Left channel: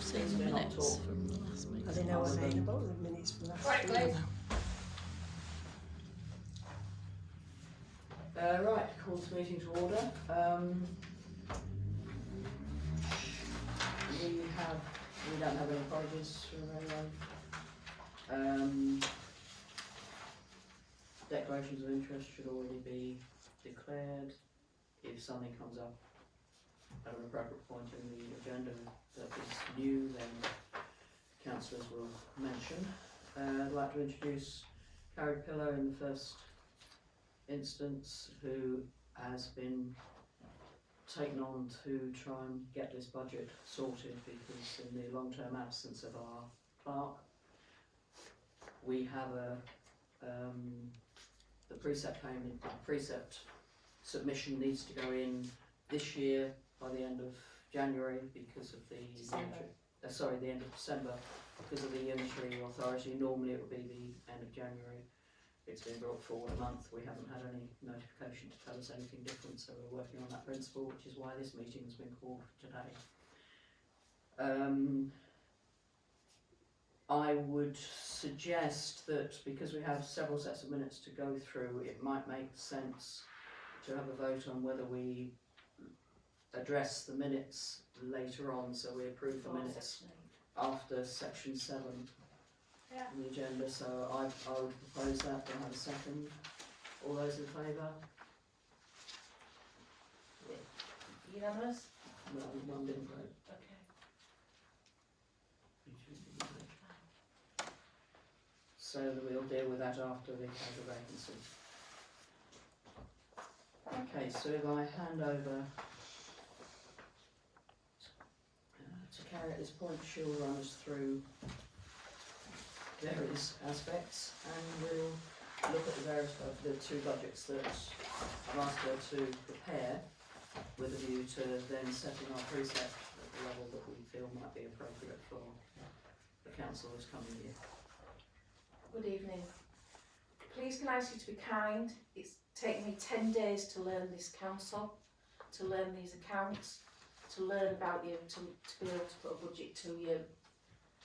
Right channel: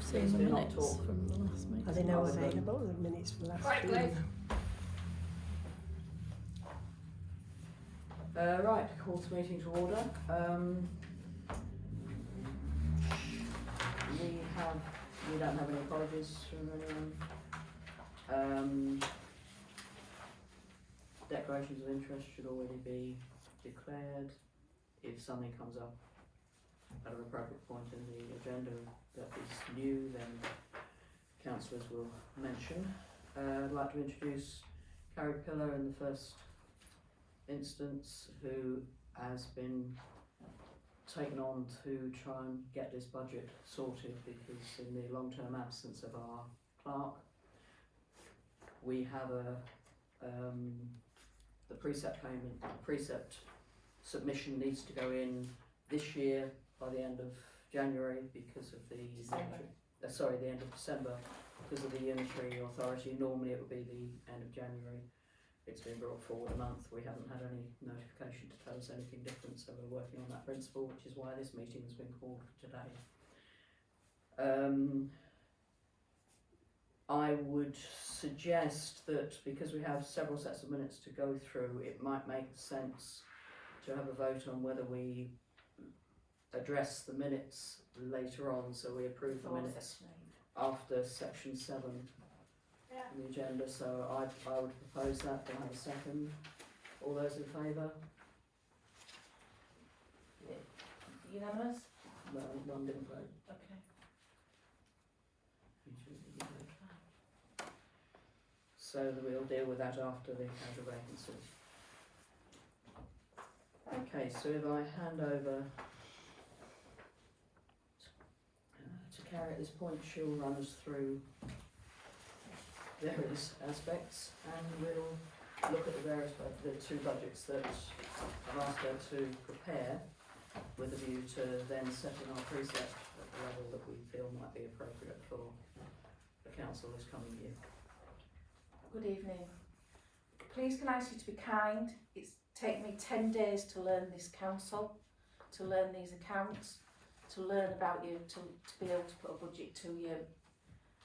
We've seen the minutes from the last meeting. Are they now available, the minutes from last Right, week? Right, call the meeting to order. We don't have any apologies from anyone. Declarations of interest should already be declared. If something comes up at an appropriate point in the agenda that is new, then councillors will mention. I'd like to introduce Carrie Pillow in the first instance, who has been taken on to try and get this budget sorted, because in the long-term absence of our clerk, we have the precept submission needs to go in this year by the end of January because of the the end of December because of the unitary authority. Normally it would be the end of January. It's been brought forward a month. We haven't had any notification to tell us anything different, so we're working on that principle, which is why this meeting has been called for today. I would suggest that because we have several sets of minutes to go through, it might make sense to have a vote on whether we address the minutes later on, so we approve the minutes after section 7 on the agenda. So I would propose that. Do I have a second? All those in favour? Unanimous? No, one didn't vote. Okay. So we'll deal with that after the vacancy. Okay, so if I hand over to Carrie at this point, she'll run us through various aspects, and we'll look at the two budgets that I've asked her to prepare, with a view to then setting our precept at the level that we feel might be appropriate for the council this coming year. Good evening. Please can I ask you to be kind? It's taken me 10 days to learn this council, to learn these accounts, to learn about you, to be able to put a budget to you,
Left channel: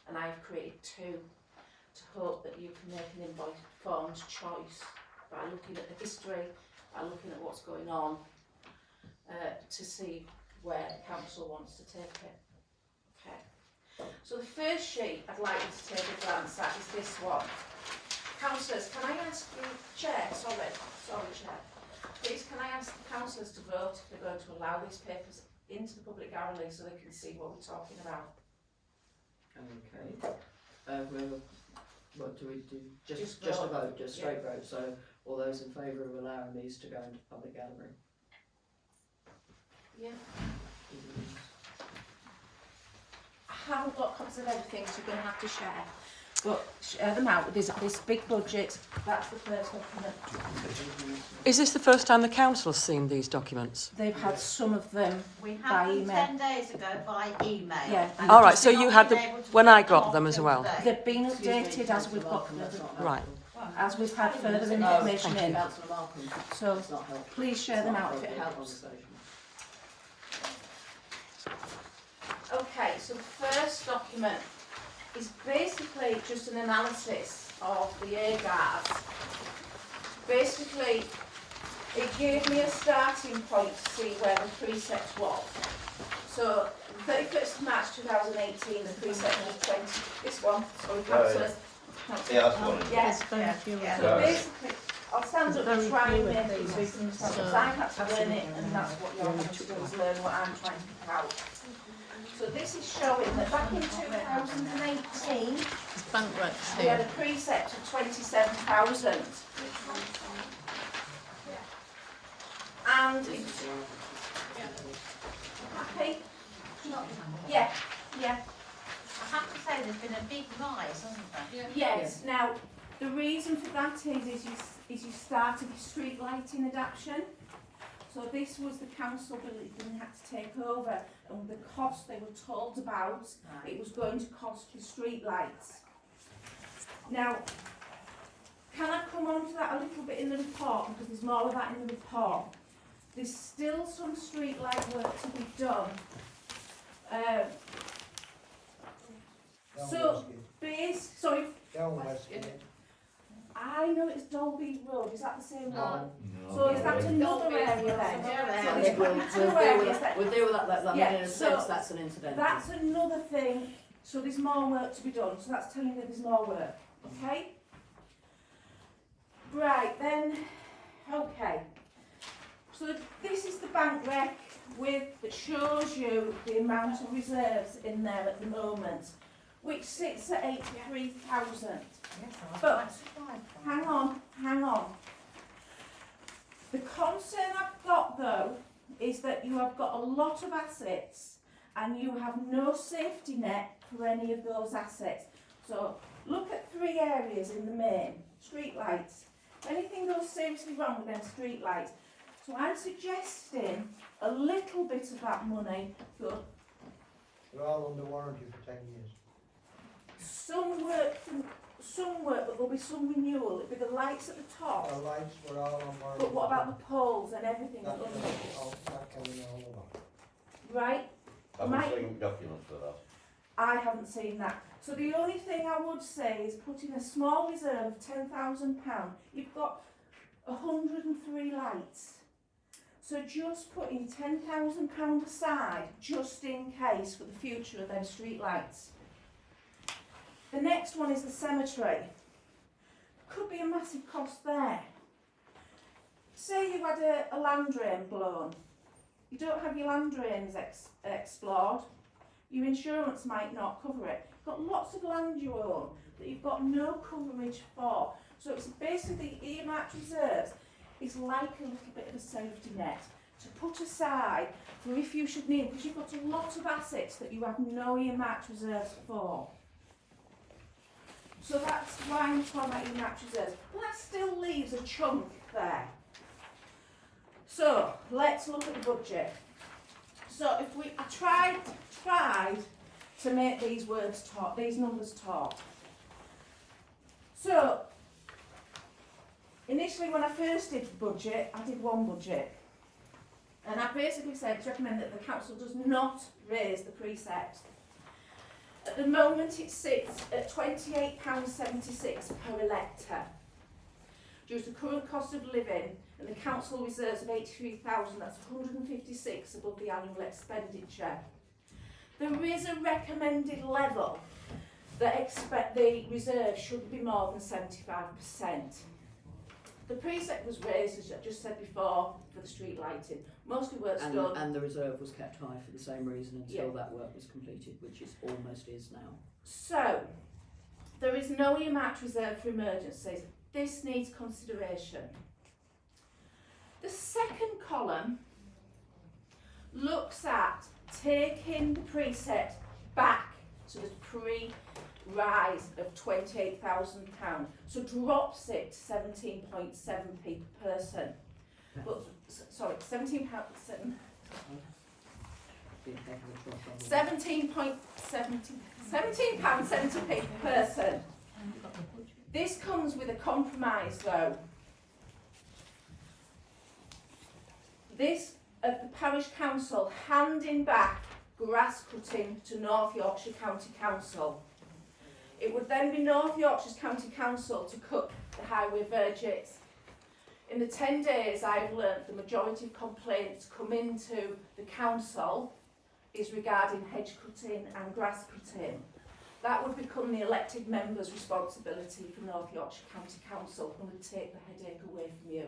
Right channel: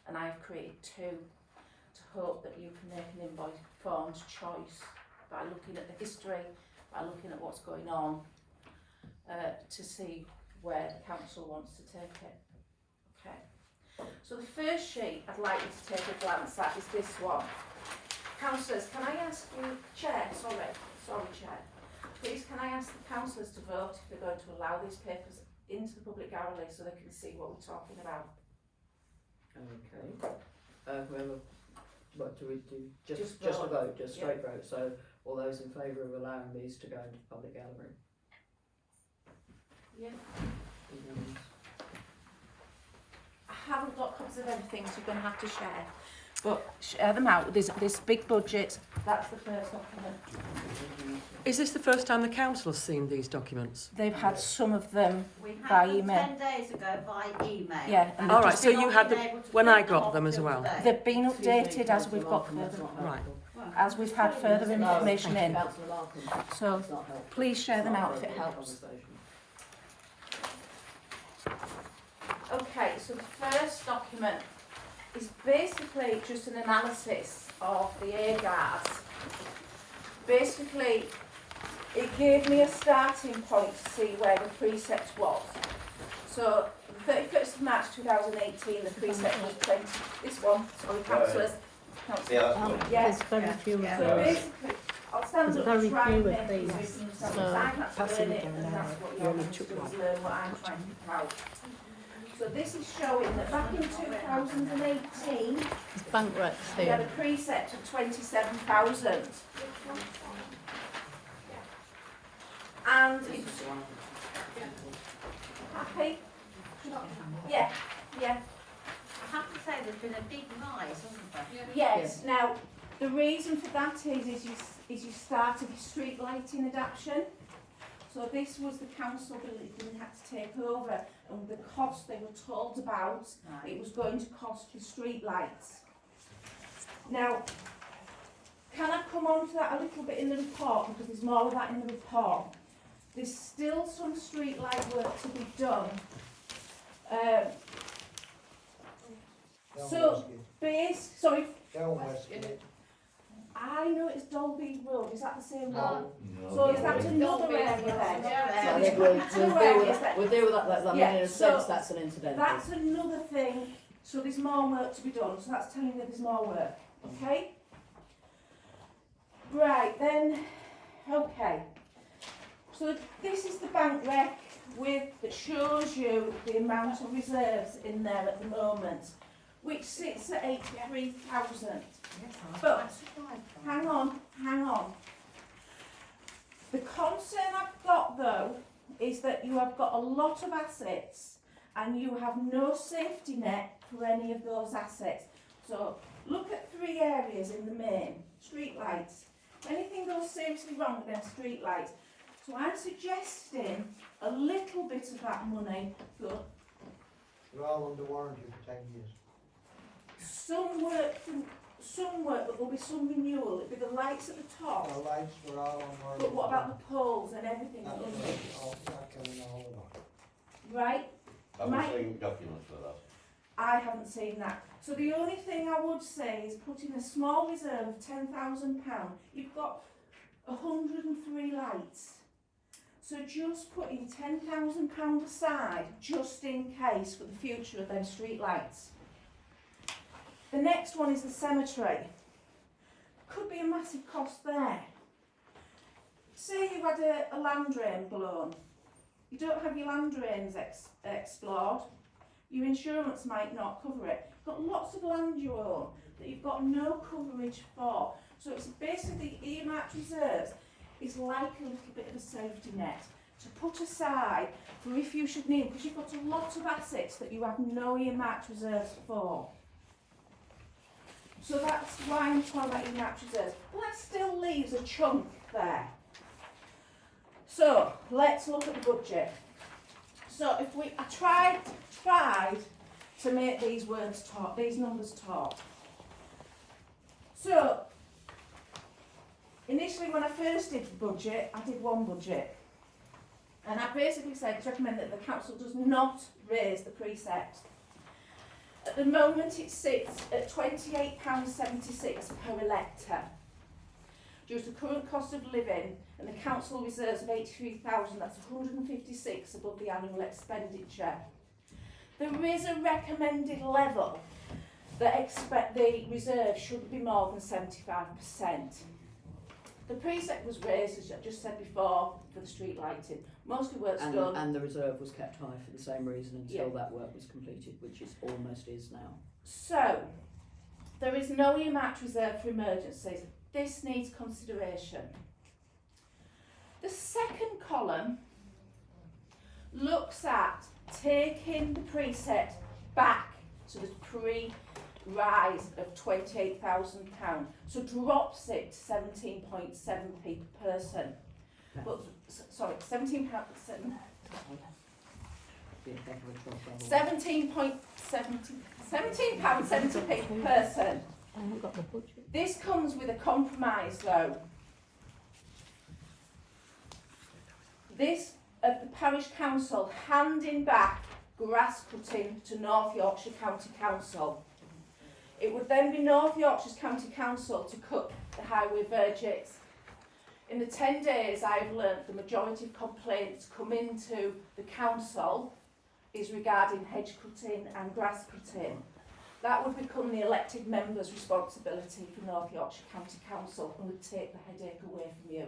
and I have created two to hope that you can make an informed choice by looking at the history, by looking at what's going on, to see where the council wants to take it. Okay. So the first sheet I'd like you to take a glance at is this one. Councillors, can I ask you, Chair, sorry Chair, please can I ask the councillors to vote if they're going to allow these papers into the public gallery so they can see what we're talking about? Okay. What do we do? Just a vote, just straight vote. So all those in favour of allowing these to go into the public gallery? Yeah. I haven't got copies of everything, so you're going to have to share. But share them out. There's this big budget. That's the first document. Is this the first time the council's seen these documents? They've had some of them We by had them email. 10 days ago by email. Yeah. And All they've right, just so been you had them when I got them as well. They've been updated as we've got further, Right. as we've had further information in. Councillor Malcolm, So it's not helpful. please share It's them not out if it appropriate helps. conversation. Okay, so the first document is basically just an analysis of the AGARs. Basically, it gave me a starting point to see where the precept was. So, 31st of March 2018, the precept was 20. This one, sorry, councillors. Yeah, that's one. Yes. There's very few. So basically, I'll stand up and Very try few and of make it so these. you can tell. So Because I'm not that's doing in it, it, and that's what you're going to do is learn what I'm trying to pick out. So this is showing that back in 2018, There's bank recs we had a here. precept of 27,000. And This is the one. happy? Yeah, yeah. I have to say there's been a big rise, hasn't there? Yes. Now, the reason for that is you started the street lighting adaptation. So this was the council building they had to take over, and the cost they were told about, it was going to cost you street lights. Now, can I come on to that a little bit in the report, because there's more of that in the report. There's still some street light work to be done. know it's Dolby Road, is that the same No. one? No. So is that another Dolby area is then? another I area. think we'll Two deal with areas that, we'll deal with that, I mean, Yeah, in a so sense, that's an incidental. That's another thing, so there's more work to be done, so that's telling you there's more work, okay? Right, then, okay. So this is the bank rec that shows you the amount of reserves in there at the moment, which sits at 83,000. Yes, I'm But- quite surprised by Hang that. on, hang on. The concern I've got though is that you have got a lot of assets and you have no safety net for any of those assets. So look at 3 areas in the main. Street lights. If anything goes seriously wrong with them street lights. So I'm suggesting a little bit of that money go. They're all under warranty for 10 years. Some work, but there'll be some renewal. It'll be the lights at the top. Our lights were all on warranty. But what about the poles and everything That under? came all over. Right, Have Mike- we seen documents for that? I haven't seen that. So the only thing I would say is put in a small reserve of £10,000. You've got 103 lights. So just put in £10,000 aside, just in case for the future of them street lights. The next one is the cemetery. Could be a massive cost there. Say you had a land drain blown. You don't have your land drains explored. Your insurance might not cover it. You've got lots of land you own that you've got no coverage for. So it's basically earmarked reserves. It's like a little bit of a safety net to put aside for if you should need, because you've got a lot of assets that you have no earmarked reserves for. So that's why I'm talking about earmarked reserves. But that still leaves a chunk there. So let's look at the budget. So I tried to make these words talk, these numbers talk. So initially when I first did the budget, I did one budget. And I basically said to recommend that the council does not raise the precept. At the moment it sits at £28.76 per elector. Due to current cost of living and the council reserves of 83,000, that's 156 above the annual expenditure. There is a recommended level that expect the reserve should be more than 75%. The precept was raised, as I just said before, for the street lighting. Mostly work's done. And the reserve was kept high for the same reason until Yeah. that work was completed, which is almost is now. So, there is no earmarked reserve for emergencies. This needs consideration. The second column looks at taking the precept back to the pre-rise of £28,000. So drops it to 17.7p per person. But, sorry, £17.7. Be a heck of a trouble. £17.70p per person. I haven't got the budget. This comes with a compromise though. This of the parish council handing back grass cutting to North Yorkshire County Council. It would then be North Yorkshire's County Council to cut the highway verges. In the 10 days I've learnt the majority of complaints come into the council is regarding hedge cutting and grass cutting. That would become the elected member's responsibility for North Yorkshire County Council and would take the headache away from you.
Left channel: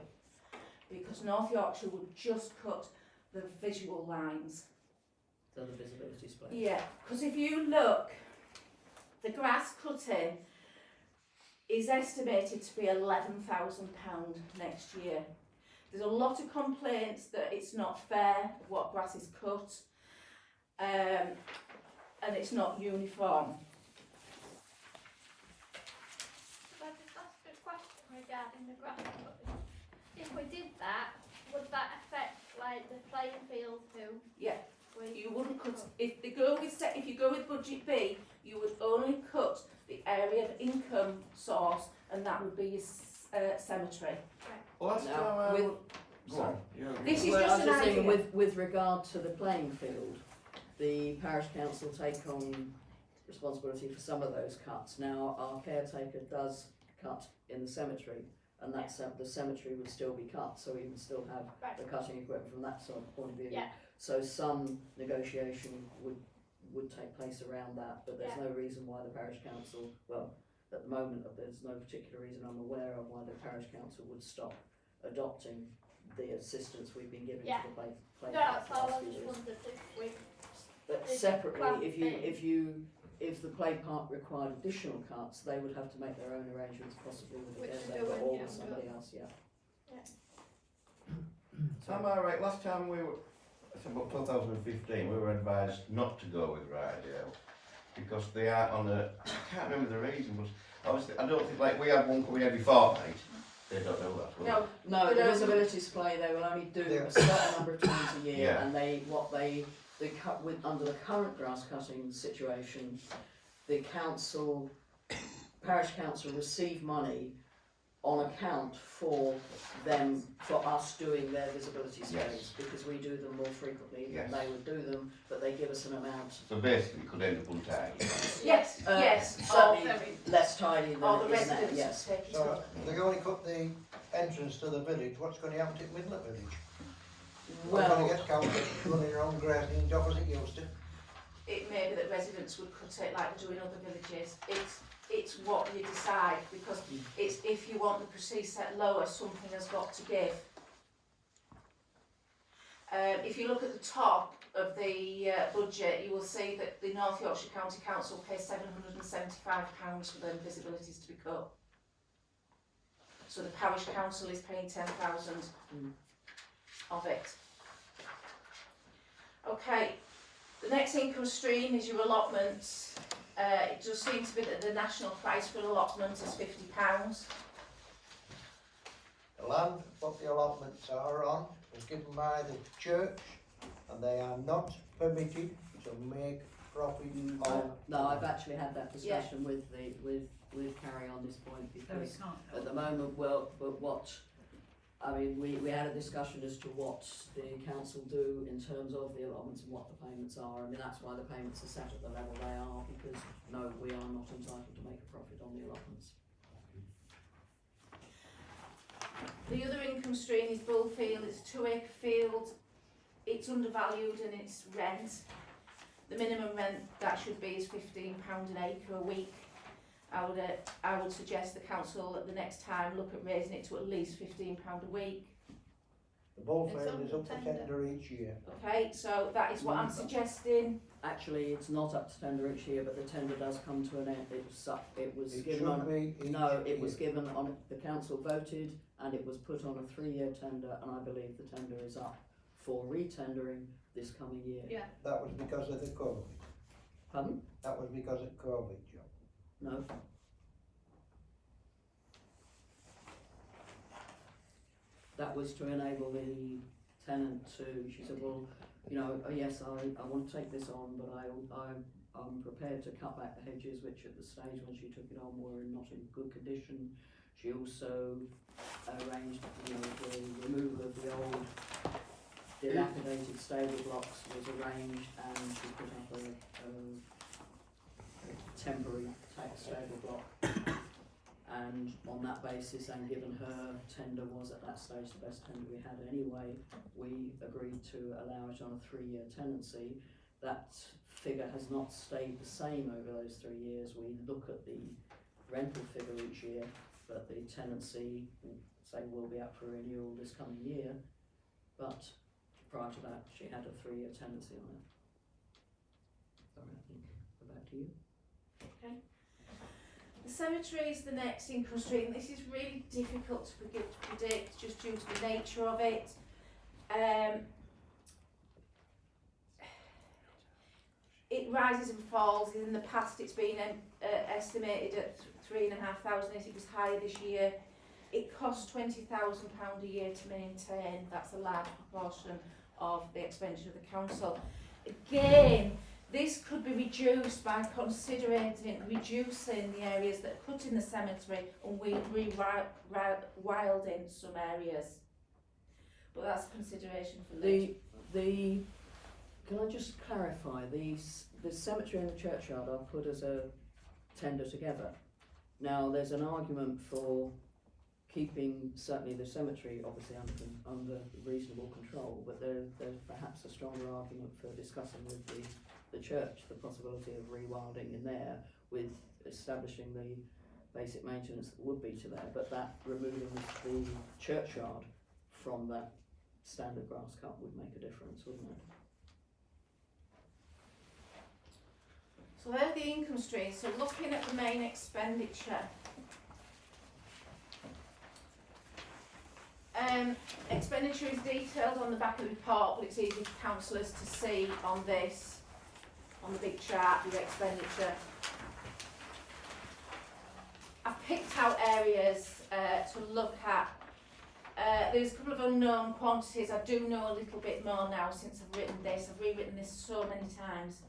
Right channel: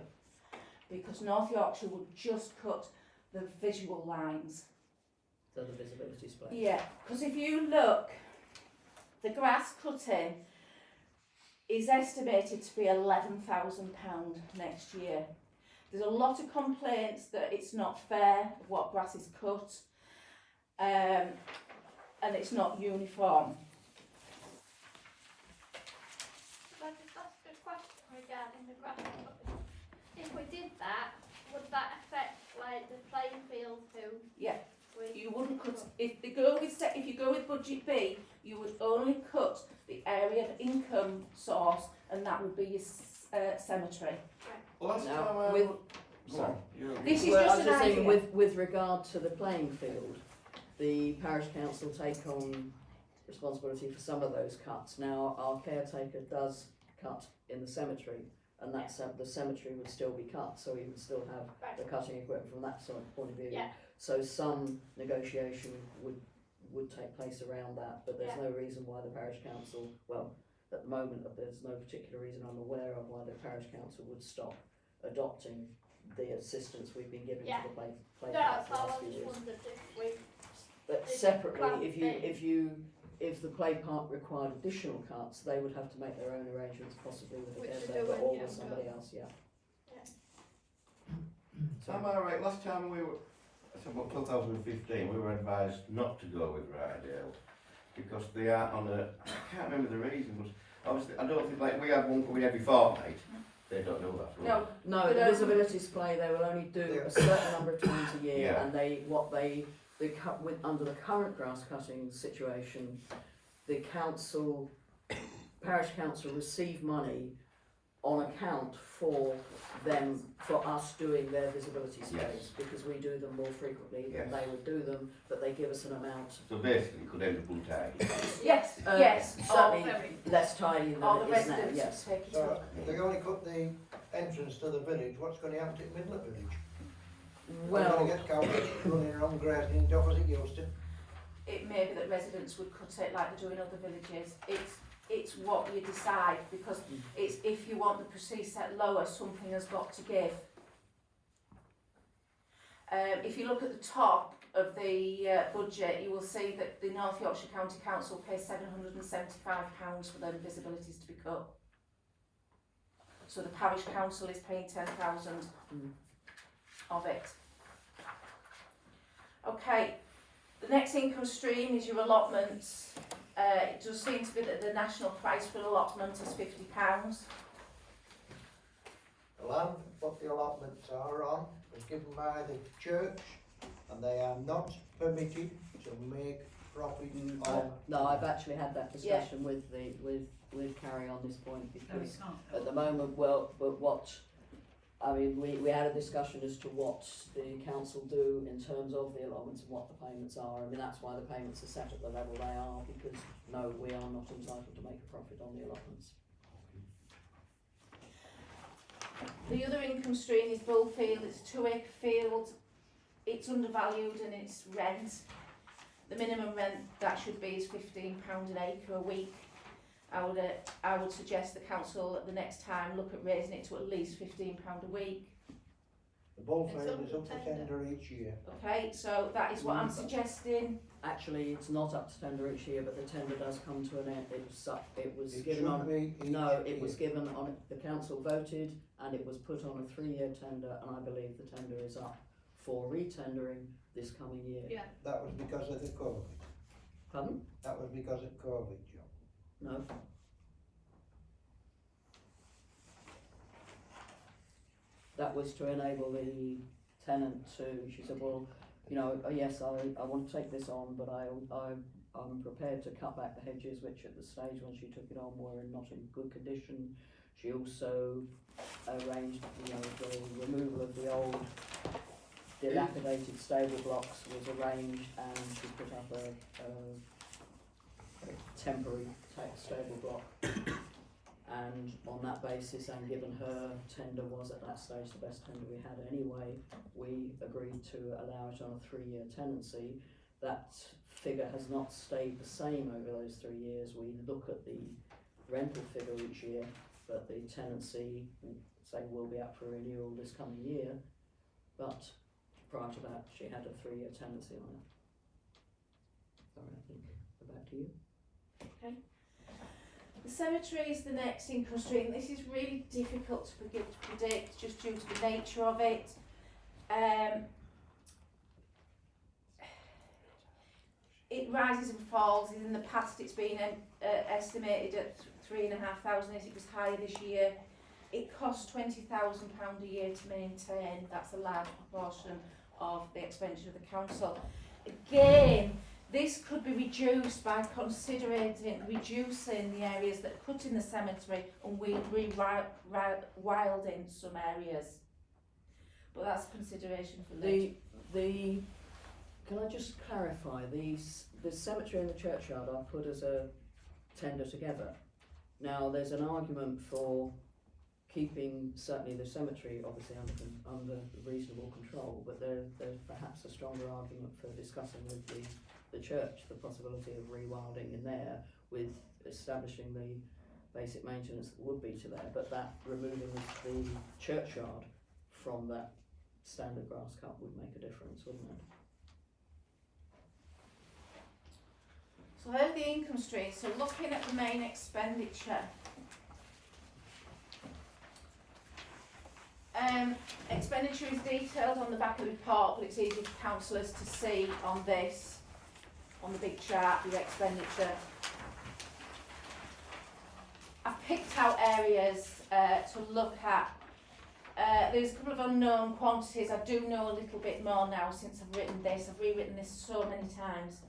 Because North Yorkshire would just cut the visual lines. So the visibility split. Yeah, because if you look, the grass cutting is estimated to be £11,000 next year. There's a lot of complaints that it's not fair what grass is cut, and it's not uniform. Can I just ask a question regarding the grass cutting? If we did that, would that affect like the playing field too? Yeah. We You wouldn't cut if you go with budget B, you would only cut the area of income source, and that would be your cemetery. Well, that's Now, how, with, go on. This is well, just I was an just idea. thinking with regard to the playing field, the parish council take on responsibility for some of those cuts. Now, our caretaker does cut in the cemetery, and that the cemetery would still be cut, so he would still have Right. the cutting equipment from that sort of point of view. Yeah. So some negotiation would take place around that, but there's no reason why the parish council, well, at the moment, there's no particular reason I'm aware of why the parish council would stop adopting the assistance we've been giving Yeah. to the play No, park that's for the all. last I few just years. wondered if we. But It's separately, one if the play park required additional cuts, they would have to make their own arrangements, possibly with Which the they're Denver doing, or yeah, with somebody else, yeah. So am I right, last time we were, it's about 2015, we were advised not to go with Rydale because they are on the, I can't remember the reason, was, obviously, I don't think, like, we have one coming every fortnight, they don't do that, will they? No, No, But, the visibility display, they will only do a certain number of times a year, Yeah. and they cut with, under the current grass cutting situation, the council, parish council receive money on account for them, for us doing their visibility Yes. space, because we do them more frequently than Yes. they would do them, but they give us an amount, So basically, it could end up untidy. yes, Uh, yes, certainly or, Very. less tidy than or the it is now, residents yes. take it So up. they're going to cut the entrance to the village, what's going to happen to the middle of the village? We're Well, going to get council running around grazing dock as it used to. It may be that residents would cut it like they do in other villages. It's what you decide, because it's if you want the proceeds set lower, something has got to give. If you look at the top of the budget, you will see that the North Yorkshire County Council pays £775 for them visibilities to be cut. So the parish council is paying 10,000 of it. Okay, the next income stream is your allotments. It does seem to be that the national price for allotment is £50. The land, what the allotments are on, was given by the church, and they are not permitted to make profit on. no, I've actually had that discussion with Carrie on this point, because at the moment, well, but what, I mean, we had a discussion as to what the council do in terms of the allotments and what the payments are. I mean, that's why the payments are set at the level they are, because no, we are not entitled to make a profit on the allotments. The other income stream is Bullfield. It's a 2-acre field. It's undervalued and it's rent. The minimum rent that should be is £15 an acre a week. I would suggest the council at the next time look at raising it to at least £15 a week. The bullfield It's is up for under tender. tender each year. Okay, so that is what I'm suggesting. Actually, it's not up to tender each year, but the tender does come to an end. It was It given should on, be each no, it was year. given on, the council voted, and it was put on a 3-year tender, and I believe the tender is up for re-tendering this coming year. Yeah. That was because of the COVID. Pardon? That was because of COVID, John. No. That was to enable the tenant to, she said, well, you know, yes, I want to take this on, but I'm prepared to cut back the hedges, which at the stage when she took it on were not in good condition. She also arranged, you know, the removal of the old dilapidated stable blocks was arranged, and she put up a temporary stable block. And on that basis, and given her tender was at that stage the best tender we had anyway, we agreed to allow it on a 3-year tenancy. That figure has not stayed the same over those 3 years. We look at the rental figure each year, but the tenancy, say, will be up for renewal this coming year. But prior to that, she had a 3-year tenancy on it. Sorry, I think we're back to you. Okay. The cemetery is the next income stream. This is really difficult to predict just due to the nature of it. It rises and falls. In the past, it's been estimated at 3,500. It was higher this year. It costs £20,000 a year to maintain. That's a large proportion of the expenditure of the council. Again, this could be reduced by considering reducing the areas that are cut in the cemetery and we rewilding some areas. But that's a consideration for later. Can I just clarify, the cemetery and the churchyard are put as a tender together. Now, there's an argument for keeping certainly the cemetery obviously under reasonable control, but there's perhaps a stronger argument for discussing with the church the possibility of rewilding in there with establishing the basic maintenance that would be to there, but that removing the churchyard from that standard grass cut would make a difference, wouldn't it? So there's the income stream. So looking at the main expenditure. Expenditure is detailed on the back of the report, but it's easy for councillors to see on this, on the big chart, the expenditure. I've picked out areas to look at. There's a couple of unknown quantities. I do know a little bit more now since I've written this. I've rewritten this so many times.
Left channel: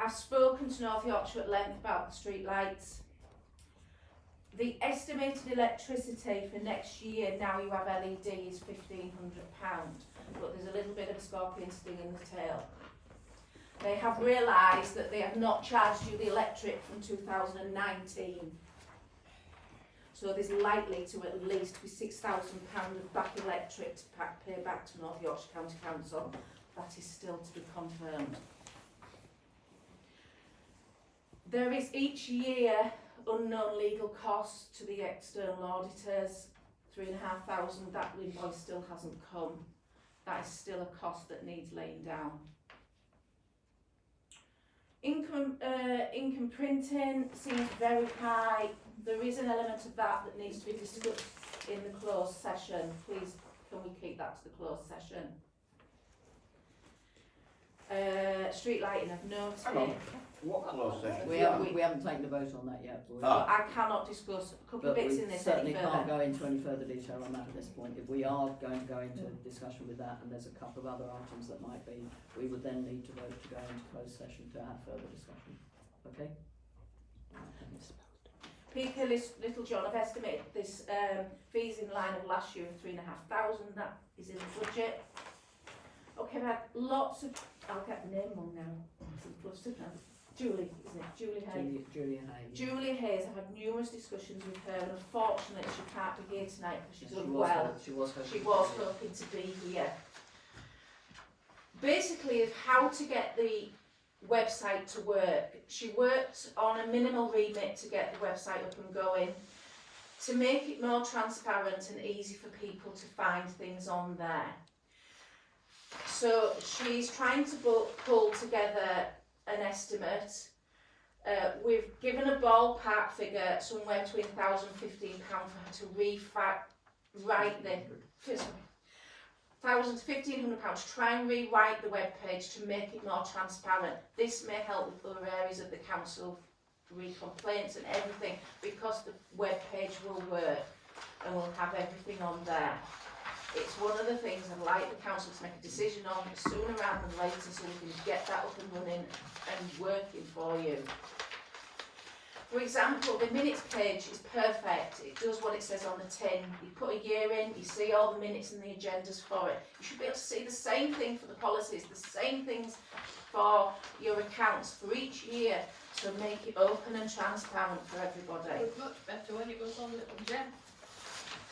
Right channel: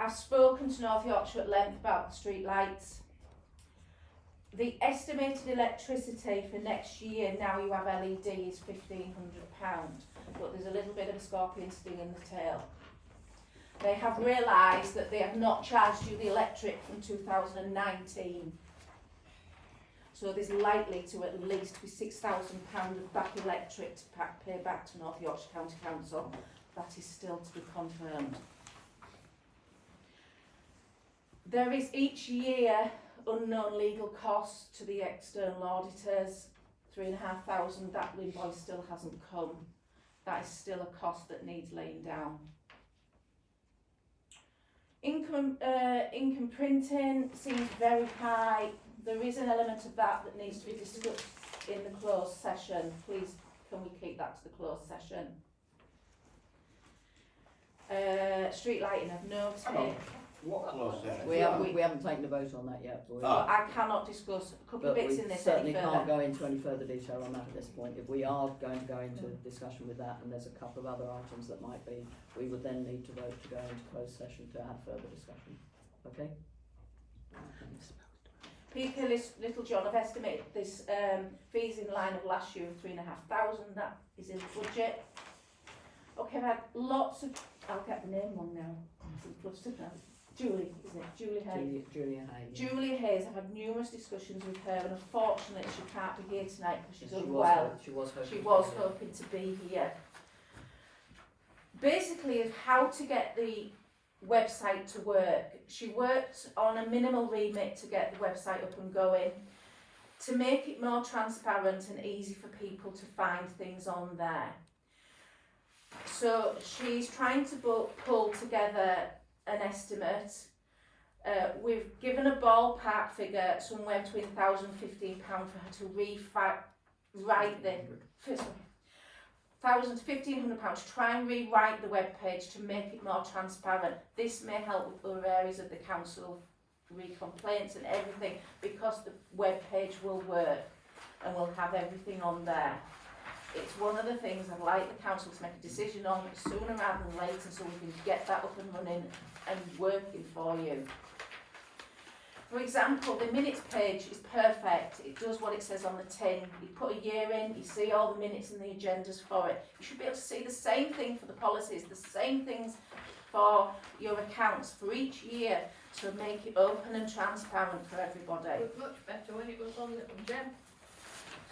I've spoken to North Yorkshire at length about the street lights. The estimated electricity for next year, now you have LED, is £1,500, but there's a little bit of a scorpion sting in the tail. They have realised that they have not charged you the electric from 2019. So there's likely to at least be £6,000 of back electric to pay back to North Yorkshire County Council. That is still to be confirmed. There is each year unknown legal costs to the external auditors, £3,500. That invoice still hasn't come. That is still a cost that needs laying down. Income printing seems very high. There is an element of that that needs to be discussed in the closed session. Please, can we keep that to the closed session? Street lighting, I've noted. What closed session? We haven't taken a vote on that yet, but I cannot discuss a couple of bits in this any certainly further. can't go into any further detail on that at this point. If we are going to go into discussion with that, and there's a couple of other items that might be, we would then need to vote to go into closed session to have further discussion. Okay? Peaker Little John, I've estimated this fees in line of last year of £3,500. That is in the budget. Okay, I've had lots of. I'll get the name wrong now. I'm flustered now. Julie, isn't it? Julie Hay. Julia Hay. Julia Hayes, I've had numerous discussions with her, and unfortunately she can't be here tonight because she's unwell. She was hoping to be here. Basically, of how to get the website to work. She worked on a minimal remit to get the website up and going, to make it more transparent and easy for people to find things on there. So she's trying to pull together an estimate. We've given a ballpark figure somewhere between £1,000 and £1,500 for her to rewrite the £1,000 to £1,500 to try and rewrite the web page to make it more transparent. This may help with other areas of the council, complaints and everything, because the web page will work and we'll have everything on there. It's one of the things I'd like the council to make a decision on sooner rather than later, so we can get that up and running and working for you. For example, the minutes page is perfect. It does what it says on the tin. You put a year in, you see all the minutes and the agendas for it. You should be able to see the same thing for the policies, the same things for your accounts for each year, to make it open and transparent for everybody. It was much better when it was on Little Gem.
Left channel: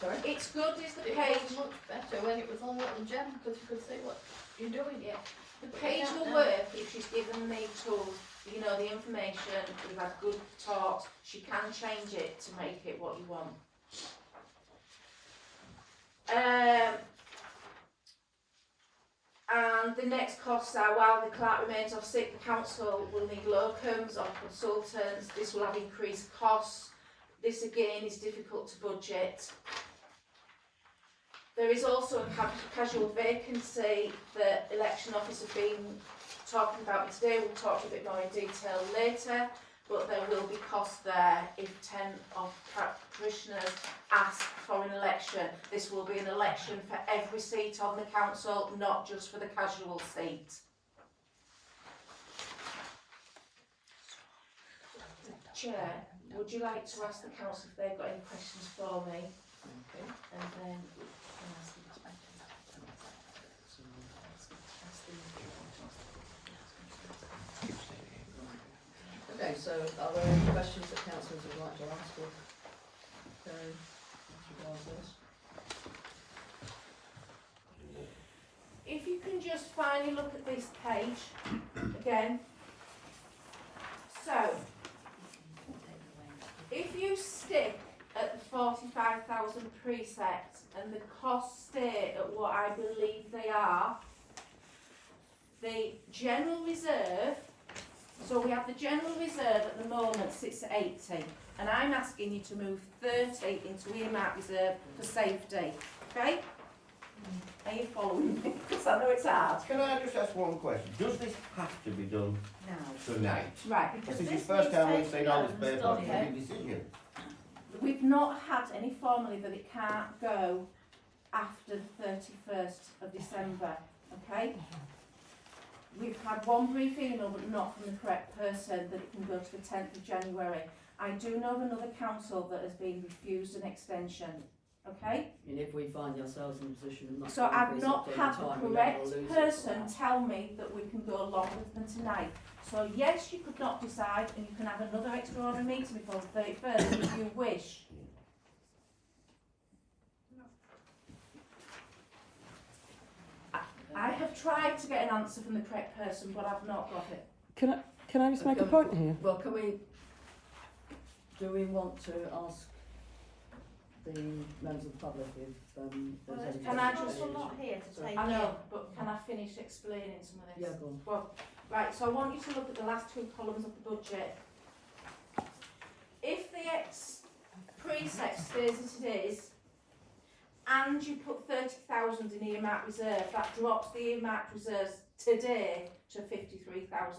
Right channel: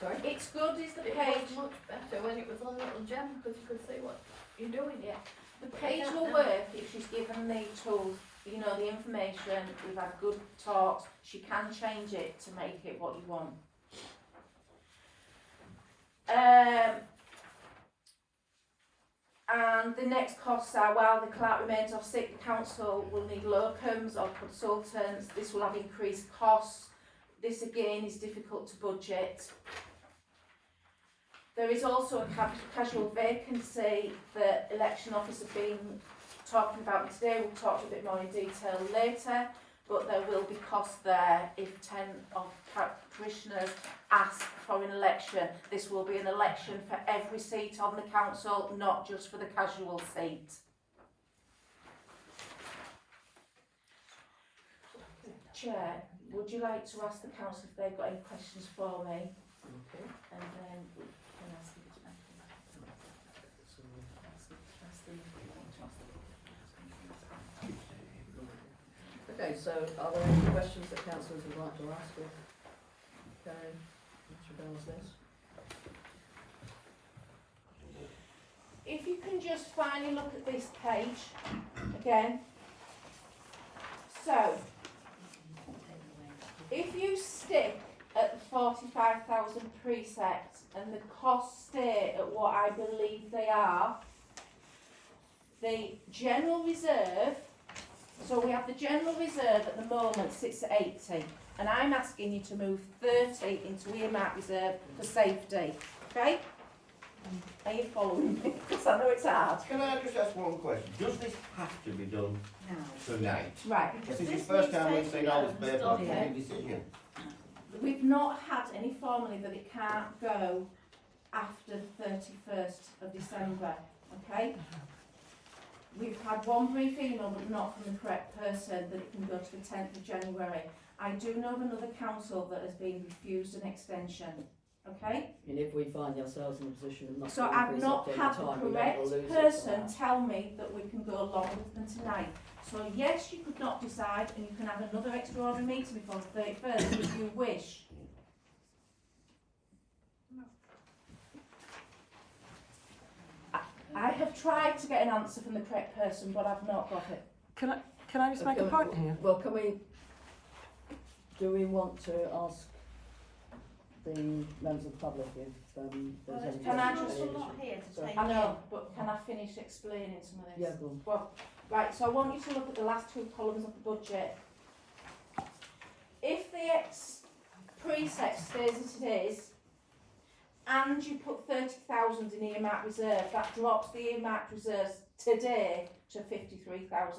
Sorry? It's good, is the It page. was much better when it was on Little Gem, because you could see what you're doing. Yeah. The page will work if she's given the tools, you know, the information. We've had good talks. She can change it to make it what you want. And the next costs are, while the clerk remains off sick, the council will need locums or consultants. This will have increased costs. This again is difficult to budget. There is also a casual vacancy that election officer have been talking about today. We'll talk a bit more in detail later, but there will be costs there if 10 of parishioners ask for an election. This will be an election for every seat on the council, not just for the casual seat. Chair, would you like to ask the council if they've got any questions for me? Okay. And then we can ask them. Okay, so are there any questions that councillors would like to ask? Or okay as regards this? If you can just finally look at this page again. So, if you stick at the 45,000 precepts and the costs stay at what I believe they are, the general reserve, so we have the general reserve at the moment sits at 80, and I'm asking you to move 30 into earmark reserve for safety, okay? Are you following me? Because I know it's hard. Can I just ask one question? Does this have to be done Now. tonight? Right, This Because is the this first needs time we've taking seen all this notes, paper don't and it? any decision. we've not had any formally that it can't go after the 31st of December, okay? We've had one brief email, but not from the correct person, that it can go to the 10th of January. I do know of another council that has been refused an extension, okay? And if we find ourselves in a position of not So getting I've precept not on had time, the we don't correct wanna lose it for person that. tell me that we can go along with them tonight. So yes, you could not decide, and you can have another extraordinary meeting before the 31st if you wish. I have tried to get an answer from the correct person, but I've not got it. Can I just make a point here? Well, do we want to ask the members of the public if there's any... Can I There's just- an awful lot here to Sorry. take I know, in. but can I finish explaining some of this? Yeah, go on. Well, right, so I want you to look at the last two columns of the budget. If the precept stays as it is, and you put 30,000 in earmark reserve, that drops the earmark reserves today to £53,000.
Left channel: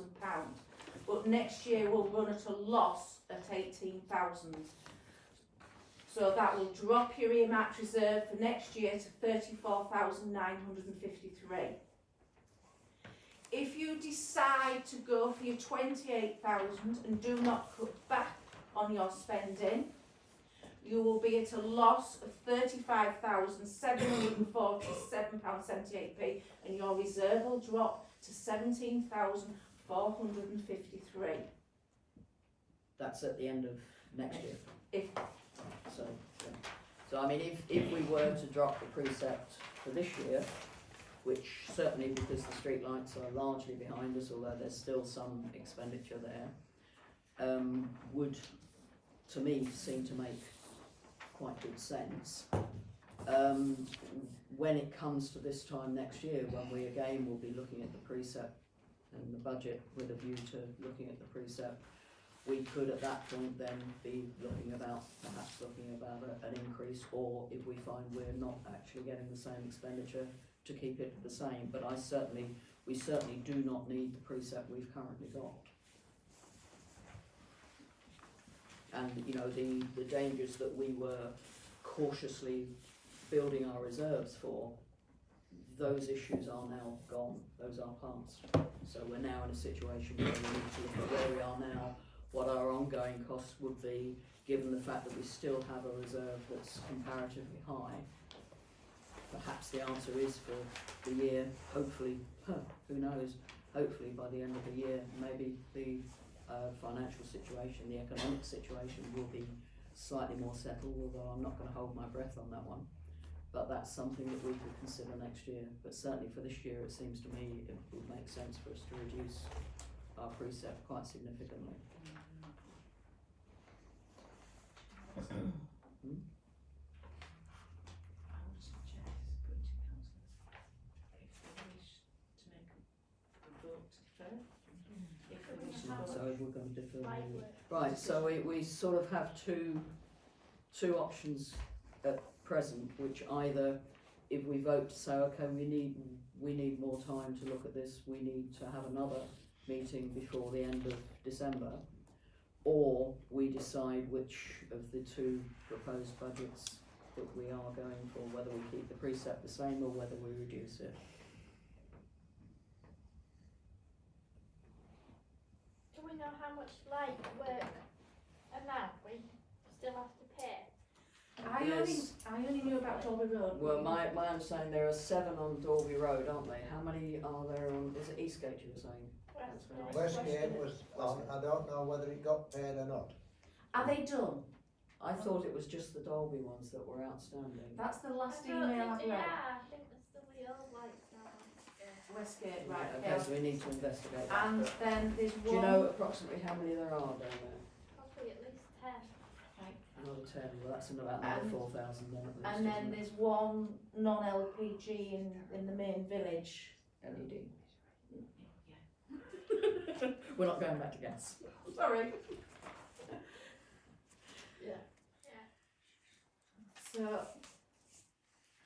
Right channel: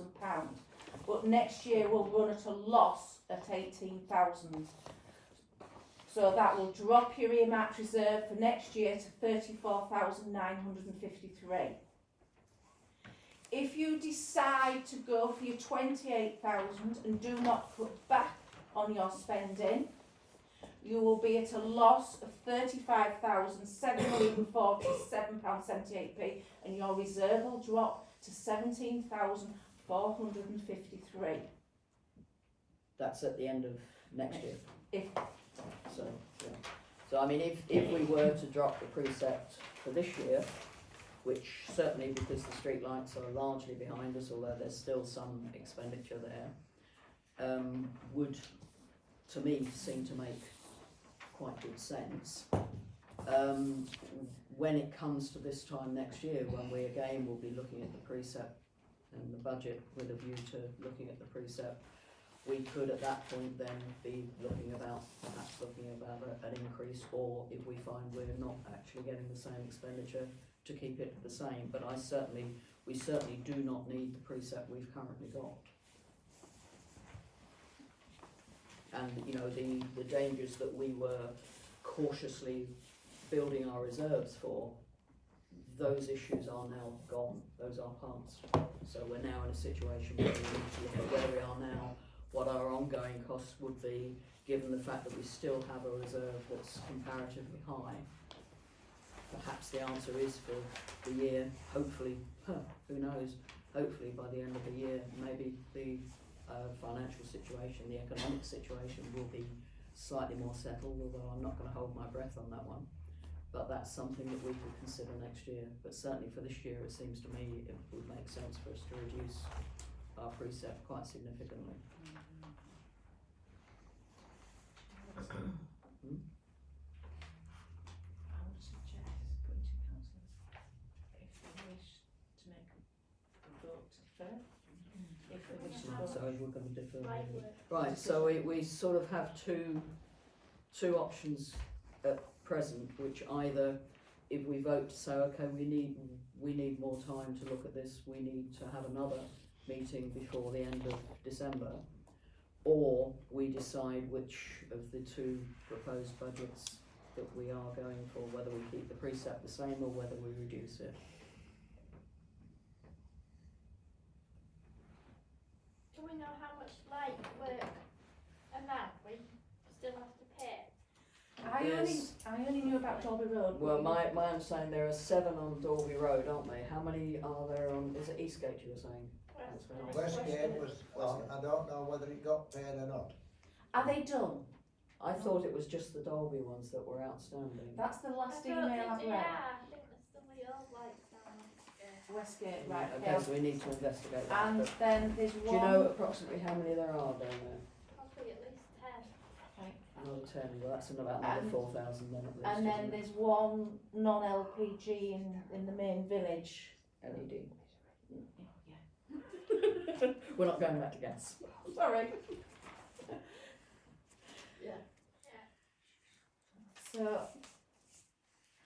But next year we'll run at a loss at 18,000. So that will drop your earmark reserve for next year to 34,953. If you decide to go for your 28,000 and do not cut back on your spending, you will be at a loss of £35,747.78p, and your reserve will drop to 17,453. That's at the end of next year. If So, yeah. So I mean, if we were to drop the precept for this year, which certainly because the street lights are largely behind us, although there's still some expenditure there, would, to me, seem to make quite good sense. When it comes to this time next year, when we again will be looking at the precept and the budget with a view to looking at the precept, we could at that point then be perhaps looking about an increase, or if we find we're not actually getting the same expenditure, to keep it the same. But we certainly do not need the precept we've currently got. And you know, the dangers that we were cautiously building our reserves for, those issues are now gone, those are past. So we're now in a situation where we need to look at where we are now, what our ongoing costs would be, given the fact that we still have a reserve that's comparatively high. Perhaps the answer is for the year, hopefully, who knows, hopefully by the end of the year, maybe the financial situation, the economic situation will be slightly more settled, although I'm not going to hold my breath on that one. But that's something that we could consider next year. But certainly for this year, it seems to me it would make sense for us to reduce our precept quite significantly. I would suggest putting to councillors if they wish to make a vote to defer. If they wish to So vote. we're going to defer. Light maybe. work. Right, so we sort of have two options at present, which either, if we vote to say, okay, we need more time to look at this, we need to have another meeting before the end of December, or we decide which of the two proposed budgets that we are going for, whether we keep the precept the same or whether we reduce it. Do we know how much light work amount we still have to pay? I only knew about Dolby Road. Well, my understanding, there are 7 on Dalby Road, aren't they? How many are there on, is it Eastgate you were saying? West- Westgate was, I don't know whether it got paid or not. Are they done? I thought it was just the Dolby ones that were outstanding. That's the last I don't email think I've they read. are. I think there's still the old lights down. Westgate, Yeah, right, okay, yeah. so we need to investigate that. And but then there's do you one. know approximately how many there are down there? Probably at least 10. Another 10. Well, that's about another And- 4,000 then at least. And then isn't it? there's one non-LPG in the main village. LED. Yeah. We're not going back to gas. Sorry. Yeah. So,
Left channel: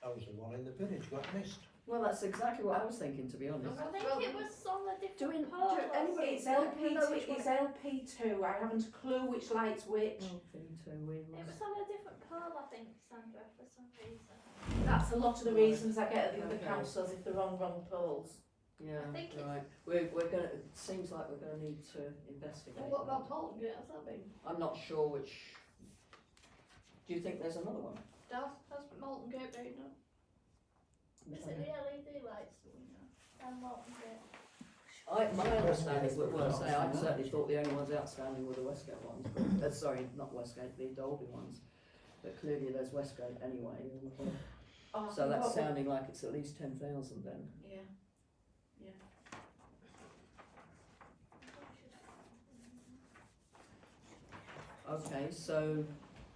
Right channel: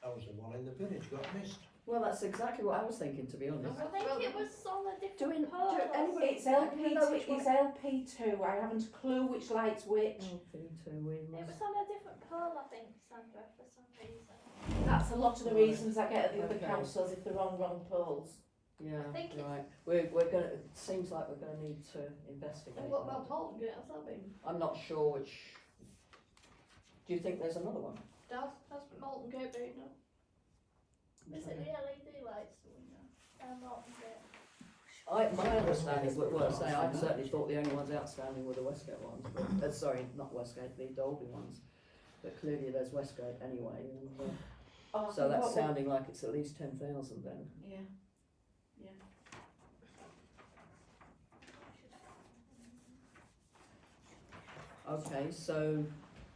That was the one in the village got missed. Well, that's exactly what I was thinking, to be honest. I think it was on a different Do pole. anybody- it's Well, you know which LP2, it's LP2, I haven't a clue which light's which. LP2, we It must. was on a different pole, I think, Sandra, for some reason. That's a lot of the Right. reasons I get at the other Okay. councils if they're wrong poles. Yeah, I think it's- right. We're gonna. It seems like we're gonna need to investigate. And what that. about Thornton? Has that been? I'm not sure which. Do you think there's another one? Has Molten Gate been done? Is it the LED lights that we know? Molten Gate. My understanding was, I certainly thought the only ones outstanding were the Westgate ones, but sorry, not Westgate, the Dolby ones. But clearly there's Westgate anyway, and, Oh, I so think that's what- sounding like it's at least 10,000 then. Yeah. Okay, so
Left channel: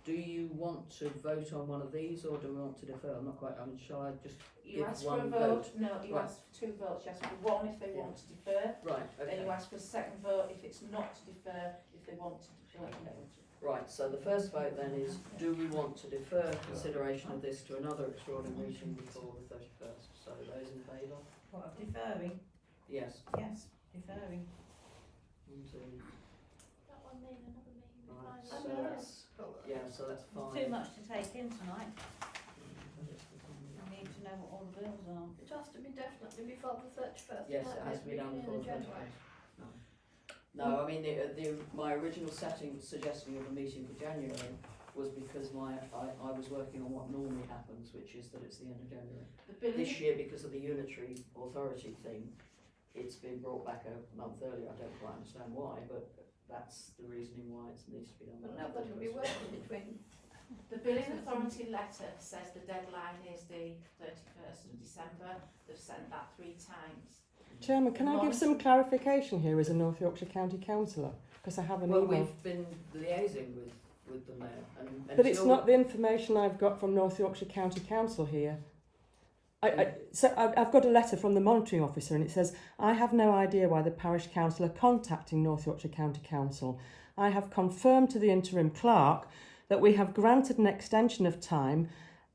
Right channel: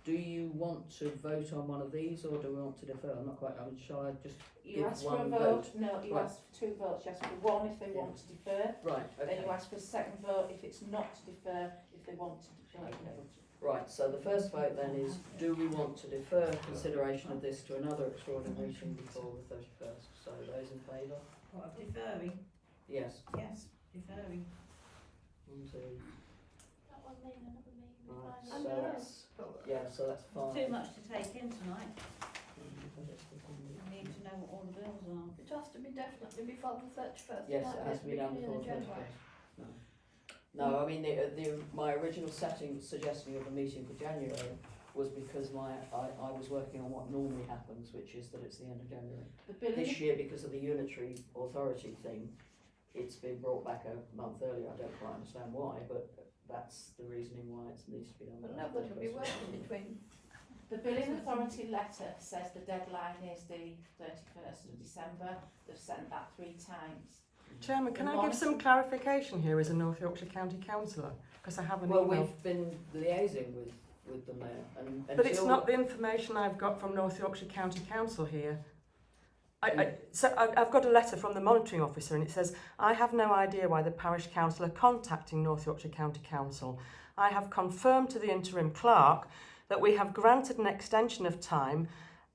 do you want to vote on one of these or do we want to defer? I'm not quite. I mean, shall I just You give asked for a one vote, vote? no, you Right. asked for 2 votes, you asked for 1 if they Yeah. want to defer, Right. then Okay. you asked for a second vote if it's not to defer, if they want to defer. Right, so the first vote then is, do we want to defer consideration of this to another extraordinary meeting before the 31st? So those in favour? What, of deferring? Yes. Yes, deferring. 1, 2, That one needing another meeting. we right, find so out. that's, yeah, so that's fine. Too much to take in tonight. We need to know what all the bills are. It has to be definitely before the 31st. Yes, like it has to be done beginning before of the January. 31st. No, I mean, my original suggesting of a meeting for January was because I was working on what normally happens, which is that it's the end of January. The billing, This year, because of the unitary authority thing, it's been brought back a month earlier. I don't quite understand why, but that's the reasoning why it needs to be done. But by nobody will be 31st. working between. the billing authority letter says the deadline is the 31st of December, they've sent that 3 times. Chairman, can I give some clarification here as a North Yorkshire County councillor? Because I have an Well, email. we've been liaising with the mayor, and But it's until- not the information I've got from North Yorkshire County Council here. I've got a letter from the monitoring officer and it says, I have no idea why the parish council are contacting North Yorkshire County Council. I have confirmed to the interim clerk that we have granted an extension of time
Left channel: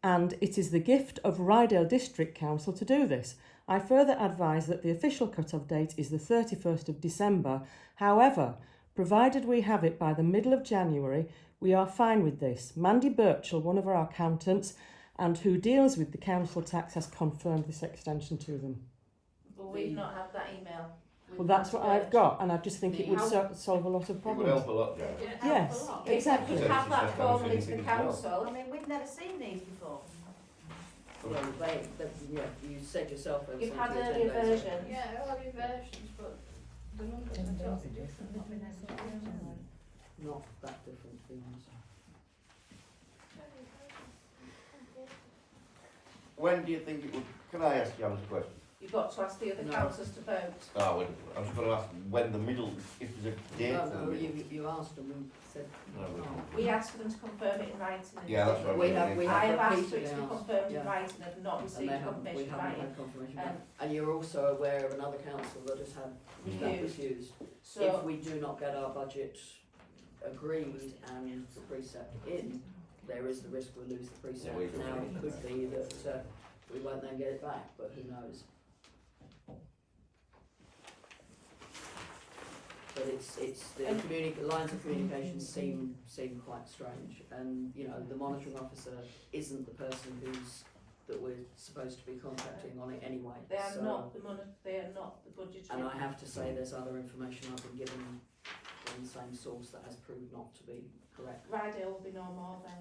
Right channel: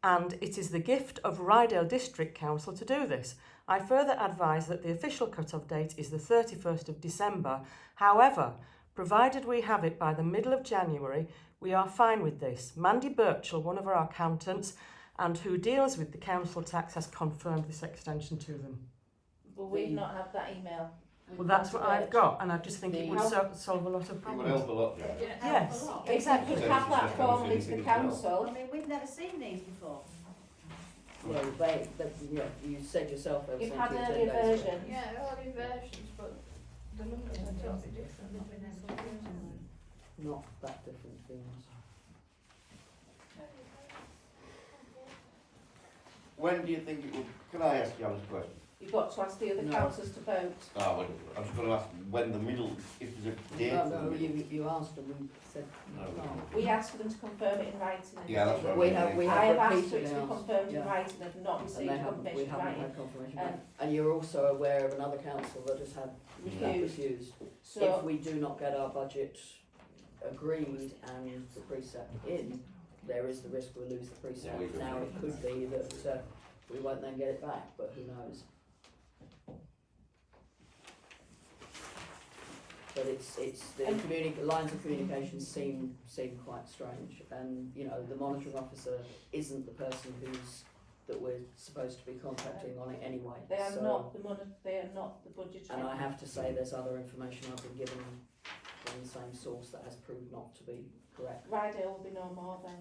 and it is the gift of Rydale District Council to do this. I further advise that the official cut-off date is the 31st of December. However, provided we have it by the middle of January, we are fine with this. Mandy Birchall, one of our accountants, and who deals with the council tax, has confirmed this extension to them. But we've not had that email. Well, that's what I've got, and I just think it would solve a lot of It would help problems. a lot, Jack. Yes. Except we Says have it's that just formally haven't to seen the anything as I council. mean, we've never seen these before. Well, you said yourself they were You've sent had to you 10 earlier days ago. versions. Yeah, early versions, but the numbers are totally different. Not been able to do them. Not that different, to be honest. When do you think it would, can I ask Janice a question? You've got to ask the other No. councillors to vote. Well, I was going to ask when the middle, if there's a date for the No, middle. you asked and we said No, we no. can't. We asked for them to confirm it in writing. and Yeah, that's they what We I'm have- saying. we I have asked for it repeatedly to be asked, confirmed in yeah. writing, have not And received we confirmation in haven't writing. had confirmation Um, back. And you're also aware of another council that has had that refused. If So, we do not get our budget agreed and the precept in, there is the risk we'll lose the precept. Yeah, we could Now, lose it could be that we won't then get it back, but who knows? But it's the lines of communication seem quite strange, and you know the monitoring officer isn't the person that we're supposed to be contacting on it anyway. they are so, not the money, they are not the budget. And I have to say, there's other information I've been given from the same source that has proved not to be correct. Rydale will be no more then.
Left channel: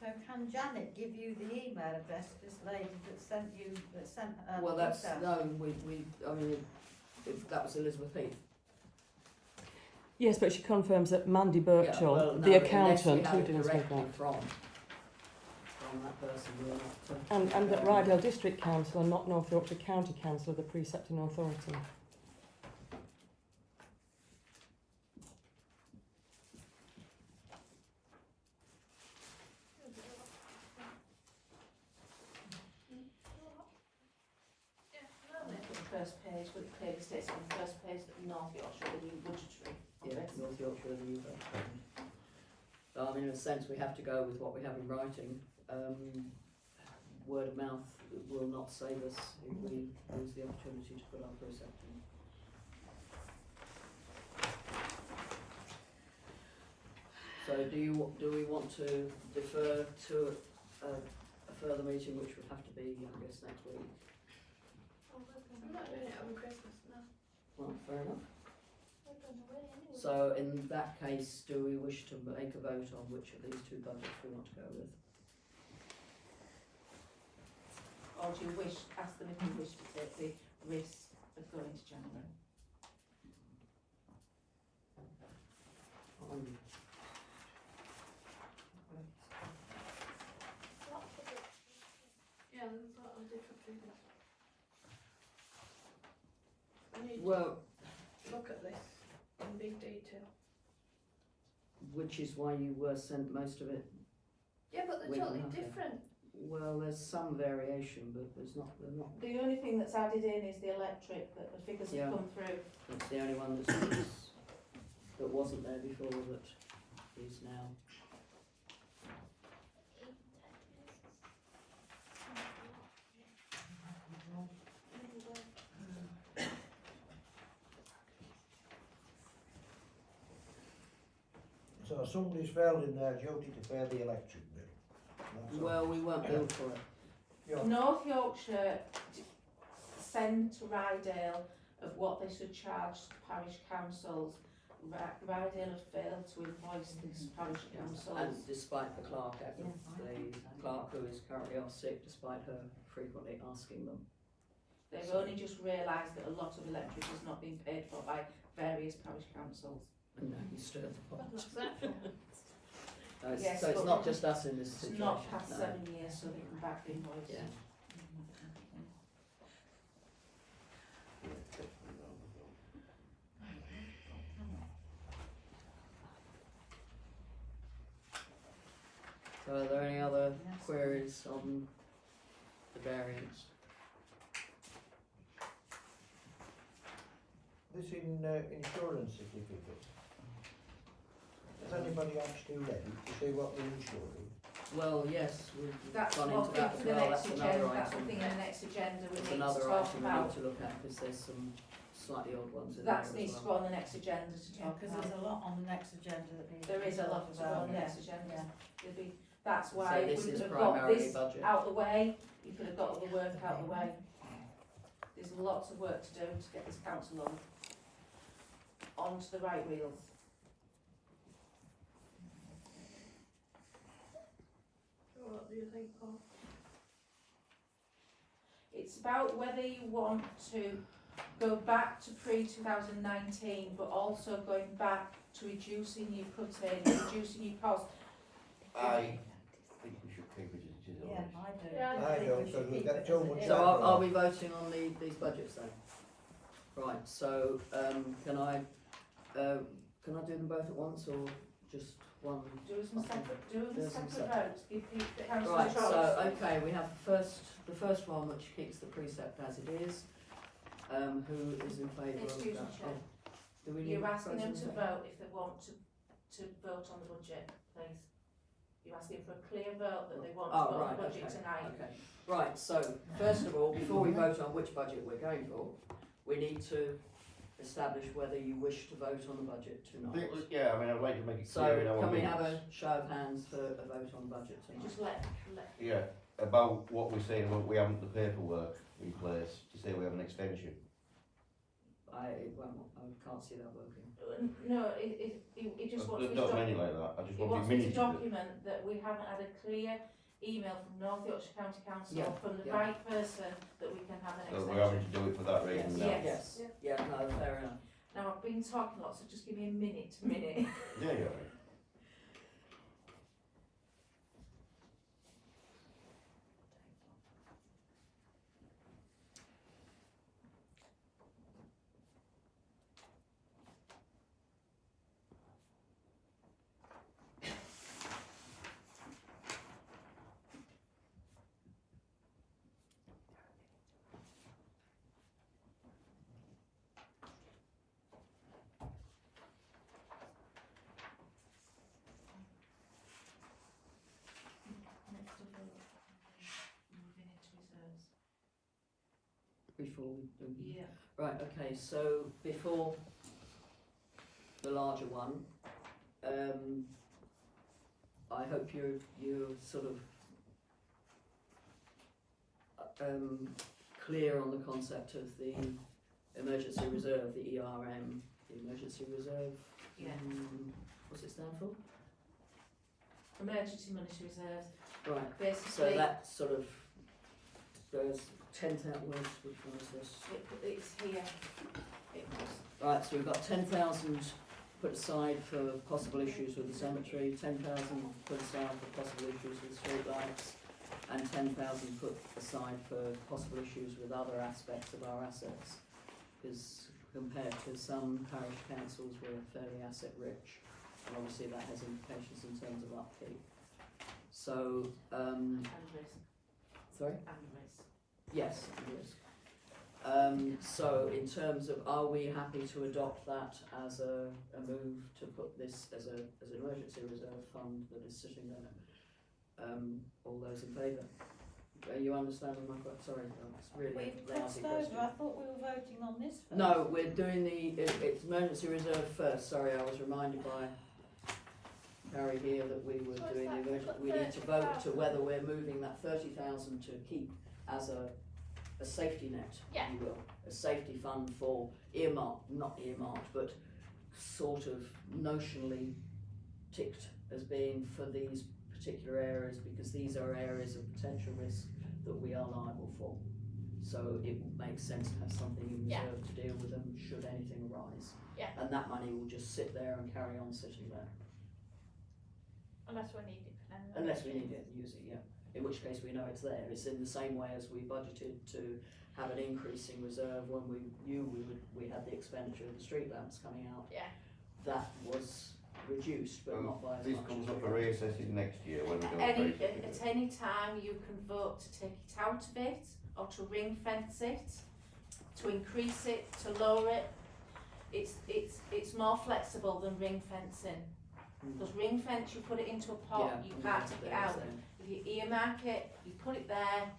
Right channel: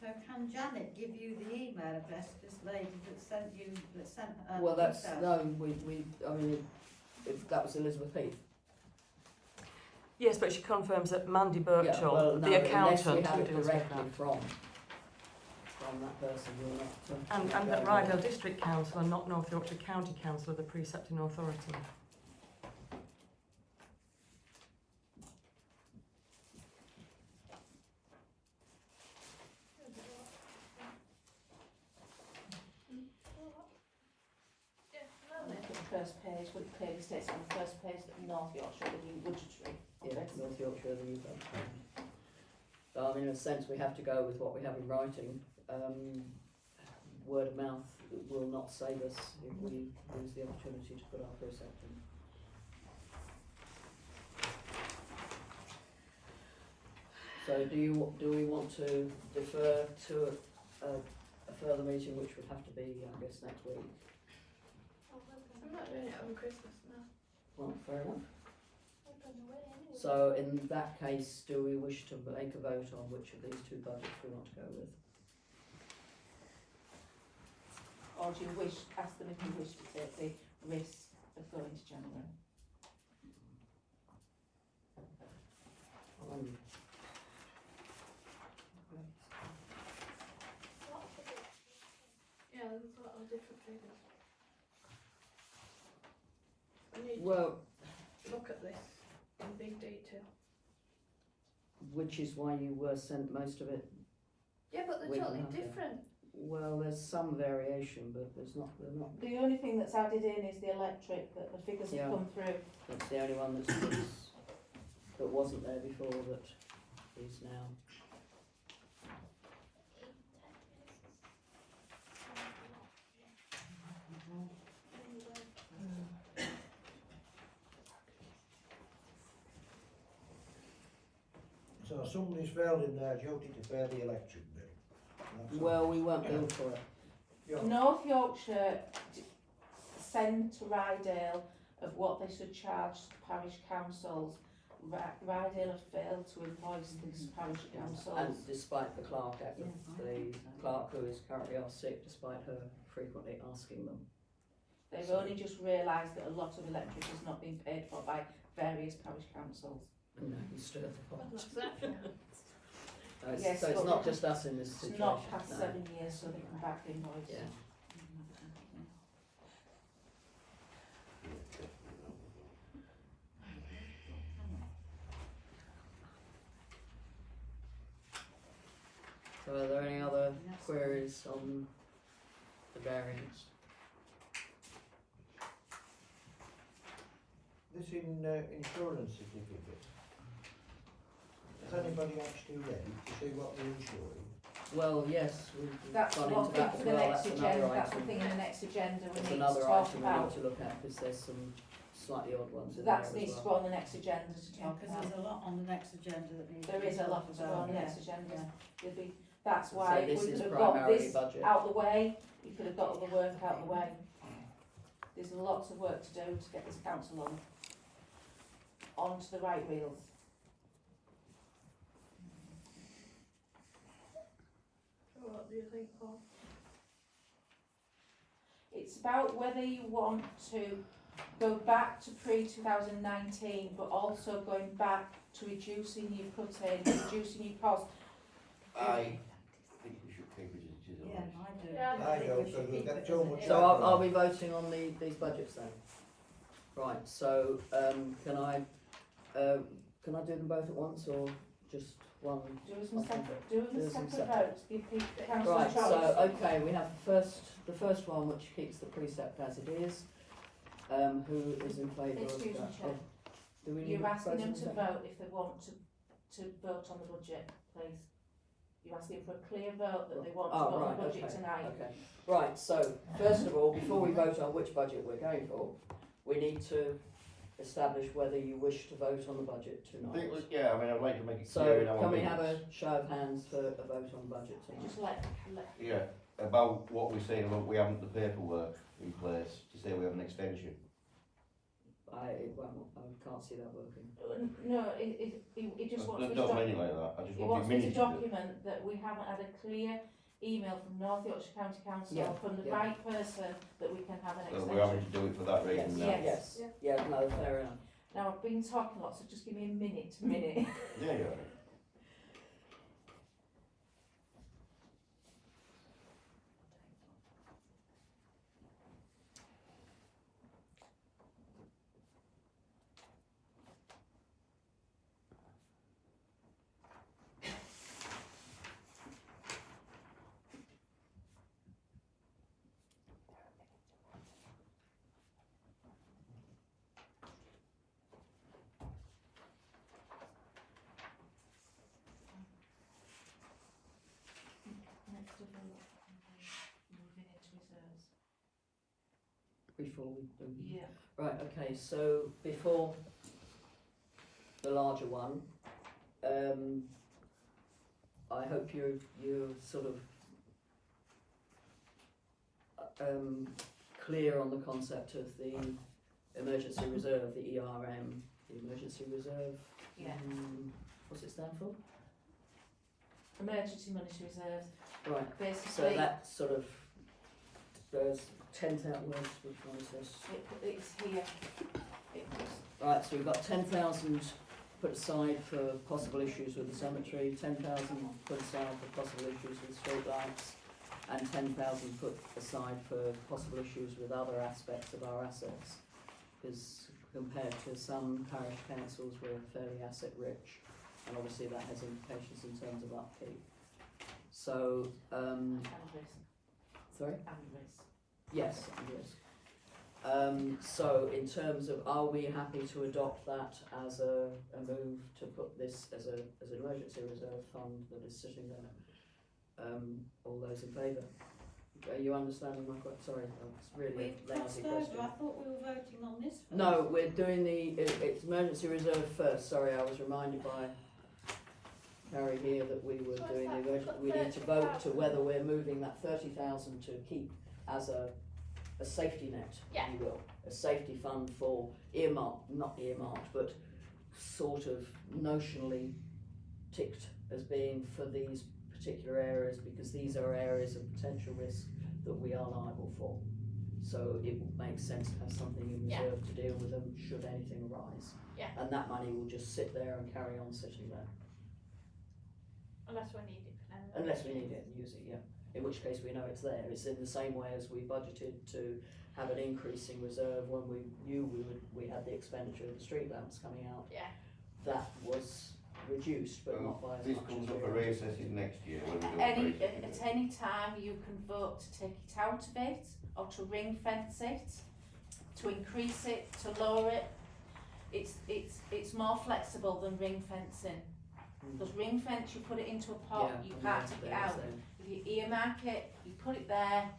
So can Janet give you the email address of this lady that sent her Well, that's details? no, I mean, that was Elizabeth Heath. Yes, but she confirms that Mandy Yeah, Birchall, well, no, the unless we accountant, have who it deals with directly that, from that person, we're not. and that Rydale District Council and not North Yorkshire County Council are the precepting authority. The first page, but it clearly states on the first page that North Yorkshire are the new budgetary. Yeah, North Yorkshire are the new vote. So, I mean, in a sense, we have to go with what we have in writing. Word of mouth will not save us if we lose the opportunity to put our precept in. So do we want to defer to a further meeting, which would have to be, I guess, next week? I'm not doing it over Christmas now. Well, fair enough. We're going away anyway. So in that case, do we wish to make a vote on which of these two budgets we want to go with? Or do you ask them if you wish to take the risk of going to January? Yeah, there's a lot of different figures. I need Well, to look at this in big detail. which is why you were sent most of it. Yeah, but they're We totally can have them. different. Well, there's some variation, but they're not. The only thing that's added in is the electric, that the figures Yeah. have come through. It's the only one that wasn't there before that is now. So somebody's failed in their duty to pay the electric bill. That's all. Well, we weren't billed for it. Yeah. North Yorkshire send to Rydale of what they should charge parish councils. Rydale have failed to invoice these parish councils. And despite the clerk, the clerk who is currently off sick, despite her frequently asking them. They've only just realised that a lot of electric has not been paid for by various parish councils. And now you stir the pot. What's that? Yes, So it's but not just us in this It's situation. not past no. 7 years, so they can back the invoice. Yeah. So are there any other queries on the variance? This insurance certificate. Has anybody actually read it to see what they're insuring? Well, yes, we've That's gone one into thing that for as the well, next that's agenda, another that's the item. thing in the next agenda we That's need to another talk item we about. need to look at, because there's some slightly odd ones in That there needs as to well. go on the next agenda to Yeah, talk because about. there's a lot on the next agenda that needs to There be is a lot talked to go on about. the next Yeah. agenda. Yeah. There'll be, that's So why we this could is have got primarily this budget. out the way, you could have got all the work out the way. There's lots of work to do to get this council onto the right wheels. So what do you think, Paul? It's about whether you want to go back to pre-2019, but also going back to reducing your cut-in, reducing your cost. I think we should keep it as it is. Yeah, I do. Yeah, I think don't, we because should we've keep got it too as it much is. So are we voting on these budgets then? Right, so can I do them both at once or just one? Do some separate, do Do them some separate separate. votes, give people the council a Right, choice. so, okay, we have the first one which keeps the precept as it is. Who is in favour of Excuse me, that? Chair. Do we need You're asking them to President? vote if they want to vote on the budget, please. You're asking for a clear vote that they want to Oh, vote on right, the budget okay, tonight. okay. Right, so, first of all, before we vote on which budget we're going for, we need to establish whether you wish to vote on the budget I tonight. think, yeah, I mean, I'd like to make it So, clear in our can we minutes. have a show of hands for a vote on the budget tonight? Just let, Yeah, about what we're saying about we haven't the paperwork in place to say we have an extension. I can't see that working. no, it just wants I me to don't doc- mean it like that, I just it want wants it me to minuted. document that we haven't had a clear email from North Yorkshire County Council Yeah, from the yeah. right person that we can have an So extension. we're having to do it for that reason now. Yes. Yes, yeah, no, fair enough. Now, I've been talking lots, so just give me a minute. Yeah, yeah. Next of all, moving into reserves. Before we do. Yeah. Right, okay, so before the larger one, I hope you're sort of clear on the concept of the emergency reserve, the ERM, the emergency reserve. Yeah. What's it stand for? Emergency monetary reserves. Right, so Basically, that sort of, there's 10,000 words, which one is this? it's here. It was. Right, so we've got 10,000 put aside for possible issues with the cemetery, 10,000 put aside for possible issues with streetlights, and 10,000 put aside for possible issues with other aspects of our assets. Because compared to some parish councils, we're fairly asset rich, and obviously that has implications in terms of upkeep. So, And risk. sorry? And risk. Yes, and risk. So in terms of, are we happy to adopt that as a move to put this as an emergency reserve fund that is sitting there? All those in favour? Are you understanding my question? Sorry, it's really We a lousy crossed question. over, I thought we were voting on this first. No, we're doing it's emergency reserve first. Sorry, I was reminded by Harry here that we were So is doing the that emergency. put We need to vote to 30,000? whether we're moving that 30,000 to keep as a safety net, Yeah. if you will, a safety fund for not earmarked, but sort of notionally ticked as being for these particular areas, because these are areas of potential risk that we are liable for. So it would make sense to have something in Yeah. reserve to deal with them should anything arise. Yeah. And that money will just sit there and carry on sitting there, Unless we need it for now. unless we need it and use it, yeah. In which case we know it's there. It's in the same way as we budgeted to have an increasing reserve when we knew we had the expenditure of the street lamps coming out. Yeah. That was reduced, but not by as This much comes as up we for were. reassessing next year when we don't At raise it. any time you can vote to take it out of it, or to ring fence it, to increase it, to lower it. It's more flexible than ring fencing. Because ring fence, you put it into a pot, Yeah, you and can't that's take it there, out. so- If you earmark it, you put it there.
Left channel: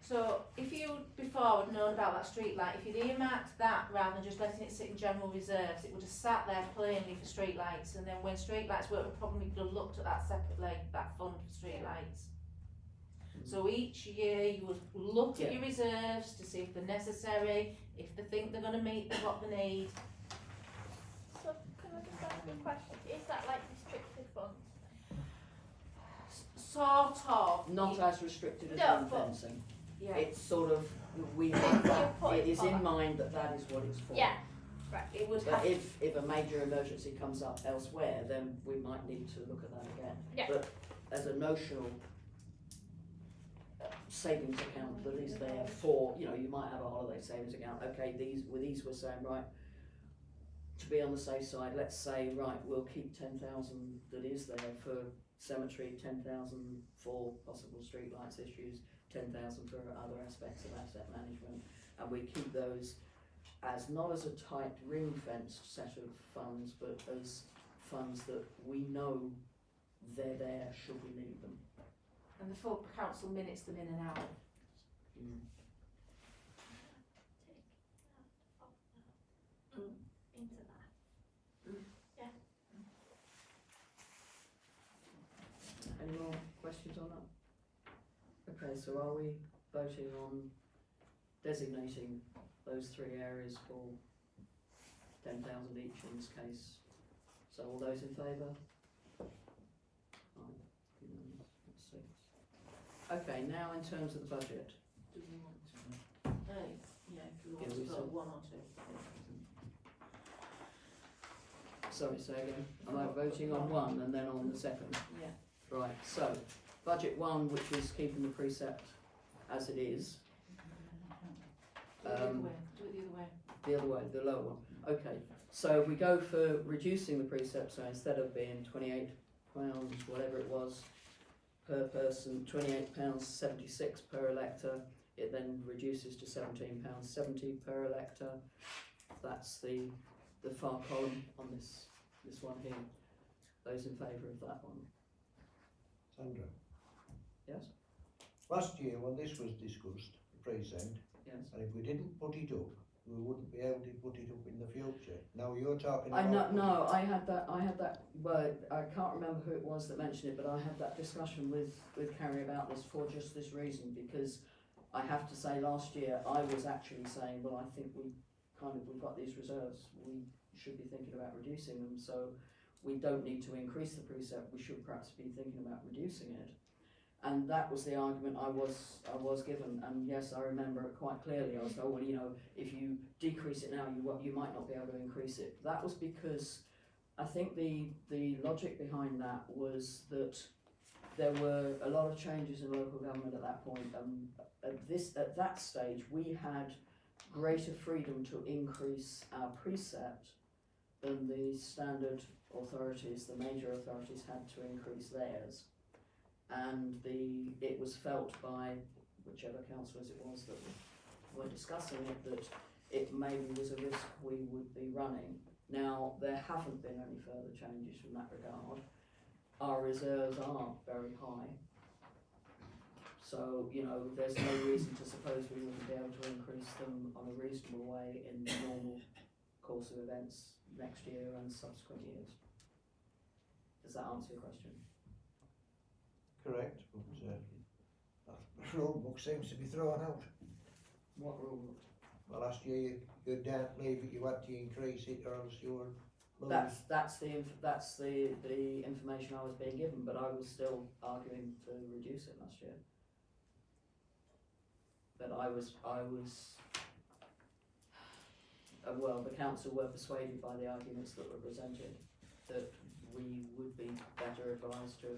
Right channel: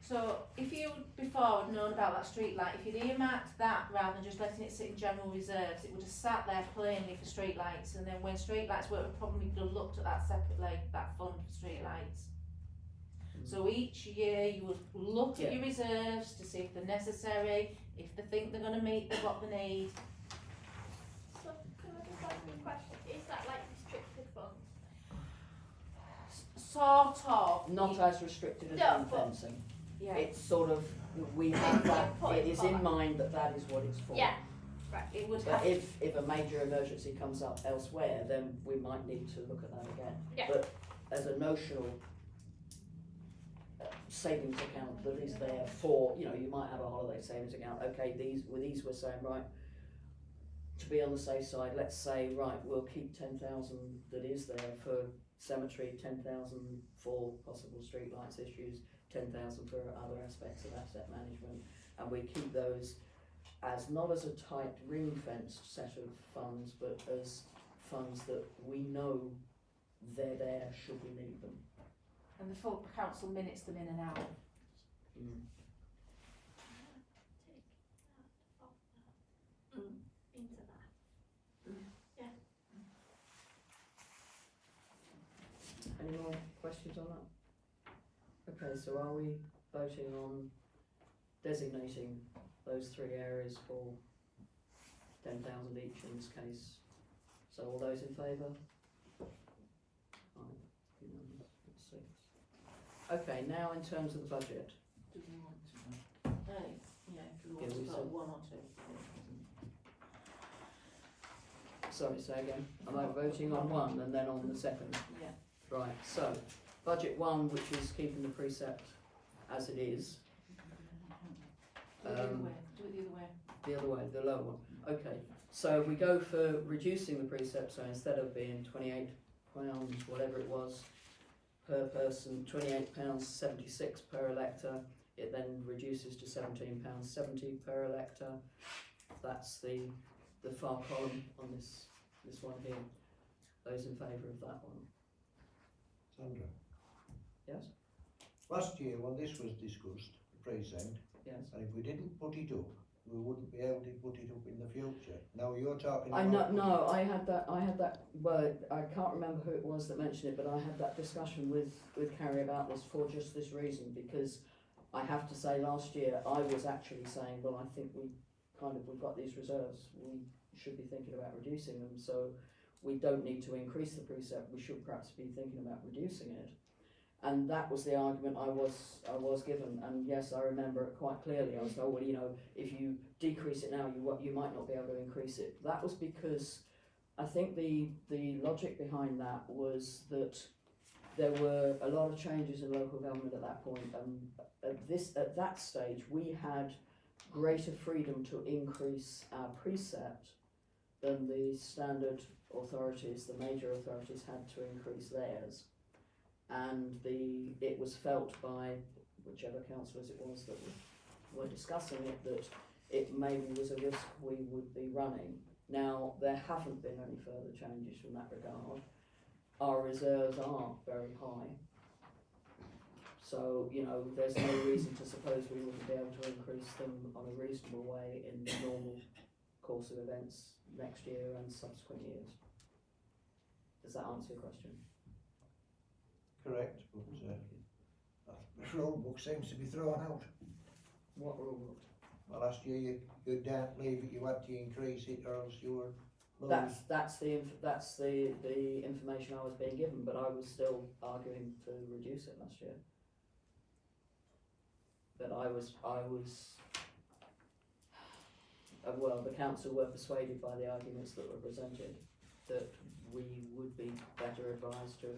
So if you before had known about that street light, if you'd earmarked that rather than just letting it sit in general reserves, it would have sat there plainly for street lights, and then when street lights were, we probably could have looked at that separately, that fund for street lights. So each year you would look at Yeah. your reserves to see if they're necessary, if they think they're going to meet what they need. So can I just ask you a question? Is that like restricted funds? Sort of. Not as restricted as No, ring but- fencing. Yeah. It's sort of, we have that, Put it it is for in that. mind that that is what it's for. Yeah. It would But have. if a major emergency comes up elsewhere, then we might need to look at that again. Yeah. But as a notional savings account that is there for, you know, you might have a holiday savings account, okay, these we're saying, right, to be on the safe side, let's say, right, we'll keep 10,000 that is there for cemetery, 10,000 for possible streetlights issues, 10,000 for other aspects of asset management, and we keep those as not as a tight ring-fenced set of funds, but as funds that we know they're there should we need them. And the full council minutes them in and out. Mm. Into that. Any more questions on that? Okay, so are we voting on designating those three areas for 10,000 each in this case? So all those in favour? Fine, unanimous, that's 6. Okay, now in terms of the budget. Do we want to? Yeah, if we want Yeah, to we put said- one or two. sorry, say again. Am I voting on one and then on the second? Yeah. Right, so, budget one, which is keeping the precept as it is. Do it the other way. Do it the other way. The other way, the lower one. Okay, so we go for reducing the precept, so instead of being £28, whatever it was, per person, £28.76 per elector, it then reduces to £17.70 per elector. That's the far column on this one here. Those in favour of that one? Sandra, Yes? last year when this was discussed, the precinct, Yes. and if we didn't put it up, we wouldn't be able to put it up in the future. Now you're talking I about... know, no, I had that, well, I can't remember who it was that mentioned it, but I had that discussion with Carrie about this for just this reason, because I have to say last year I was actually saying, well, I think we've got these reserves, we should be thinking about reducing them, so we don't need to increase the precept, we should perhaps be thinking about reducing it. And that was the argument I was given, and yes, I remember it quite clearly. I was told, well, you know, if you decrease it now, you might not be able to increase it. That was because I think the logic behind that was that there were a lot of changes in local government at that point. At that stage, we had greater freedom to increase our precept than the standard authorities, the major authorities, had to increase theirs. And it was felt by whichever councillors it was that were discussing it, that it maybe was a risk we would be running. Now, there haven't been any further changes from that regard. Our reserves are very high. So, you know, there's no reason to suppose we wouldn't be able to increase them on a reasonable way in the normal course of events next year and subsequent years. Does that answer your question? Correct, but the rule book seems to be thrown out. What rule book? Well, last year you don't leave it, you had to increase it or else you were losing. That's the information I was being given, but I was still arguing to reduce it last year. But I was well, the council were persuaded by the arguments that were presented that we would be better advised to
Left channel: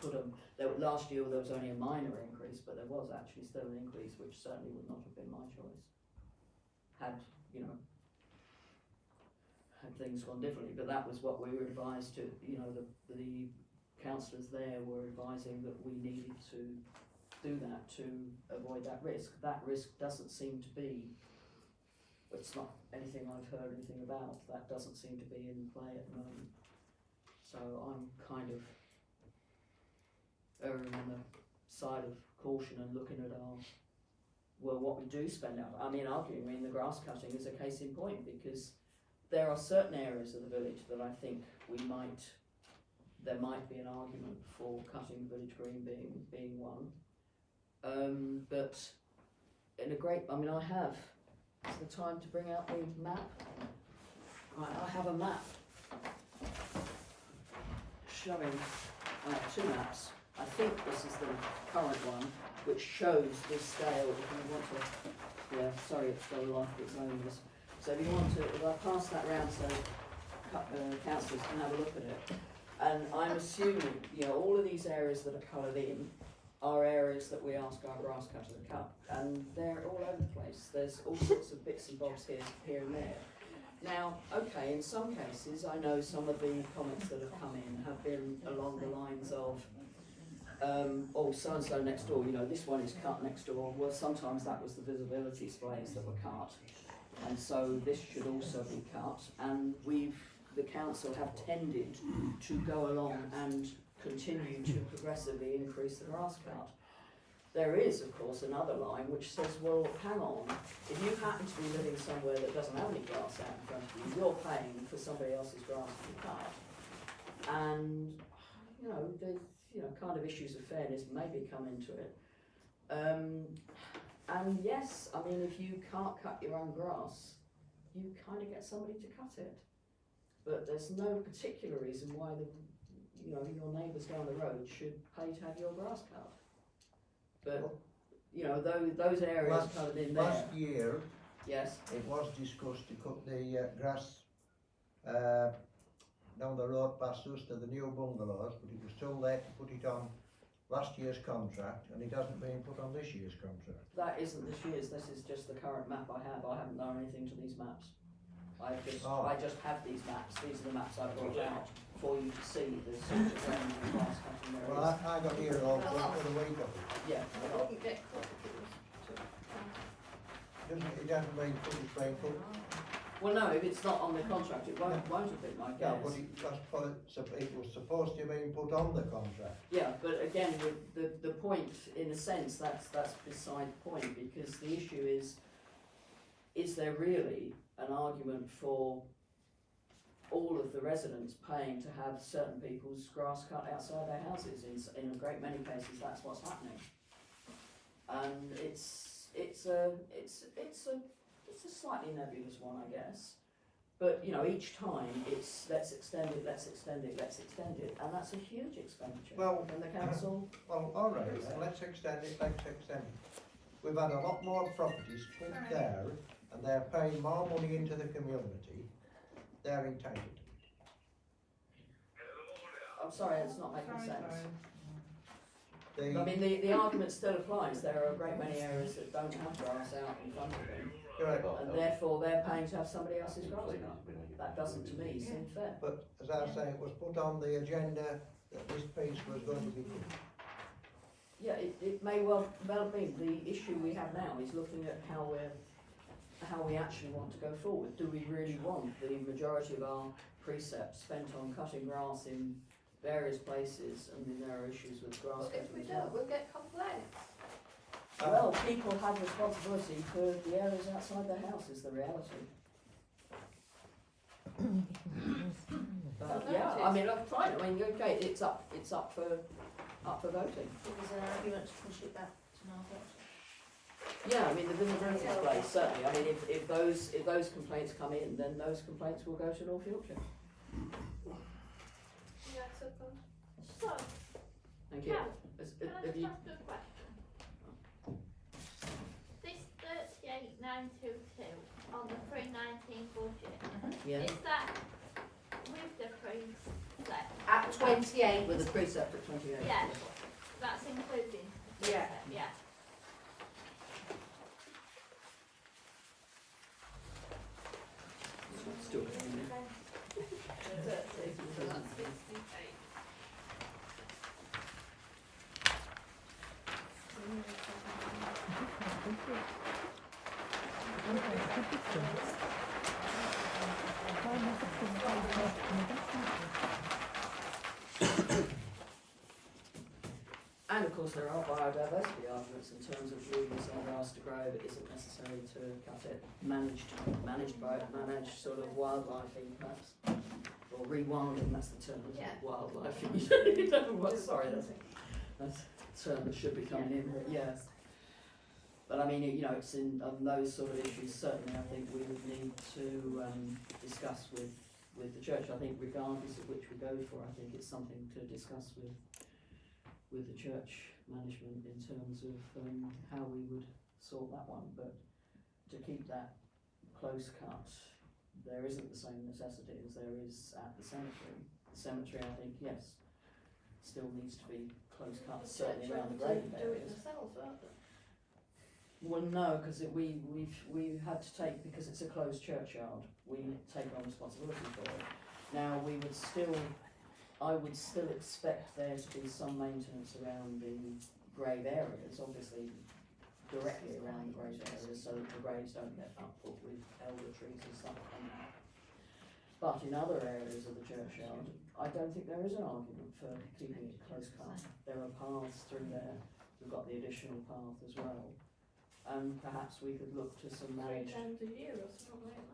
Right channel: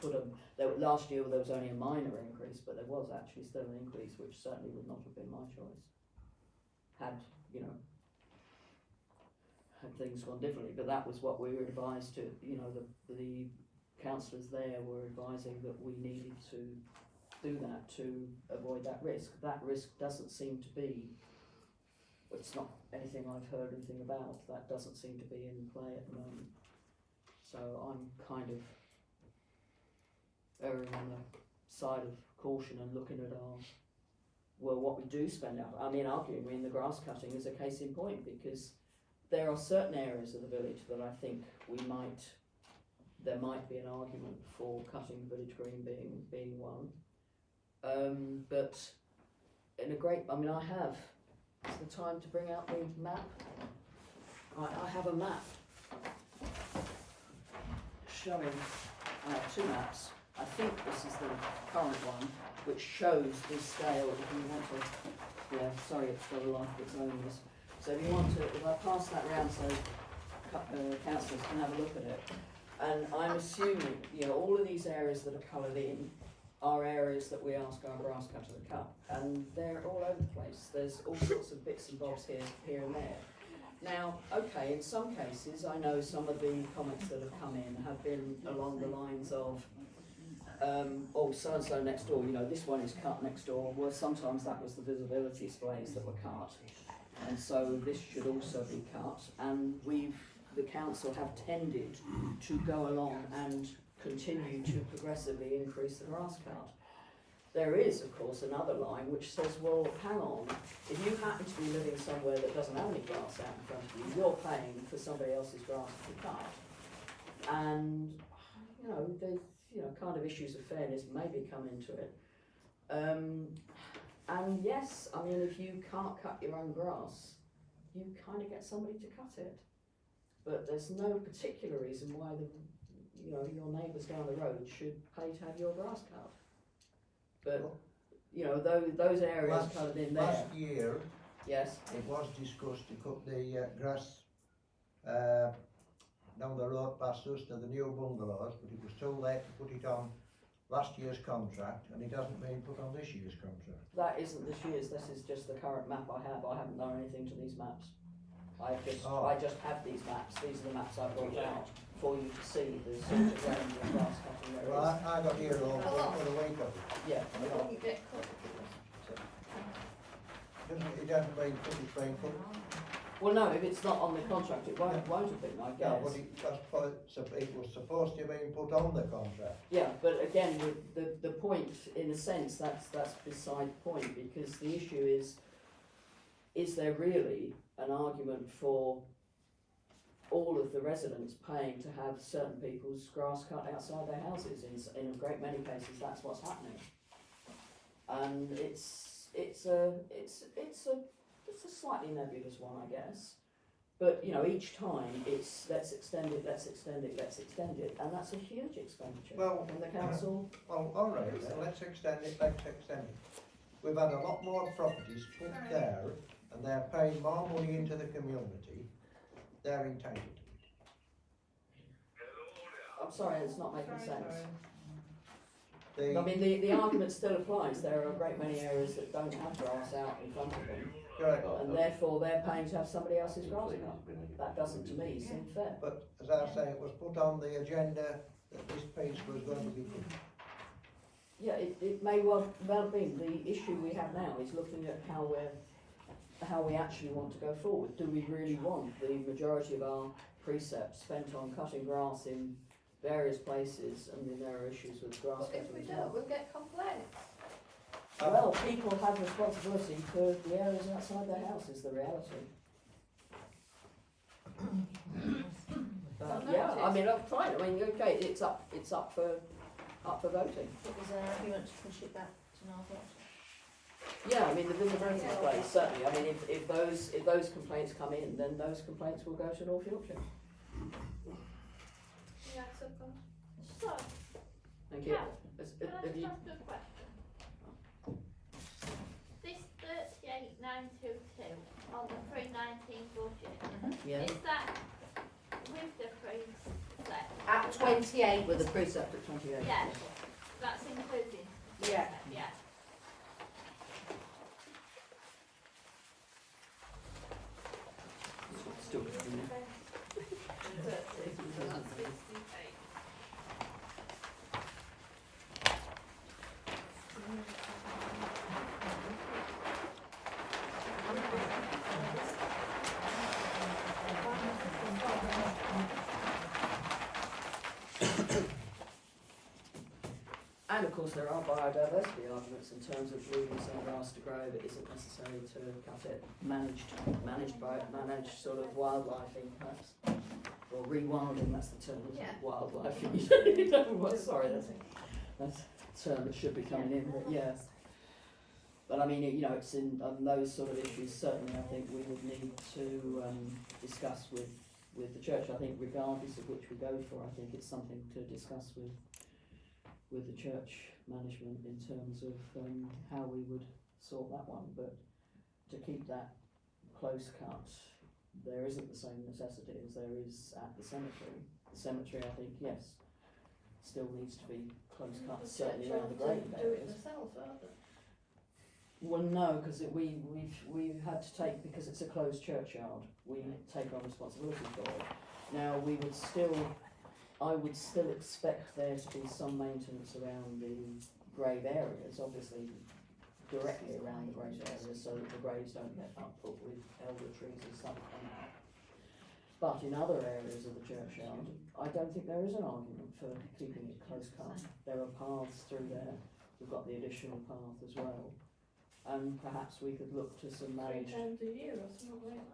put them. Last year there was only a minor increase, but there was actually still an increase, which certainly would not have been my choice. Had things gone differently, but that was what we were advised to. You know, the councillors there were advising that we needed to do that to avoid that risk. That risk doesn't seem to be. It's not anything I've heard anything about. That doesn't seem to be in play at the moment. So I'm kind of erring on the side of caution and looking at what we do spend out. I mean, arguing the grass cutting is a case in point, because there are certain areas of the village that I think there might be an argument for cutting village green being one. But I have. It's the time to bring out the map. I have a map showing two maps. I think this is the current one, which shows this scale. If you want to, sorry, it's got a life of its own. So if you want to, if I pass that round so councillors can have a look at it. And I'm assuming, all of these areas that are coloured in are areas that we ask our grass cutter to cut, and they're all over the place. There's all sorts of bits and bobs here and there. Now, okay, in some cases, I know some of the comments that have come in have been along the lines of, so-and-so next door, this one is cut next door. Well, sometimes that was the visibility displays that were cut, and so this should also be cut. And the council have tended to go along and continue to progressively increase the grass cut. There is, of course, another line which says, well, hang on, if you happen to be living somewhere that doesn't have any grass out in front of you, you're paying for somebody else's grass to be cut. And, the kind of issues of fairness maybe come into it. And yes, I mean, if you can't cut your own grass, you kind of get somebody to cut it. But there's no particular reason why your neighbours down the road should pay to have your grass cut. But, those areas coloured in there. Last year, yes, it was discussed to cut the grass down the road past us to the new bungalows, but it was too late to put it on last year's contract, and it hasn't been put on this year's contract. That isn't this year's, this is just the current map I have. I haven't done anything to these maps. I just have these maps. These are the maps I brought out for you to see the sort of range of grass cutting there Well, is. I got here all for a week of it. Yeah, It wouldn't get cut if it was It hasn't been put, it's been put. well, no, if it's not on the contract, it won't have been, I Yeah, guess. but it was supposed to have been put on the contract. Yeah, but again, the point, in a sense, that's beside the point, because the issue is there really an argument for all of the residents paying to have certain people's grass cut outside their houses? In a great many cases, that's what's happening. And it's a slightly nebulous one, I guess. But, you know, each time it's let's extend it, and that's a huge expenditure. Well, and the council. Well, all right, then, let's extend it. We've had a lot more properties put there, and they're paying more money into the community. They're entitled to it. I'm sorry, it's not making sense. The- I mean, the argument still applies. There are a great many areas that don't have grass out in front of them, Correct. and therefore they're paying to have somebody else's grass cut. That doesn't, to me, seem fair. But as I say, it was put on the agenda that this piece was going to be put. Yeah, it may well be. The issue we have now is looking at how we actually want to go forward. Do we really want the majority of our precepts spent on cutting grass in various places? I mean, there are issues with grass But if we cutting as don't, well. we'll get complaints. Well, people have responsibility for the areas outside their house, is the reality. But yeah, I mean, I'm fine. I mean, okay, it's up for voting. But was there an argument to push it back to North Yorkshire? Yeah, I mean, the visibility place, certainly. I mean, if those complaints come in, then those complaints will go to North Yorkshire. Yeah, so good. So, Thank you. Cal, Has- can I have just you- ask a question? This 38,922 on the pre-19 budget, Yeah. is that with the precept? At 28, With the precept at 28. Yeah, that's including Yeah. precept, yeah. Still doing it. And of course, there are biodiversity arguments in terms of leaving some grass to grow that isn't necessary to cut it. Managed sort of wildlifing, perhaps, or rewilding. That's the term. Isn't it? Yeah. Wildlifing. Sorry, that's a term that should be coming in. But yeah. But I mean, you know, it's in those sort of issues. Certainly, I think we would need to discuss with the church. I think, regardless of which we go for, I think it's something to discuss with the church management in terms of how we would sort that one. But to keep that close cut, there isn't the same necessity as there is at the cemetery. The cemetery, I think, yes, still needs to be close cut, certainly around the grave Do it areas. themselves, aren't they? Well, no, because we've had to take, because it's a closed churchyard, we take on responsibility for it. Now, I would still expect there to be some maintenance around the grave areas, obviously directly around the grave areas, so that the graves don't get upput with elder trees and stuff like that. But in other areas of the churchyard, I don't think there is an argument for keeping it close cut. There are paths through there. We've got the additional path as well. And perhaps we could look to some 3 managed, times a year or something like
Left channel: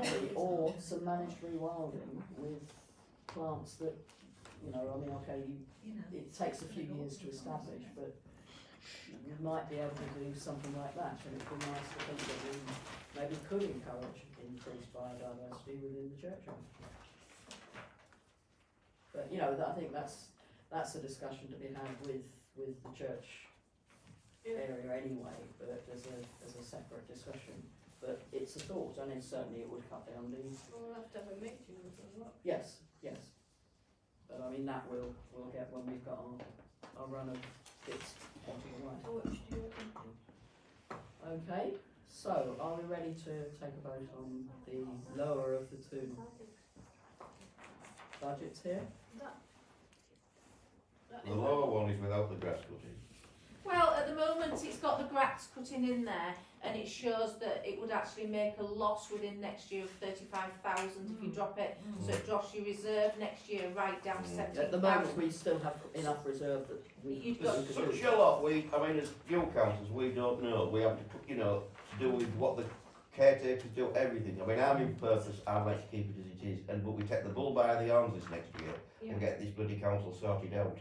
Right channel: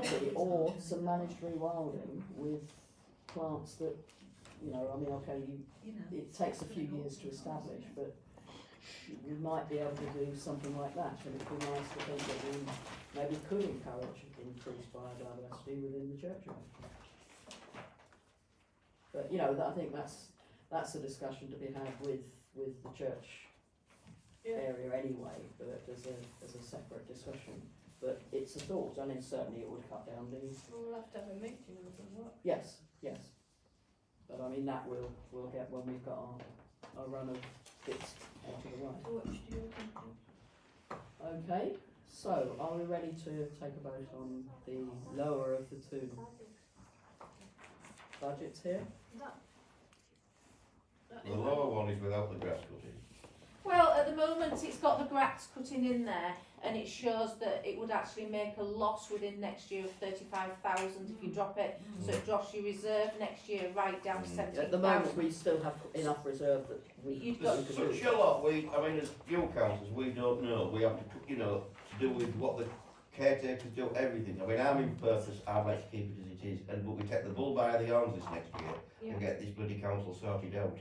that. maybe, or some managed rewilding with plants that, you know, I mean, okay, it takes a few years to establish, but you might be able to do something like that, and it'd be nice to think that we maybe could encourage increased biodiversity within the churchyard. But, you know, I think that's a discussion to be had with the church area anyway, but as a separate discussion. But it's the thought, and it certainly it would cut down the, We'll have to have a meeting and what. yes, yes. But I mean, that we'll get when we've got our run of bits out of the way. Which do you think? Okay, so are we ready to take a vote on the lower of the two budgets here? The lower one is without the grass cutting. Well, at the moment, it's got the grass cutting in there, and it shows that it would actually make a loss within next year of 35,000 if you drop it. So it drops your reserve next year right down to 17,000. At the moment, we still have enough reserve that we got There's such a lot, I mean, as fuel councillors, we don't know. We have to, to do with what the caretakers do, everything. I mean, I'm in purpose, I'd like to keep it as it is, but we take the bull by the horns this next year and get this bloody council sorted out.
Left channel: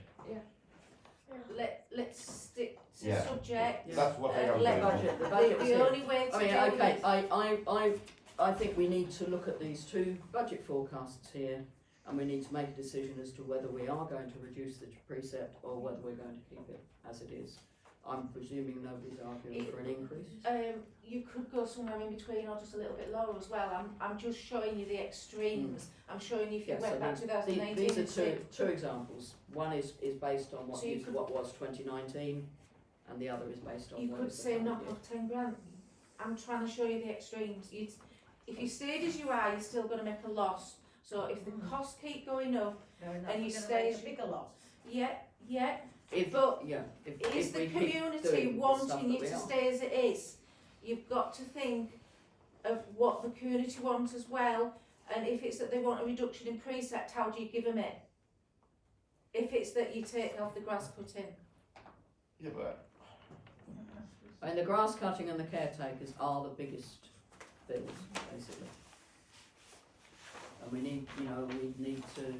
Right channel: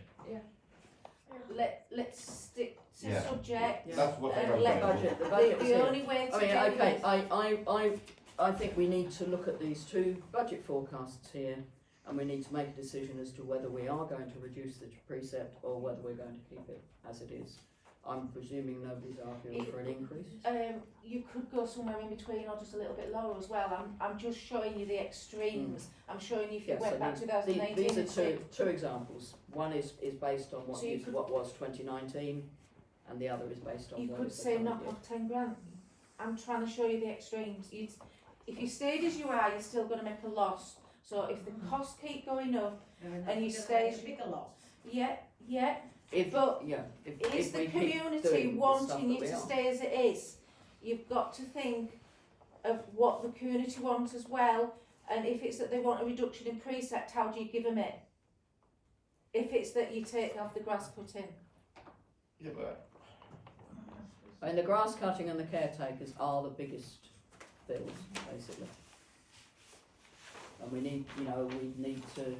Let's stick to Yeah. subject. Yeah. That's what I And am let saying. the budget was The here. only way to I mean, do okay, it, I think we need to look at these two budget forecasts here, and we need to make a decision as to whether we are going to reduce the precept or whether we're going to keep it as it is. I'm presuming nobody's arguing for an increase. you could go somewhere in between or just a little bit lower as well. I'm just showing you the extremes. I'm showing you if you Yes, went so back these 2018. are and see- two examples. One is based on So you could- what was 2019, and the other is based on You what could is the say current knock year. off 10 grand. I'm trying to show you the extremes. If you stayed as you are, you're still going to make a loss. So if the costs keep going up, and you stay- A bigger loss. yeah, If, but yeah, if is we the keep community doing the stuff wanting that you we to are. stay as it is? You've got to think of what the community wants as well, and if it's that they want a reduction in precept, how do you give them it? If it's that you take off the grass cutting, Yeah, but I mean, the grass cutting and the caretakers are the biggest bills, basically. And we need to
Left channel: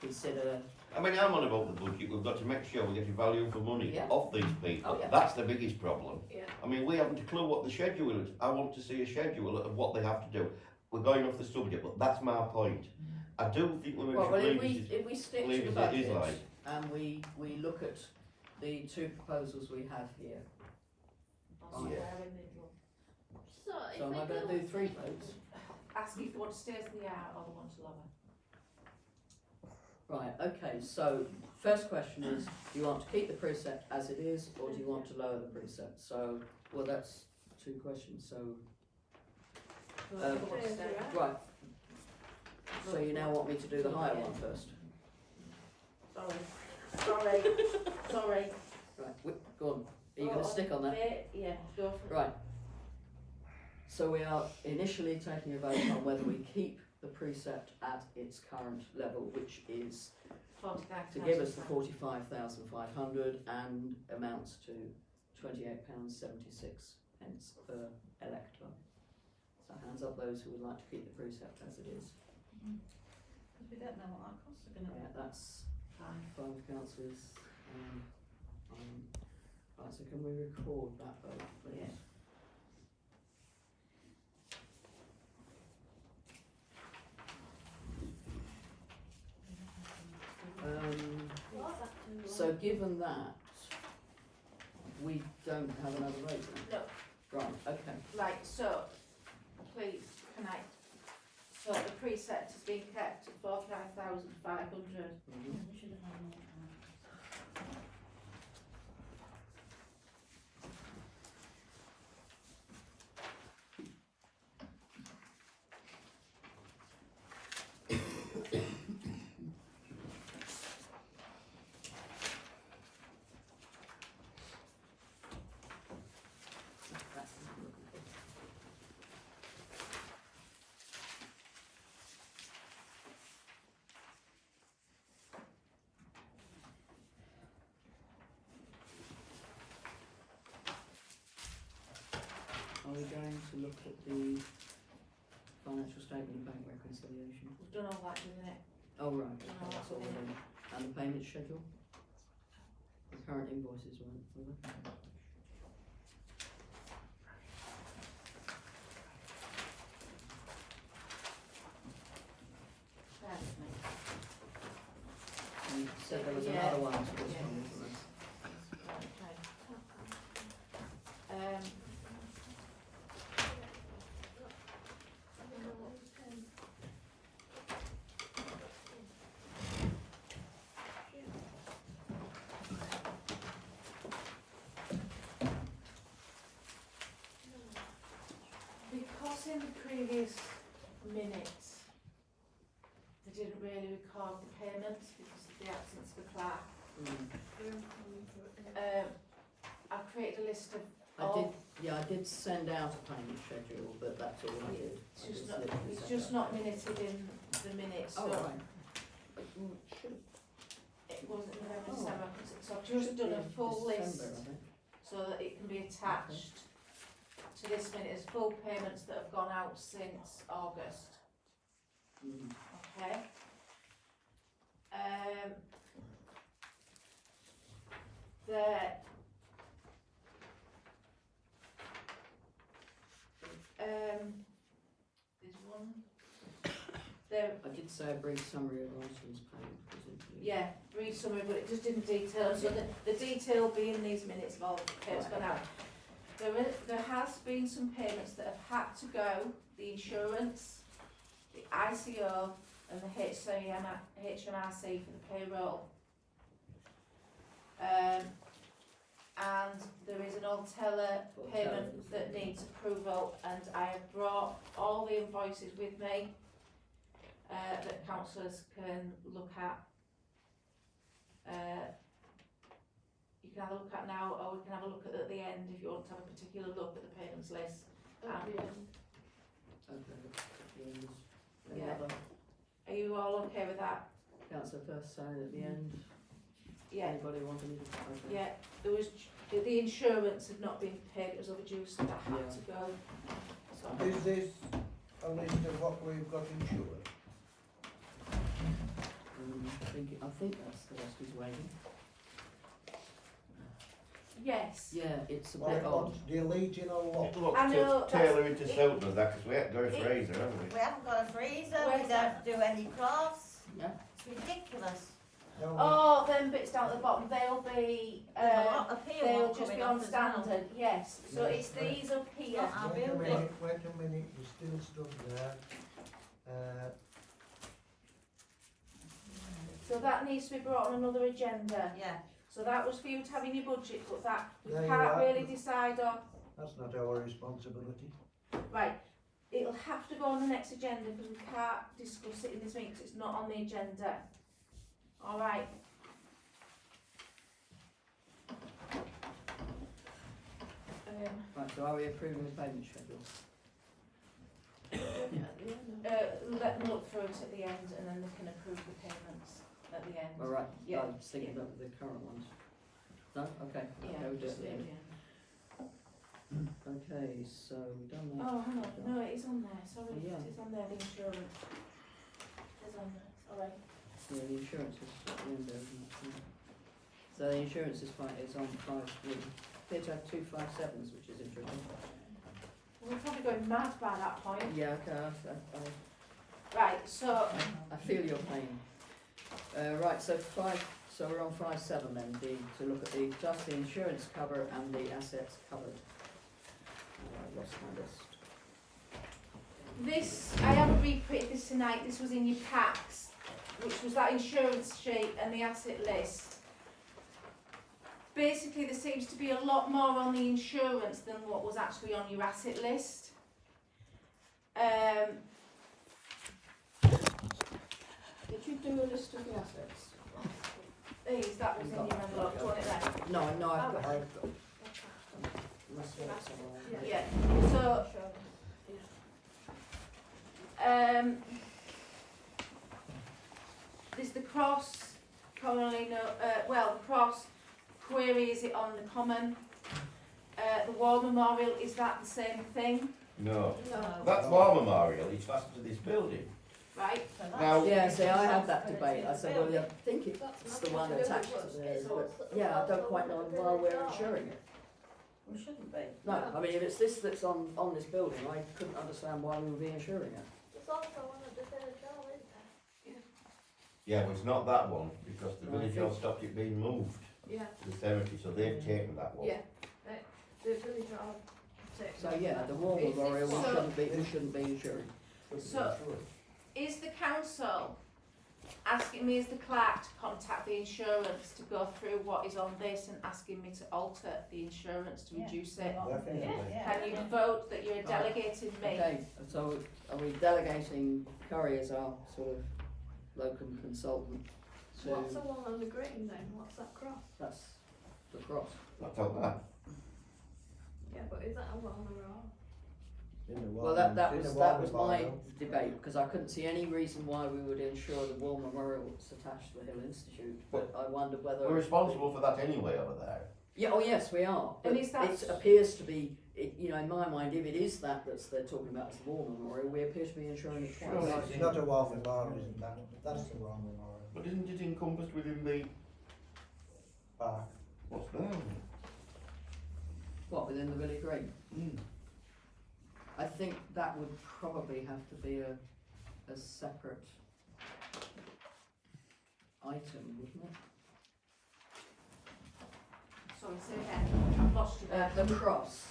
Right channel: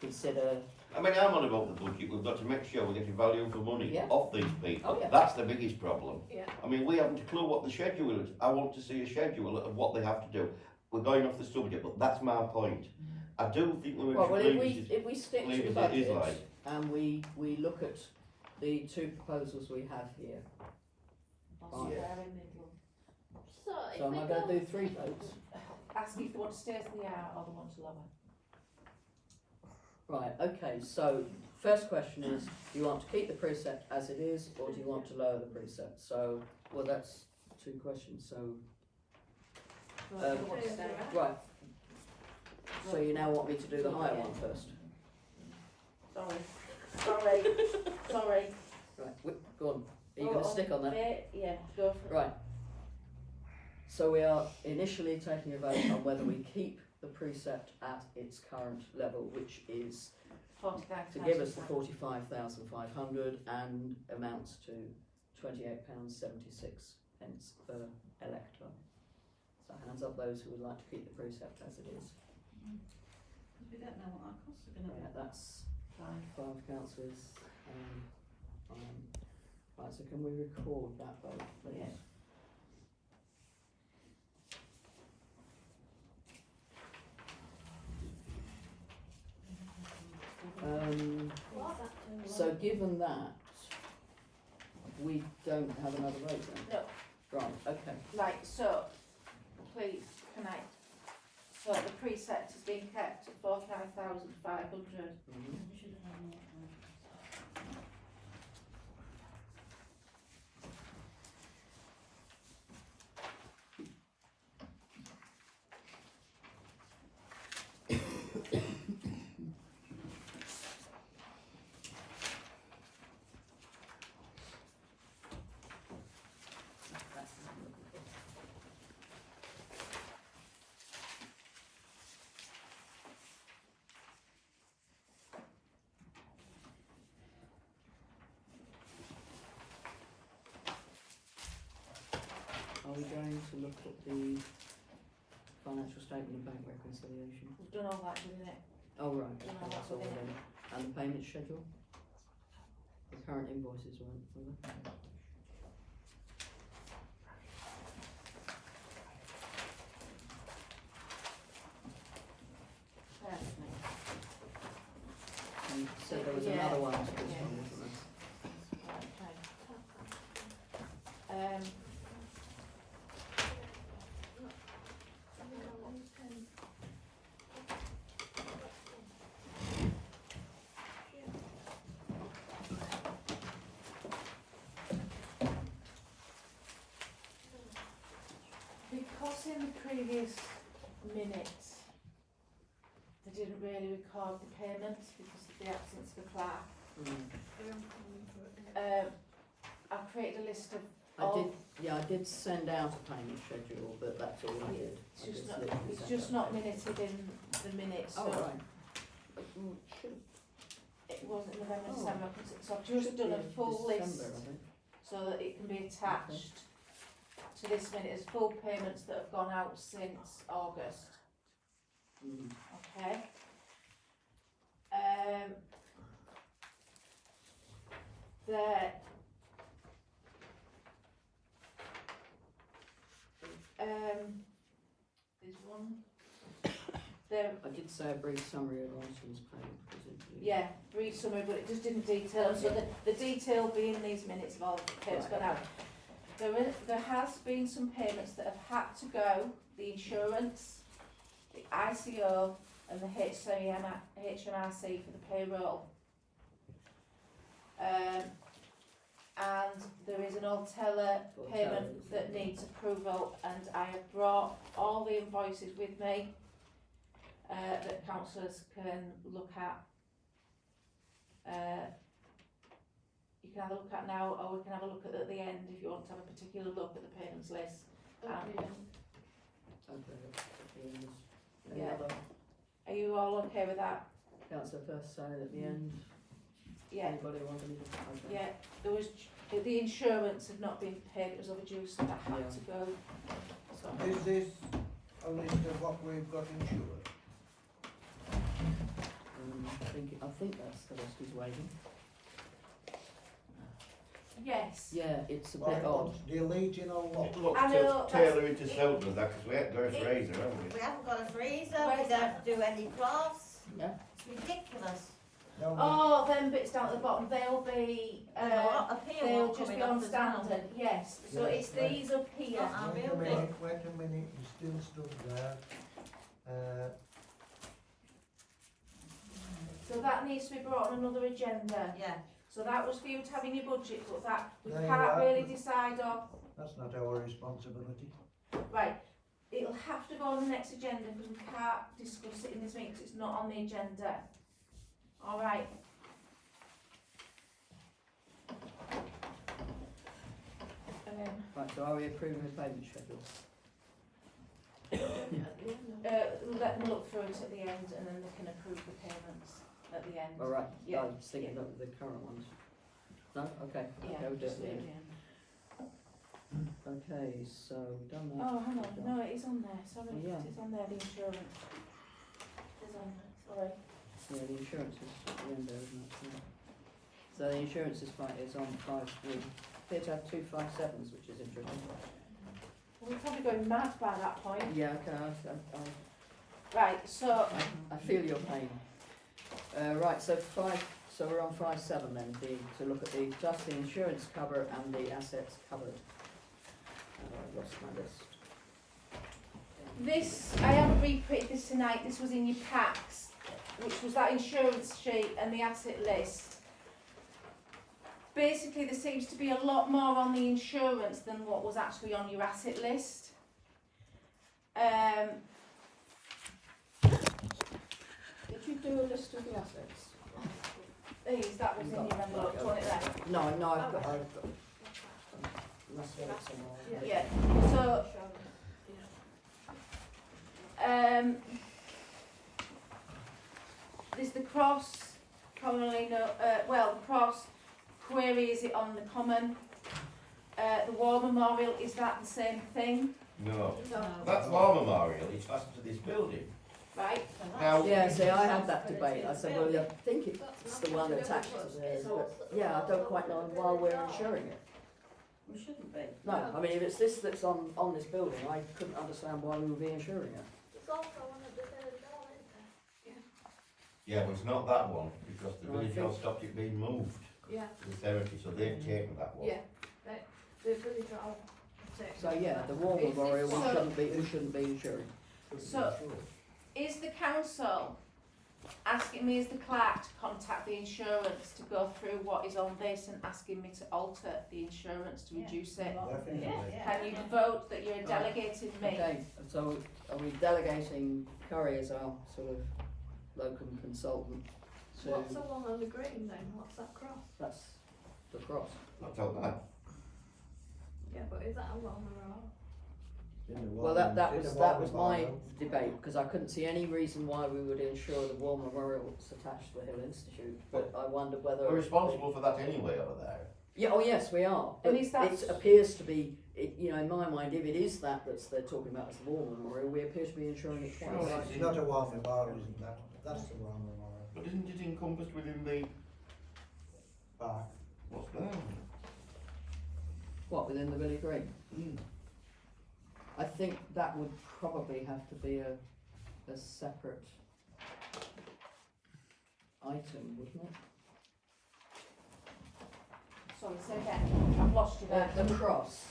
consider, I mean, I'm on about the budget. We've got to make sure we're getting value for money Yeah. off these people. Oh, yeah. That's the biggest problem. Yeah. I mean, we haven't a clue what the schedule is. I want to see a schedule of what they have to do. We're going off the subject, but that's my point. I do think we well, should leave if we stick leave to the as it is budget like. and we look at the two proposals we have here. somewhere Yeah. in the middle. So if So am we I go, going to do three votes? Ask if they want to stay as they are or they want to lower. Right, okay, so first question is, do you want to keep the precept as it is, or do you want to lower the precept? So, well, that's two questions, so, They want to stay. right. So you now want me to do the higher one first? Sorry. Right, go on, are you going to stick on that? Yeah, go for it. Right. So we are initially taking a vote on whether we keep the precept at its current level, which is to give us the 45,500 and amounts to £28.76 per elector. So hands up those who would like to keep the precept as it is. Because we don't know what our costs are going to be. Right, that's five councillors. Right, so can we record that vote, please? Yeah. what about So given that, we don't have another vote then? No. Right, okay. Right, so, please, can I, so the precept is being kept at 45,500. Mhm. We should have had more. That's what I'm looking for. Are we going to look at the financial statement and bank reconciliation? We've done all that, didn't it? Oh, right, No, okay, that's that's all okay. done. And the payment schedule? The current invoices weren't, were they? Bear with me. You said there was Yeah. another one to this Yeah. one, wasn't there? Right, okay. notice in the previous minutes, they didn't really record the payments because of the absence of the clerk. I created a list of I did send out a payment schedule, but that's all I did. I It's just not, literally it's sent just out. not minuted in the minutes, so Oh, right. Should it wasn't November, Oh. December, so I've just done a full December, list I think. so that it can be attached to this minute as full payments that have gone out since August, Mm. okay? There's one, there, I did say a brief summary of items paid, presumably. yeah, brief summary, but it just didn't detail, so the detail will be in these minutes of all the payments Right, gone out. There has been some payments that have had to go, the insurance, the ICO and the HMRC for the payroll. And there is an Altella payment that needs approval, and I have brought all the invoices with me that councillors can look at. You can have a look at now, or we can have a look at the end if you want to have a particular look at the payments list. Okay, at the end is, any Yeah. other Are you all okay with that? councillor first say at the end? Yeah, Anybody want anything? Okay. yeah, there was, the insurance had not been paid, it was overdue, so that had Yeah. to go. So, Is this a list of what we've got insured? I think that's the rest he's waiting. yes, Yeah, it's a Well, bit odd. deleting a lot. It looks I know, to tailor it to suit us, that, because we haven't got a freezer, have we? We haven't got a freezer, Where's we that? don't do any crafts. Yeah. It's ridiculous. No, oh, them bits down at the bottom, they'll be, There's a lot of here they'll one just be coming on up as well. standard, yes, so Yeah, it's right. these up here. Not our wait a building. minute, there's still stuff there. So that needs to be brought on another agenda. Yeah, So that was for you to have in your budget, but that we There you can't are. really decide on. That's not our responsibility. Right, it'll have to go on the next agenda because we can't discuss it in this meeting because it's not on the agenda. Alright. Right, so are we approving the payment schedule? Let them look through it at the end and then they can approve the payments at the end. All right, Yeah. I was thinking of the current ones. No, okay, Yeah, okay, we'll do it just at the leave end. it in. Okay, so we've done that. Oh, hang on, no, it is on there, sorry, Yeah. it's on there, the insurance. It's on there, sorry. Yeah, the insurance is at the end there, isn't it? Yeah. So the insurance is on 5-3. Appear to have 2 5-7s, which is interesting. We're probably going mad by that point. Yeah, okay, Right, so, I feel your pain. Right, so we're on 5-7 then, to look at just the insurance cover and the assets covered. I lost my list. this, I haven't reprinted this tonight, this was in your packs, which was that insurance sheet and the asset list. Basically, there seems to be a lot more on the insurance than what was actually on your asset list. Did you do a list of the assets? That was in your envelope, do you want it there? No, I've got. Okay. Must have it somewhere. Yeah, so, there's the cross, commonly the cross, query, is it on the common? The war memorial, is that the same thing, No, no. that's War Memorial, it's fastened to this building. right? So that's- Now- Yeah, see, I had that debate. I said, well, Building. I think it's the one attached to theirs, but yeah, I don't quite know why we're insuring it. We shouldn't be. No, I mean, if it's this that's on this building, I couldn't understand why we would be insuring it. It's also one of the village hall, isn't it? Yeah, but it's not that one, because the No, I village think- hall stopped it being moved Yeah, to the cemetery, so they've taken that one. yeah, the village hall. So yeah, the war It's- memorial So- we shouldn't be insuring. So- Is the council asking me as the clerk to contact the insurance to go through what is on this and asking me to alter the insurance to Yeah. reduce it. Definitely. Can you vote that you're delegating me? Okay, so are we delegating Curry as our sort of locum consultant to, What's the one on the green then? What's that cross? that's the cross. Not tell that. Yeah, but is that a well memorial? Well, that was my debate, because I couldn't see any reason why we would insure the War Memorial that's attached to the Hill Institute, but I wondered whether. We're responsible for that anyway over there. Yeah, oh yes, we are, but And is that- it appears to be, you know, in my mind, if it is that they're talking about as the War Memorial, we appear to be insuring it twice. Sure. It's not a war memorial, isn't that? That's the war memorial. But isn't it encompassed within the Park. what's there? What, within the Village Green? Mm. I think that would probably have to be a separate item, wouldn't it? Sorry, say again, I've lost you there. The cross.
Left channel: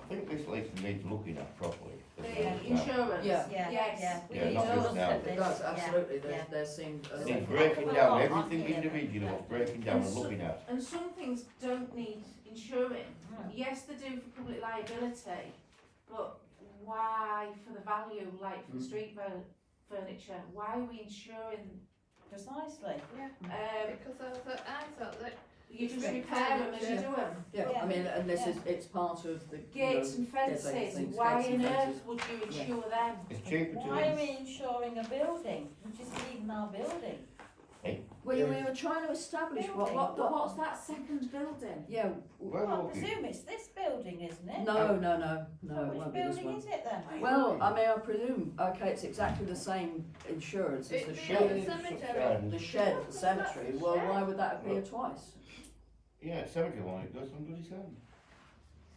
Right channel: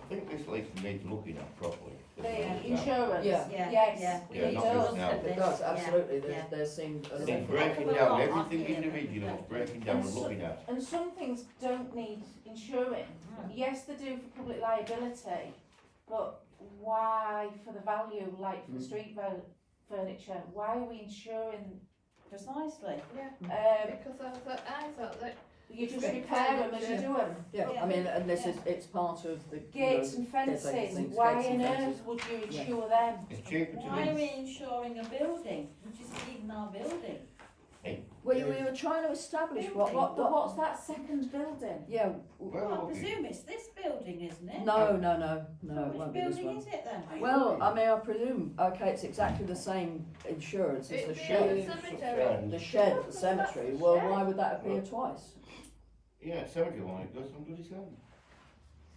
I think this list needs looking at properly. The insurance, Yeah. Yeah, yes. yeah. we Yeah, need not to this look now. at It this. does, absolutely, yeah. there seemed a It's separate. breaking Heck of a down lot, everything aren't they? individual, it's breaking down and looking at. And some things don't need insuring. Yes, they do for public liability, but why for the value, like for the street furniture, why are we insuring? Precisely. Yeah. Because I thought that You just Street repair them as you furniture. do them. Yeah, I mean, and this is, it's part of the, Gates and there's like fences, things, why gates and on fences. earth would you insure them? It's cheaper to Why are ins- we insuring a building, which isn't even our building? We were trying to establish Building. But what's that second building? yeah, Well, Well, I okay. presume it's this building, isn't it? no, So it which won't be this building one. is it then? Well, I mean, I presume, okay, it's exactly the same insurance as the it'd be shed. a cemetery. The shed at the cemetery, well, why would that appear twice? Yeah, cemetery one, it goes from bloody sand.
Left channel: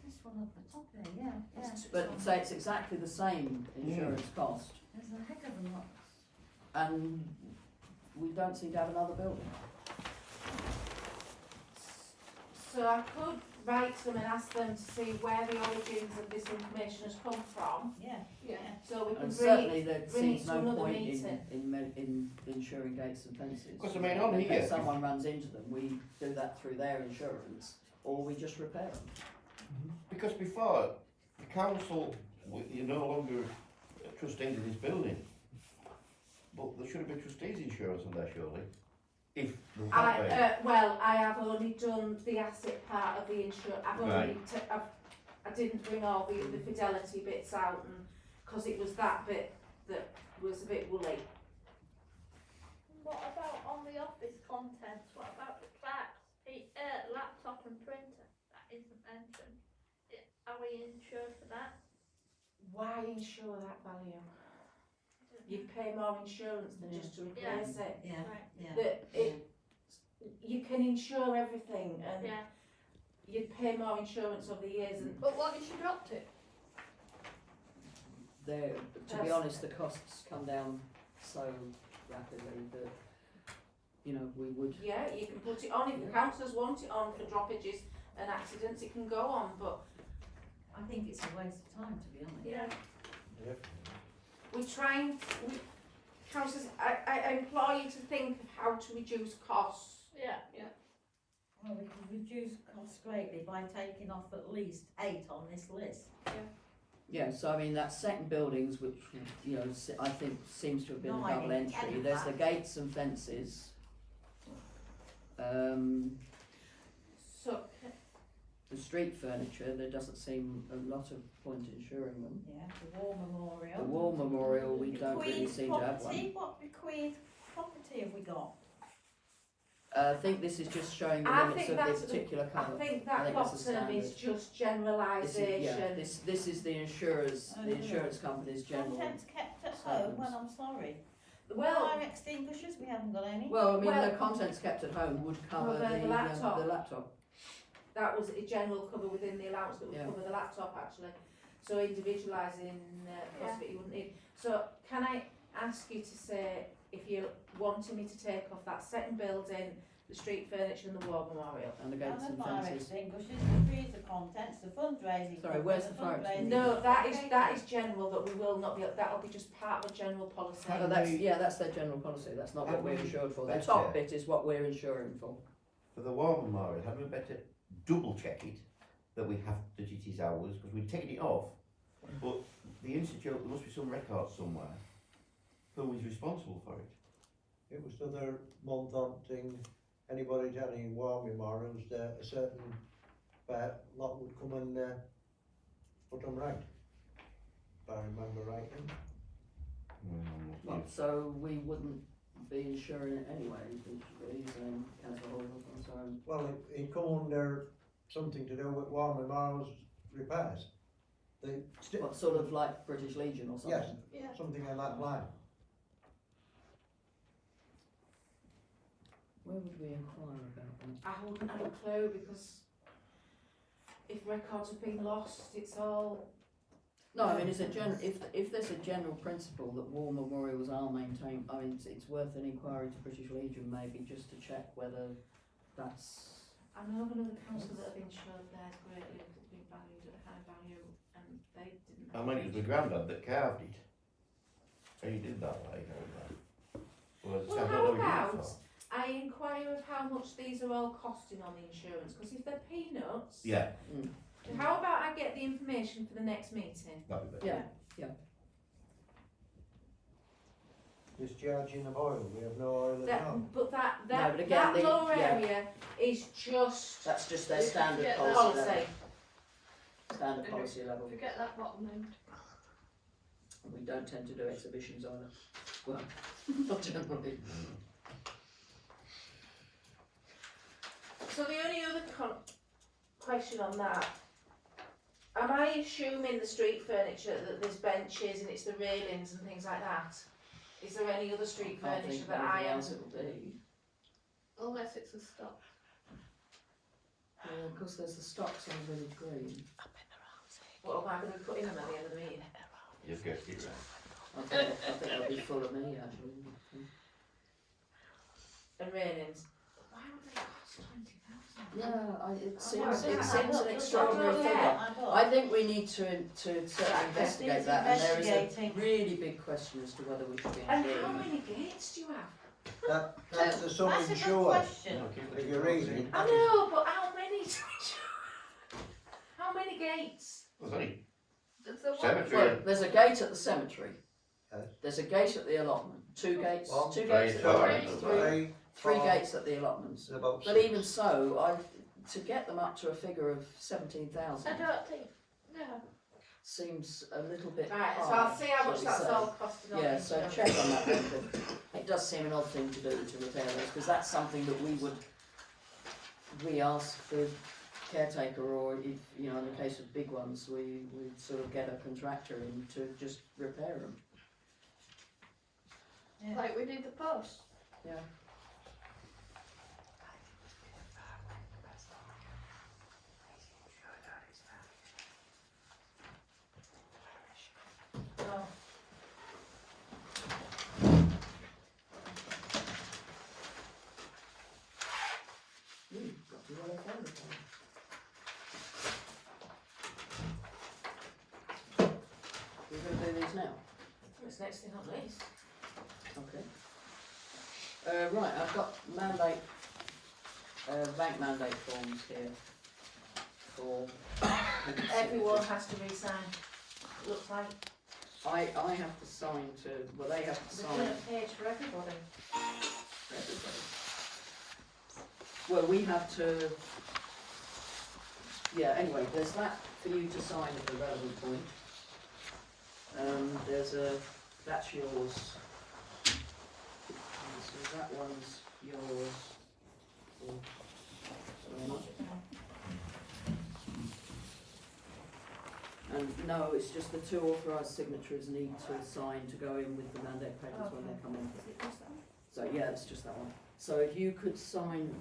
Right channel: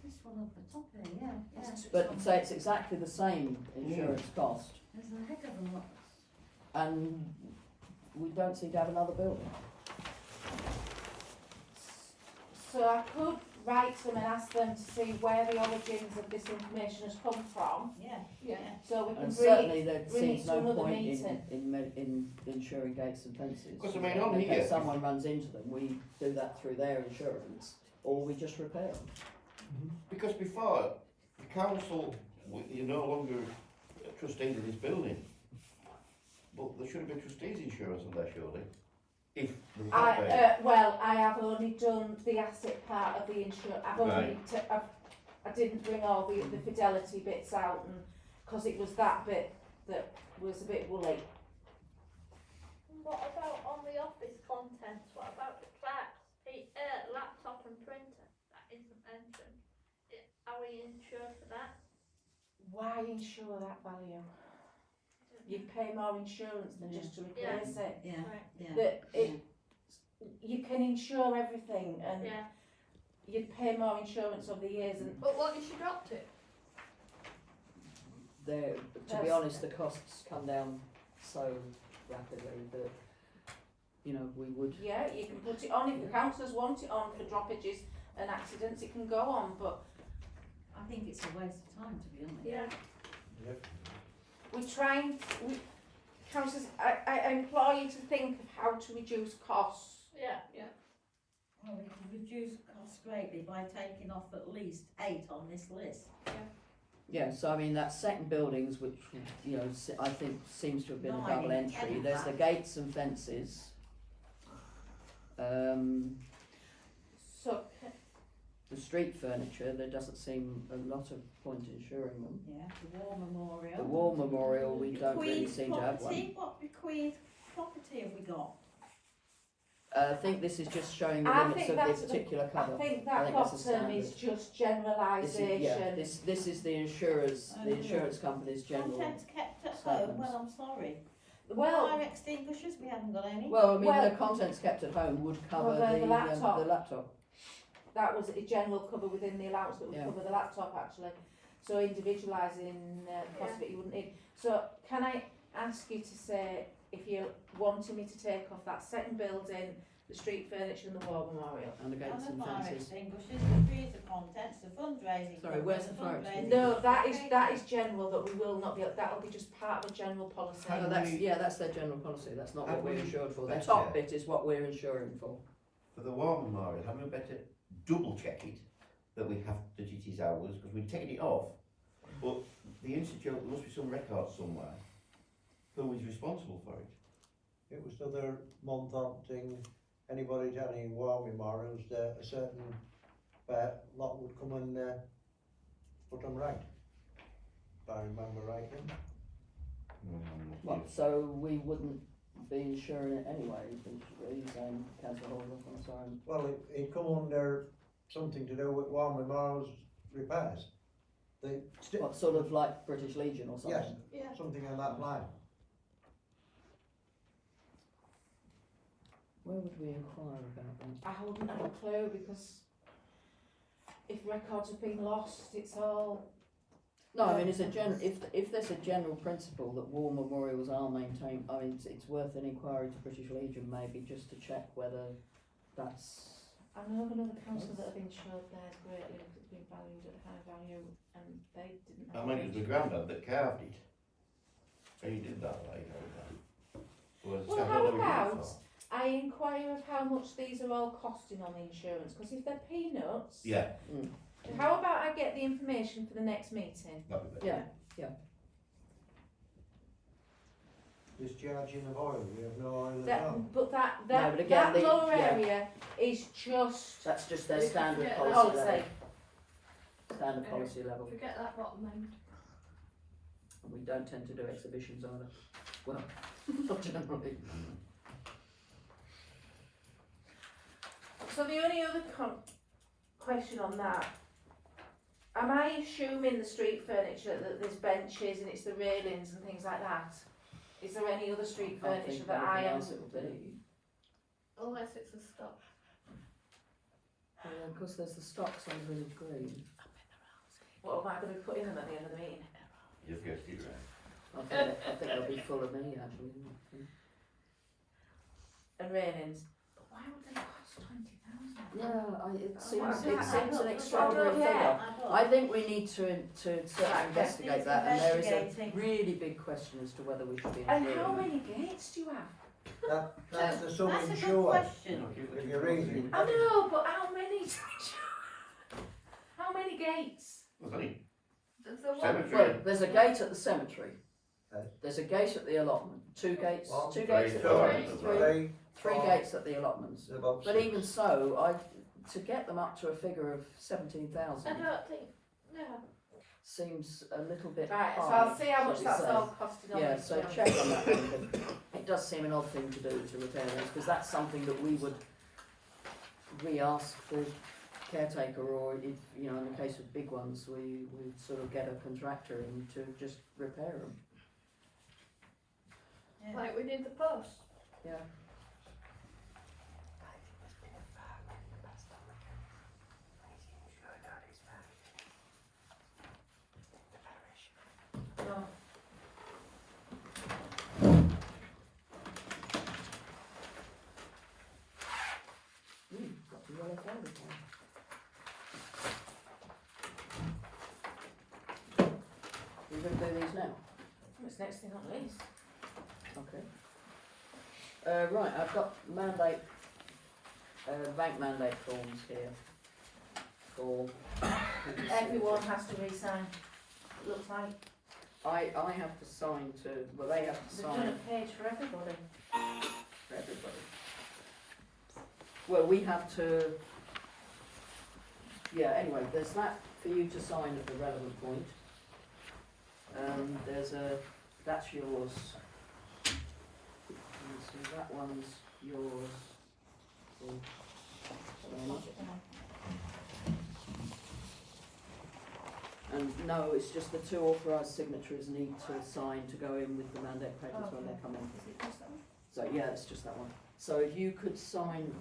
This one up the top here, yeah. But say it's exactly the same insurance cost, There's a heck of a lot. and we don't seem to have another building. So I could write to them and ask them to see where the origins of this information has come from, Yeah. Yeah. so we can And bring it. certainly there bring seems it to no another point meeting. in insuring gates and fences. Because I mean, on In here, case if- someone runs into them, we do that through their insurance, or we just repair them. Because before, the council, you're no longer trustees of this building. But there should have been trustees insurance on there surely. If there was that way. Well, I have only done the asset part of the insurance, I've only, Right. I didn't bring all the fidelity bits out, and, cause it was that bit that was a bit woolly. What about on the office contents? What about the clerk's laptop and printer? That isn't mentioned. Are we insured for that? Why insure that value? You pay more insurance than just to replace it. Yeah, Right. yeah. That you can insure everything, and Yeah. you'd pay more insurance over the years, and But what if she dropped it? There, to be That's- honest, the costs come down so rapidly that, you know, we would, yeah, you can put it on, if the councillors want it on for droppages and accidents, it can go on, but I think it's a waste of time, to be honest. Yeah. we're trying, councillors, I implore you to think of how to reduce costs. Yeah. Well, we could reduce costs greatly by taking off at least 8 on this list. yeah, so I mean, that second buildings, which, you know, I think seems to have been a Nine double and entry, 10 there's the back. gates and fences. So, The street furniture, there doesn't seem a lot of point insuring them. Yeah, the war memorial. The war memorial, we don't really Bequeathed seem to have one. property, what bequeathed property have we got? I think this is just showing the I limits think of that's this particular I cover. think I that think that's the bottom is standard. just This is, yeah, generalisation. this is the insurers, Oh, the yeah. insurance company's general. Contents kept at home, statements. well, I'm sorry. Well, Fire extinguishers, we haven't got any. Well, I mean, Well- the contents kept at home would cover Cover the the laptop. laptop. that was a general cover within the allowance that would Yeah. cover the laptop actually. So individualising the cost of it you wouldn't need. So can I ask you to say if you're wanting me to take off that second building, the street furniture and the war memorial. And the gates and fire fences. extinguishers, the freezer contents, the fundraising. Sorry, where's the fire fundraising- No, that is general, that we will not be, that'll be just part of a general policy. Oh, that's their general policy, that's not what Have we're we insured for. The better- top bit is what we're insuring for. For the war memorial, hadn't we better double check it, that we have, that it is ours, because we've taken it off, but the institute, there must be some record somewhere, who is responsible for it? It was the other month on thing, anybody's had any war memorials, a certain lot would come and put them right. If I remember rightly. What, so we wouldn't be insuring it anyway, are you saying, councillor Hall, I'm sorry? Well, it come under something to do with war memorials repairs. What, sort of like British Legion or something? Yes, Yeah. something on that line. Where would we inquire about that? I wouldn't have a clue, because if records have been lost, it's all, No, I mean, it's if there's a general principle that war memorials are maintained, I mean, it's worth an inquiry to British Legion maybe, just to check whether that's, I know of another council that have insured theirs greatly, because it's been valued at a high value, and they didn't I have. mean, it was my granddad that carved it. He did that way, well, Well, how about I inquire of how much these are all costing on the insurance, because if they're peanuts. Yeah, How about I get the information for the next meeting? that'd be better. yeah. Discharging of oil, we have no oil at That, all. but that but again, that the- lower yeah. area is just That's just their You standard forget policy that. level. policy. Standard policy level. Forget that bottom end. And we don't tend to do exhibitions either. Well, not generally. So the only other question on that, am I assuming the street furniture that there's benches and it's the railings and things like that? Is there any other street I can't furniture think that of I anything am? else it will be. Unless it's a stock. Of course, there's the stocks on Village Green. What am I going to be putting them at the end of the meeting? You've guessed it right. I think they'll be full of me actually. And railings. Why would they cost 20,000? Yeah, it Oh, seems an yeah. extraordinary Yeah. figure. I I think we need to certainly investigate that, and there is a Investigating. really big question as to whether we should be And how insuring. many gates do you have? That's the sum That's a good insured, question. if you're reading. I know, but how many do you have? How many gates? There's only There's the one. cemetery. Well, there's a gate at the cemetery. Yes. There's a gate at the allotment. Two gates. One, Two three, gates at the four, allotments. Three, Three four, gates at the allotments. about But six. even so, to get them up to a figure of 17,000 I don't think, no. seems a little bit Right, so high. I'll see how shall much we that's say. all costing on Yeah, the so insurance. check on that one, but it does seem an odd thing to do to repair those, because that's something that we ask the caretaker, or if, you know, in the case of big ones, we sort of get a contractor in to just repair them. Yeah. Like we did the post. Yeah. Oh. Got the yellow folder for it. We're going to do these now? It's next thing on the list. Okay. Right, I've got mandate, bank mandate forms here for. Everyone has to re-sign, it looks like. I have to sign to, well, they have to There's sign been a page for everybody. for everybody. Well, we have to, yeah, anyway, there's that for you to sign at the relevant point. There's that's yours. And so that one's yours. Oh, sorry, not- And no, it's just the two authorised signatories need to sign to go in with the mandate papers when they come in. Is it just that one? So yeah, it's just that one. So if you could sign,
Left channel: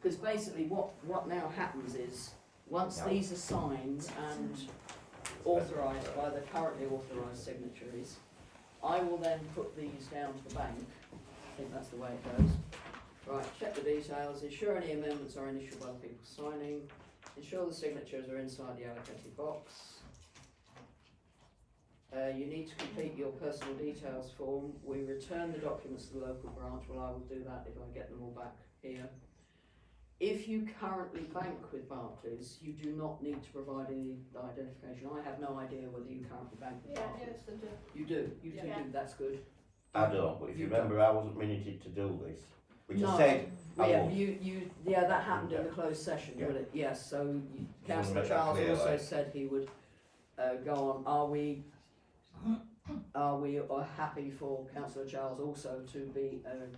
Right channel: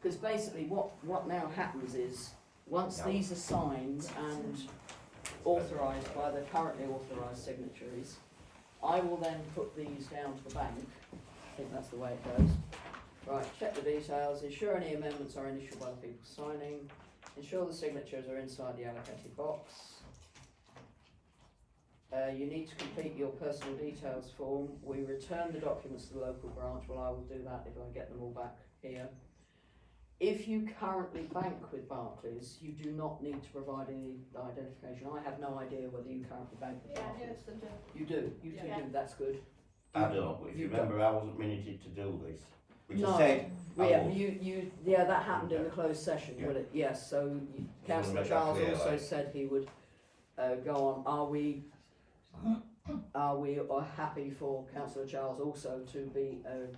because basically what now happens is, once these are signed and authorised by the currently authorised signatories, I will then put these down to the bank. I think that's the way it goes. Right, check the details, ensure any amendments are initialed by the people signing, ensure the signatures are inside the allocated box. You need to complete your personal details form. We return the documents to the local branch. Well, I will do that if I get them all back here. If you currently bank with Barclays, you do not need to provide any identification. I have no idea whether you currently bank with Yeah, Barclays. yes, I do. You do, you Yeah. do, that's good. I don't, but if you remember, I wasn't minuted to do this, which No. I said I Yeah, would. yeah, that happened in the closed session, Yeah. would it? Yes, so Just Councillor wanna make that Charles clear, also like. said he would go on. Are we happy for Councillor Charles also to be an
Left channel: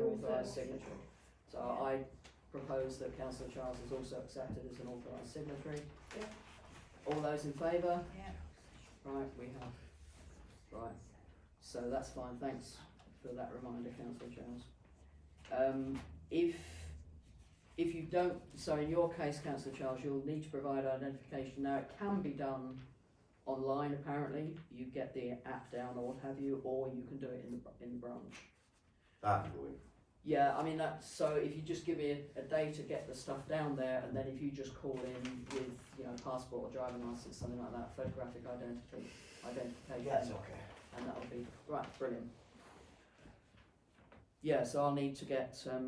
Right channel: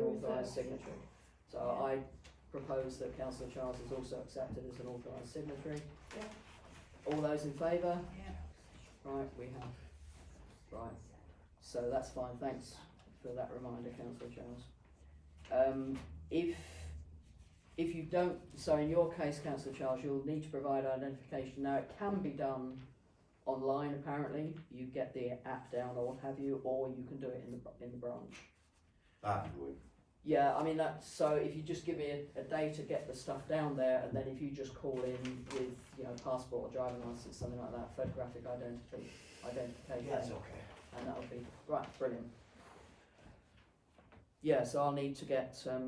authorised signatory? So I propose that Councillor Charles is also accepted as an authorised signatory. Yeah. All those in favour? Yeah. Right, we have. Right, so that's fine, thanks for that reminder, Councillor Charles. If you don't, so in your case, Councillor Charles, you'll need to provide identification. Now, it can be done online apparently, you get the app down or what have you, or you can do it in the branch. That'd be good. Yeah, I mean, that's, so if you just give me a day to get the stuff down there, and then if you just call in with, you know, passport or driving licence, something like that, photographic identification. That's okay. And that'll be, right, brilliant. Yeah, so I'll need to get, I'll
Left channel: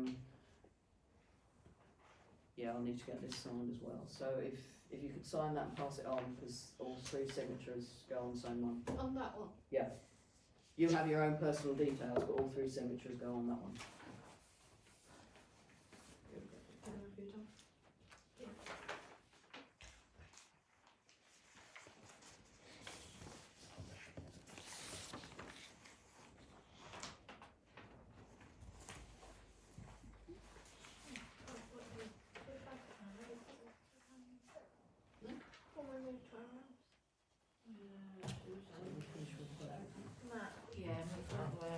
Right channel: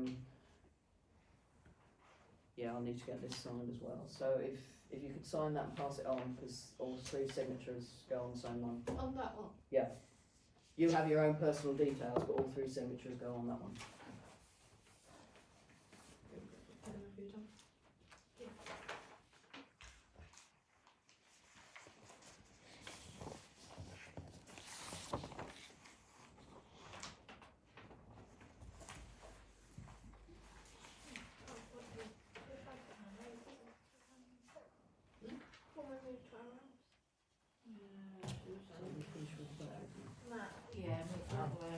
need to get this signed as well. So if you could sign that and pass it on, because all three signatures go on the same one. On that one. Yeah. You have your own personal details, but all three signatures go on that one. Have you done? Yeah, move that way.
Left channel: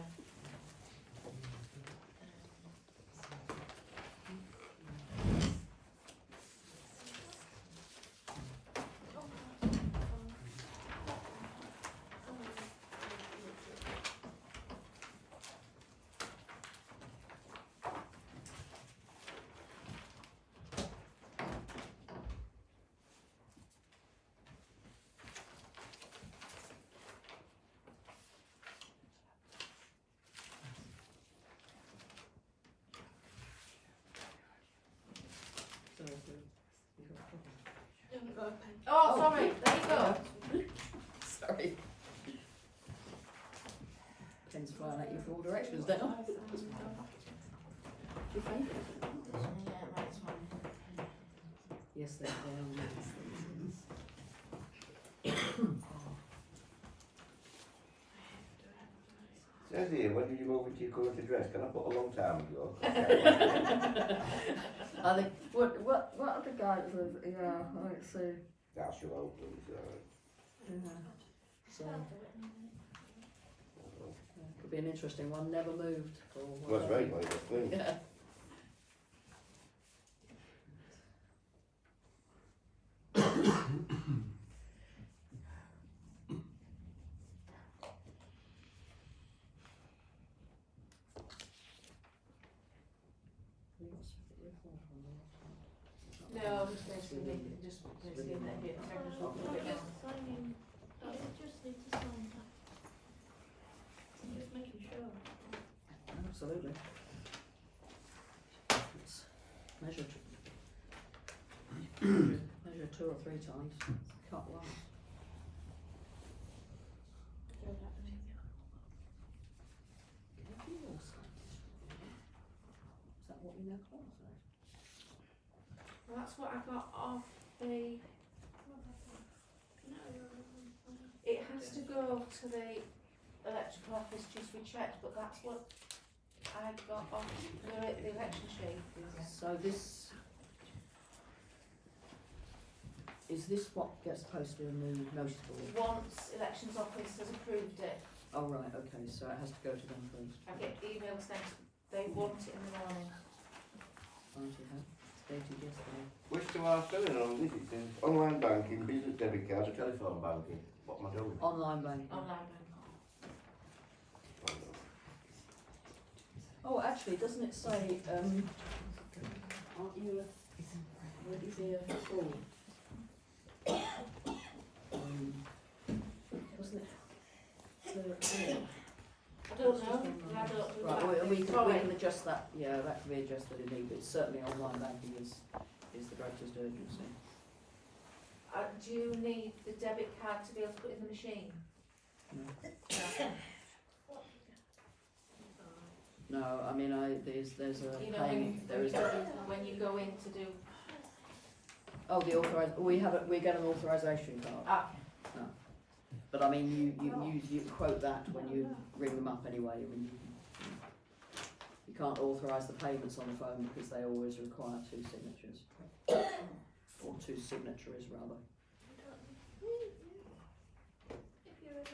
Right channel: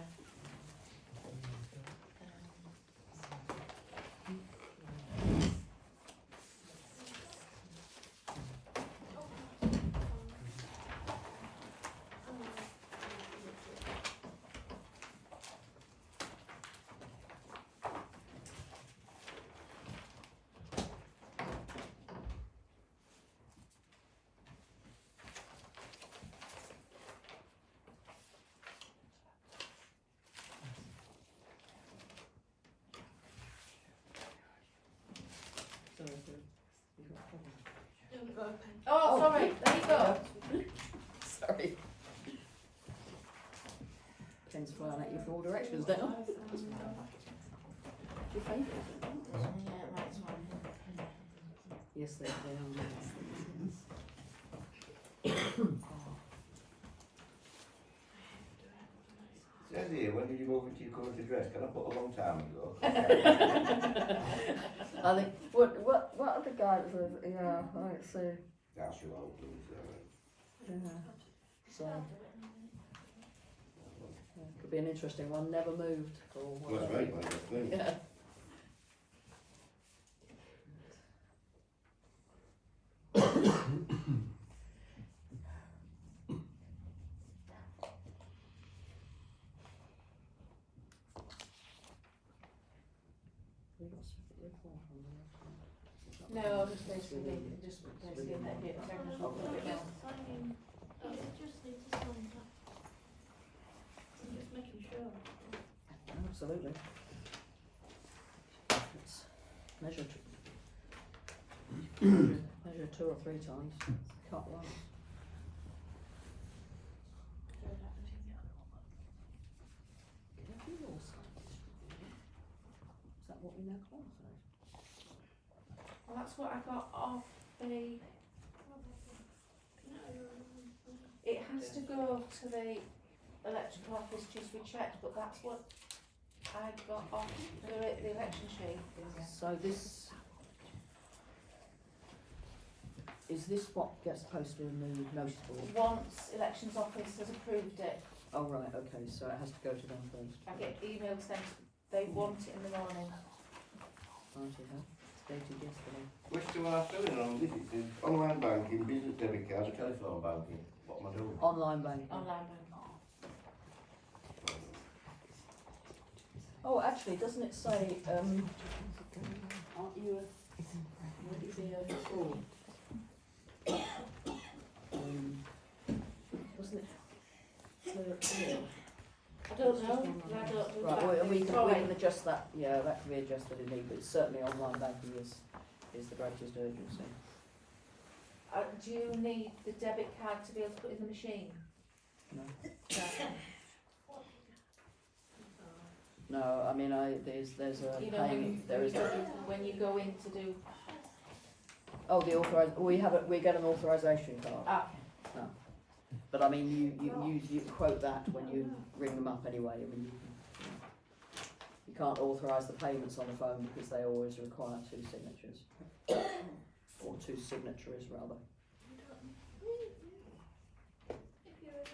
You haven't got a pen. Oh, sorry, there you go. Sorry. Pen's flying at you from all directions now. It's your favourite. Yeah, that's fine. Yes, they are. Says here, when did you move into your current address? Can I put a long time ago? I think, what other guy that lives, yeah, let's see. That's your old please. Yeah. So, could be an interesting one, never moved or Well, that's whatever. right, like, that's clean. Yeah. No, just basically, just basically that here. Signing, you just need to sign that. I'm just making sure. Absolutely. It's measured. Measure 2 or 3 times, cut once. Is that what we now call it? Well, that's what I got off the, it has to go to the electrical office just be checked, but that's what I got off the election sheet. So this, is this what gets posted in the notice board? Once elections office has approved it, Oh right, okay, so it has to go to them first. I get emails saying they want it in the morning. Right, okay. It's dated yesterday. Which do I fill in on this? It says online banking, business debit cards, telephone banking. What am I doing? Online banking. Online bank. Oh, actually, doesn't it say, aren't you would you be a full? Wasn't it? I don't know, I don't do Right, that. we Sorry. can adjust that, yeah, that can be adjusted in need, but certainly online banking is the greatest urgency. Do you need the debit card to be able to put in the machine? No. No. No, I mean, there's a You know, when you, payment, there is a, when you go in to do, oh, we get an authorisation card. okay. But I mean, you quote that when you ring them up anyway. I mean, you can't authorise the payments on the phone because they always require two signatures. Or two signatories, rather. If you're in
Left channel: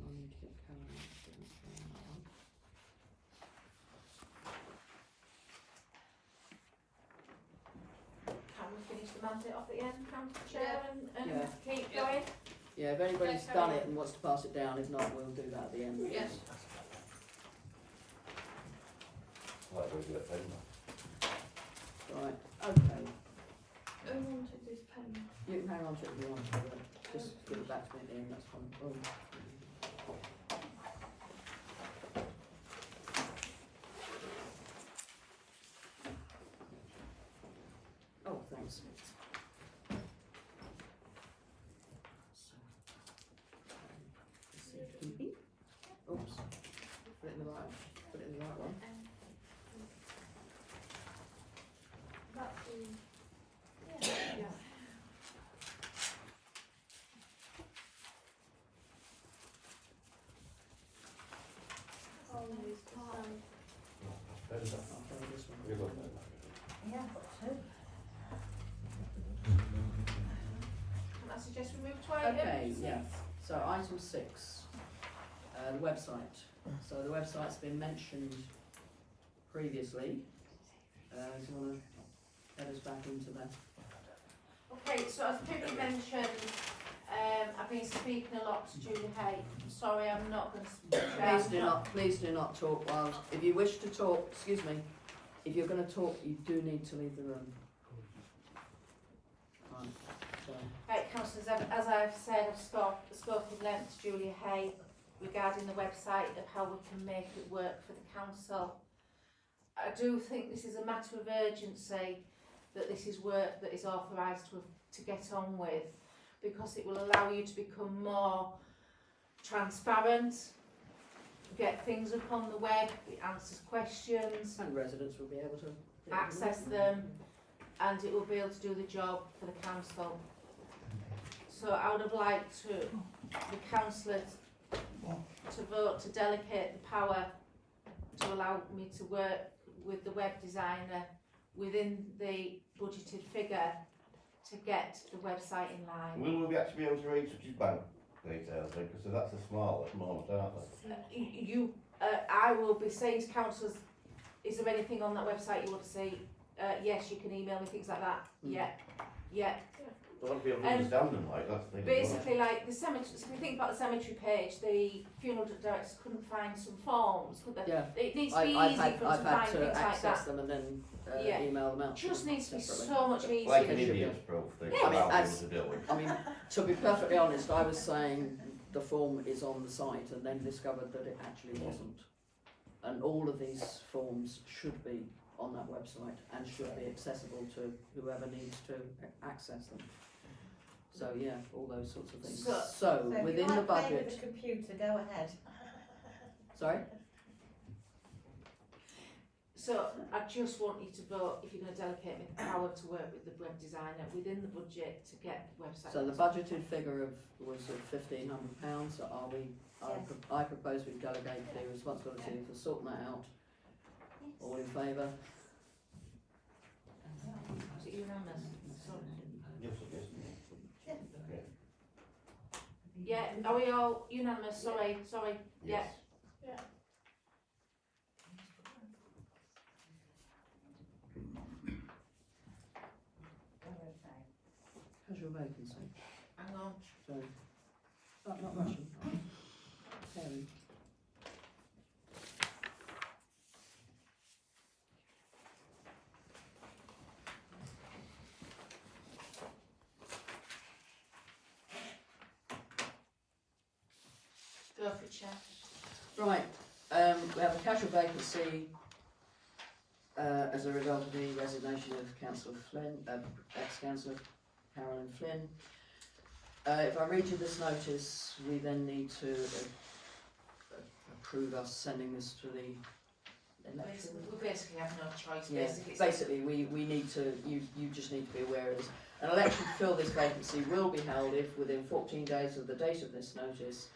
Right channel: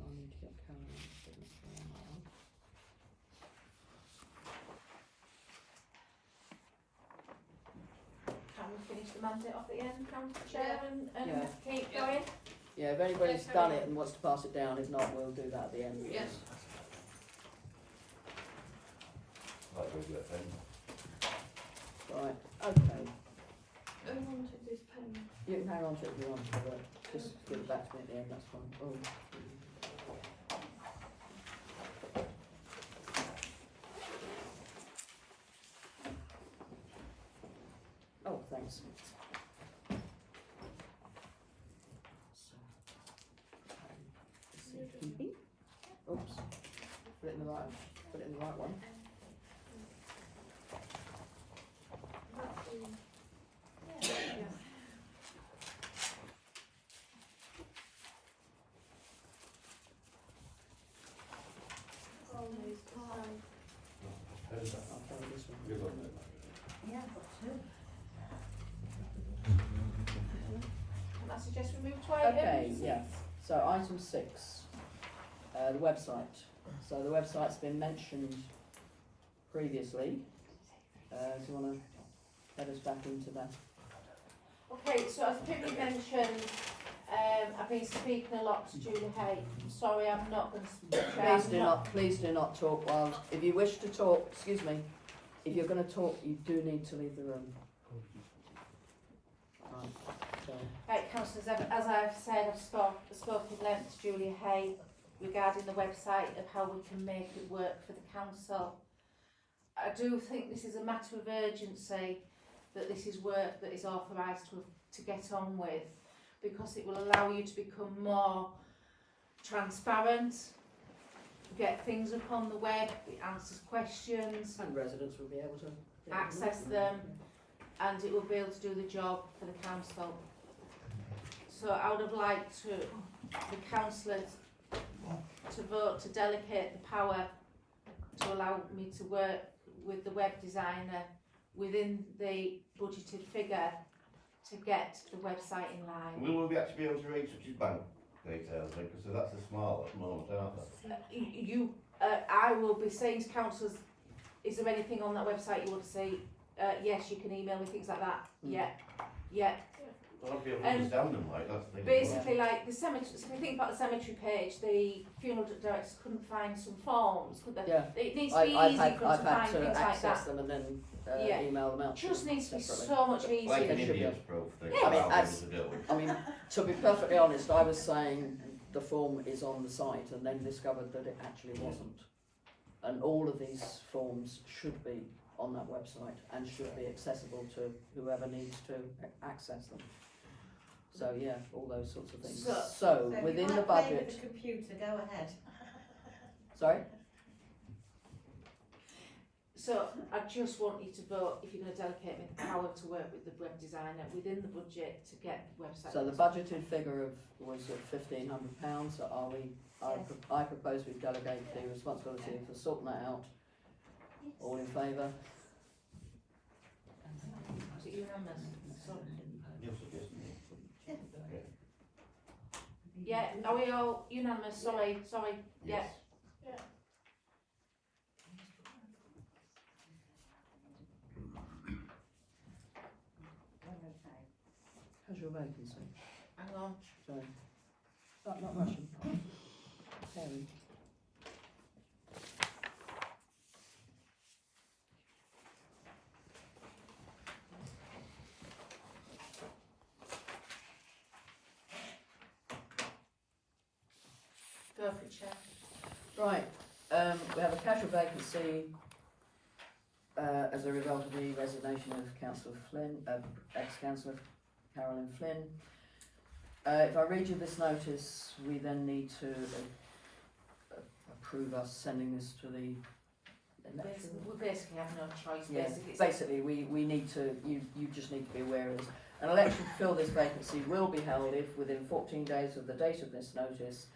I need to get Caroline to do that one. Can we finish the mandate off at the end, Councillor Chair, and Yeah. keep going? Yeah, if anybody's Yeah, done carry it and wants to pass it down, if not, we'll do that at the end. Yes. Like regular pen. Right, okay. I wanted this pen. You can hang on to it if you want, but just give it back to me at the end, that's fine. Oh. Oh, thanks. Safekeeping. Oops. Put it in the right one. That's the. Yeah. Always time. I'll play this one. Yeah, I've got two. Can I suggest we move to item? Okay, yeah, so item 6, the website. So the website's been mentioned previously. Do you want to head us back into that? Okay, so as Pippi mentioned, I've been speaking a lot to Julie Hay. Sorry, I'm not going to. Please do not talk while, if you wish to talk, excuse me, if you're going to talk, you do need to leave the room. Right, so, Right, councillors, as I've said, I've spoken length to Julia Hay regarding the website of how we can make it work for the council. I do think this is a matter of urgency, that this is work that is authorised to get on with, because it will allow you to become more transparent, get things up on the web, it answers questions, and residents will be able to access them, and it will be able to do the job for the council. So I would have liked the councillors to vote to delegate the power to allow me to work with the web designer within the budgeted figure to get the website in line. Will we actually be able to read such as bank details then? Because that's a small at the moment, aren't they? I will be saying to councillors, is there anything on that website you want to see? Yes, you can email me, things like that. Yeah. Well, I'll be able to understand them, like, that's the thing. Basically, like the cemetery, so if you think about the cemetery page, the funeral directors couldn't find some forms, could they? Yeah. It needs to be I've easy had for them to find to things like access that. them and then Yeah. email them out. to Just them needs to be separately. so much easier. Like an It should be. Indian's proof thing. Yeah. I mean, I'll be able to do it. I mean, to be perfectly honest, I was saying the form is on the site and then discovered that it actually wasn't. And all of these forms should be on that website and should be accessible to whoever needs to access them. So yeah, all those sorts of things. So if within you the like playing budget, with the computer, go ahead. sorry? So I just want you to vote if you're going to delegate me the power to work with the web designer within the budget to get the website. So the budgeted figure was £1,500, so I propose we delegate the responsibility for sorting that out. All in favour? Is it unanimous? So, yeah, are we all unanimous? Sorry, yeah. Yes. How's your vacancy? Hang on. Sorry. Oh, not Russian. Parent. Go for it, Chair. Right, we have a casual vacancy as a result of the resignation of Councillor Flynn, ex-councillor Carolyn Flynn. If I read you this notice, we then need to approve us sending this to the election. We basically have no choice. Yeah, Basically, we need to, you just need to be aware of this. An election to fill this vacancy will be held if within 14 days of the date of this notice,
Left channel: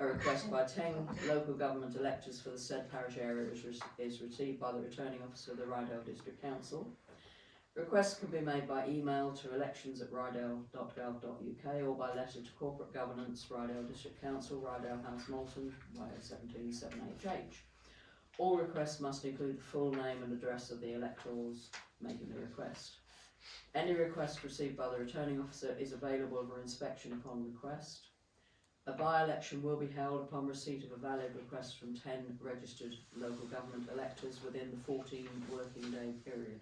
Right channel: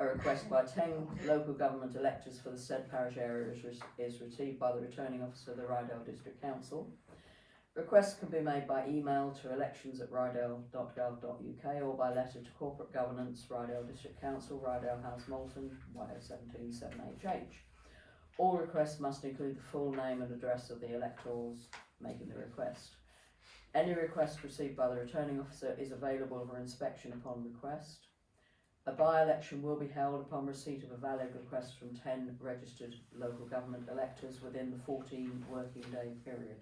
a request by 10 local government electors for the said parish area is received by the returning officer of the Rydale District Council. Requests can be made by email to elections@rydale.gov.uk or by letter to Corporate Governance, Rydale District Council, Rydale House, Malton, YO17 7HH. All requests must include the full name and address of the electors making the request. Any request received by the returning officer is available for inspection upon request. A by-election will be held upon receipt of a valid request from 10 registered local government electors within the 14 working day period.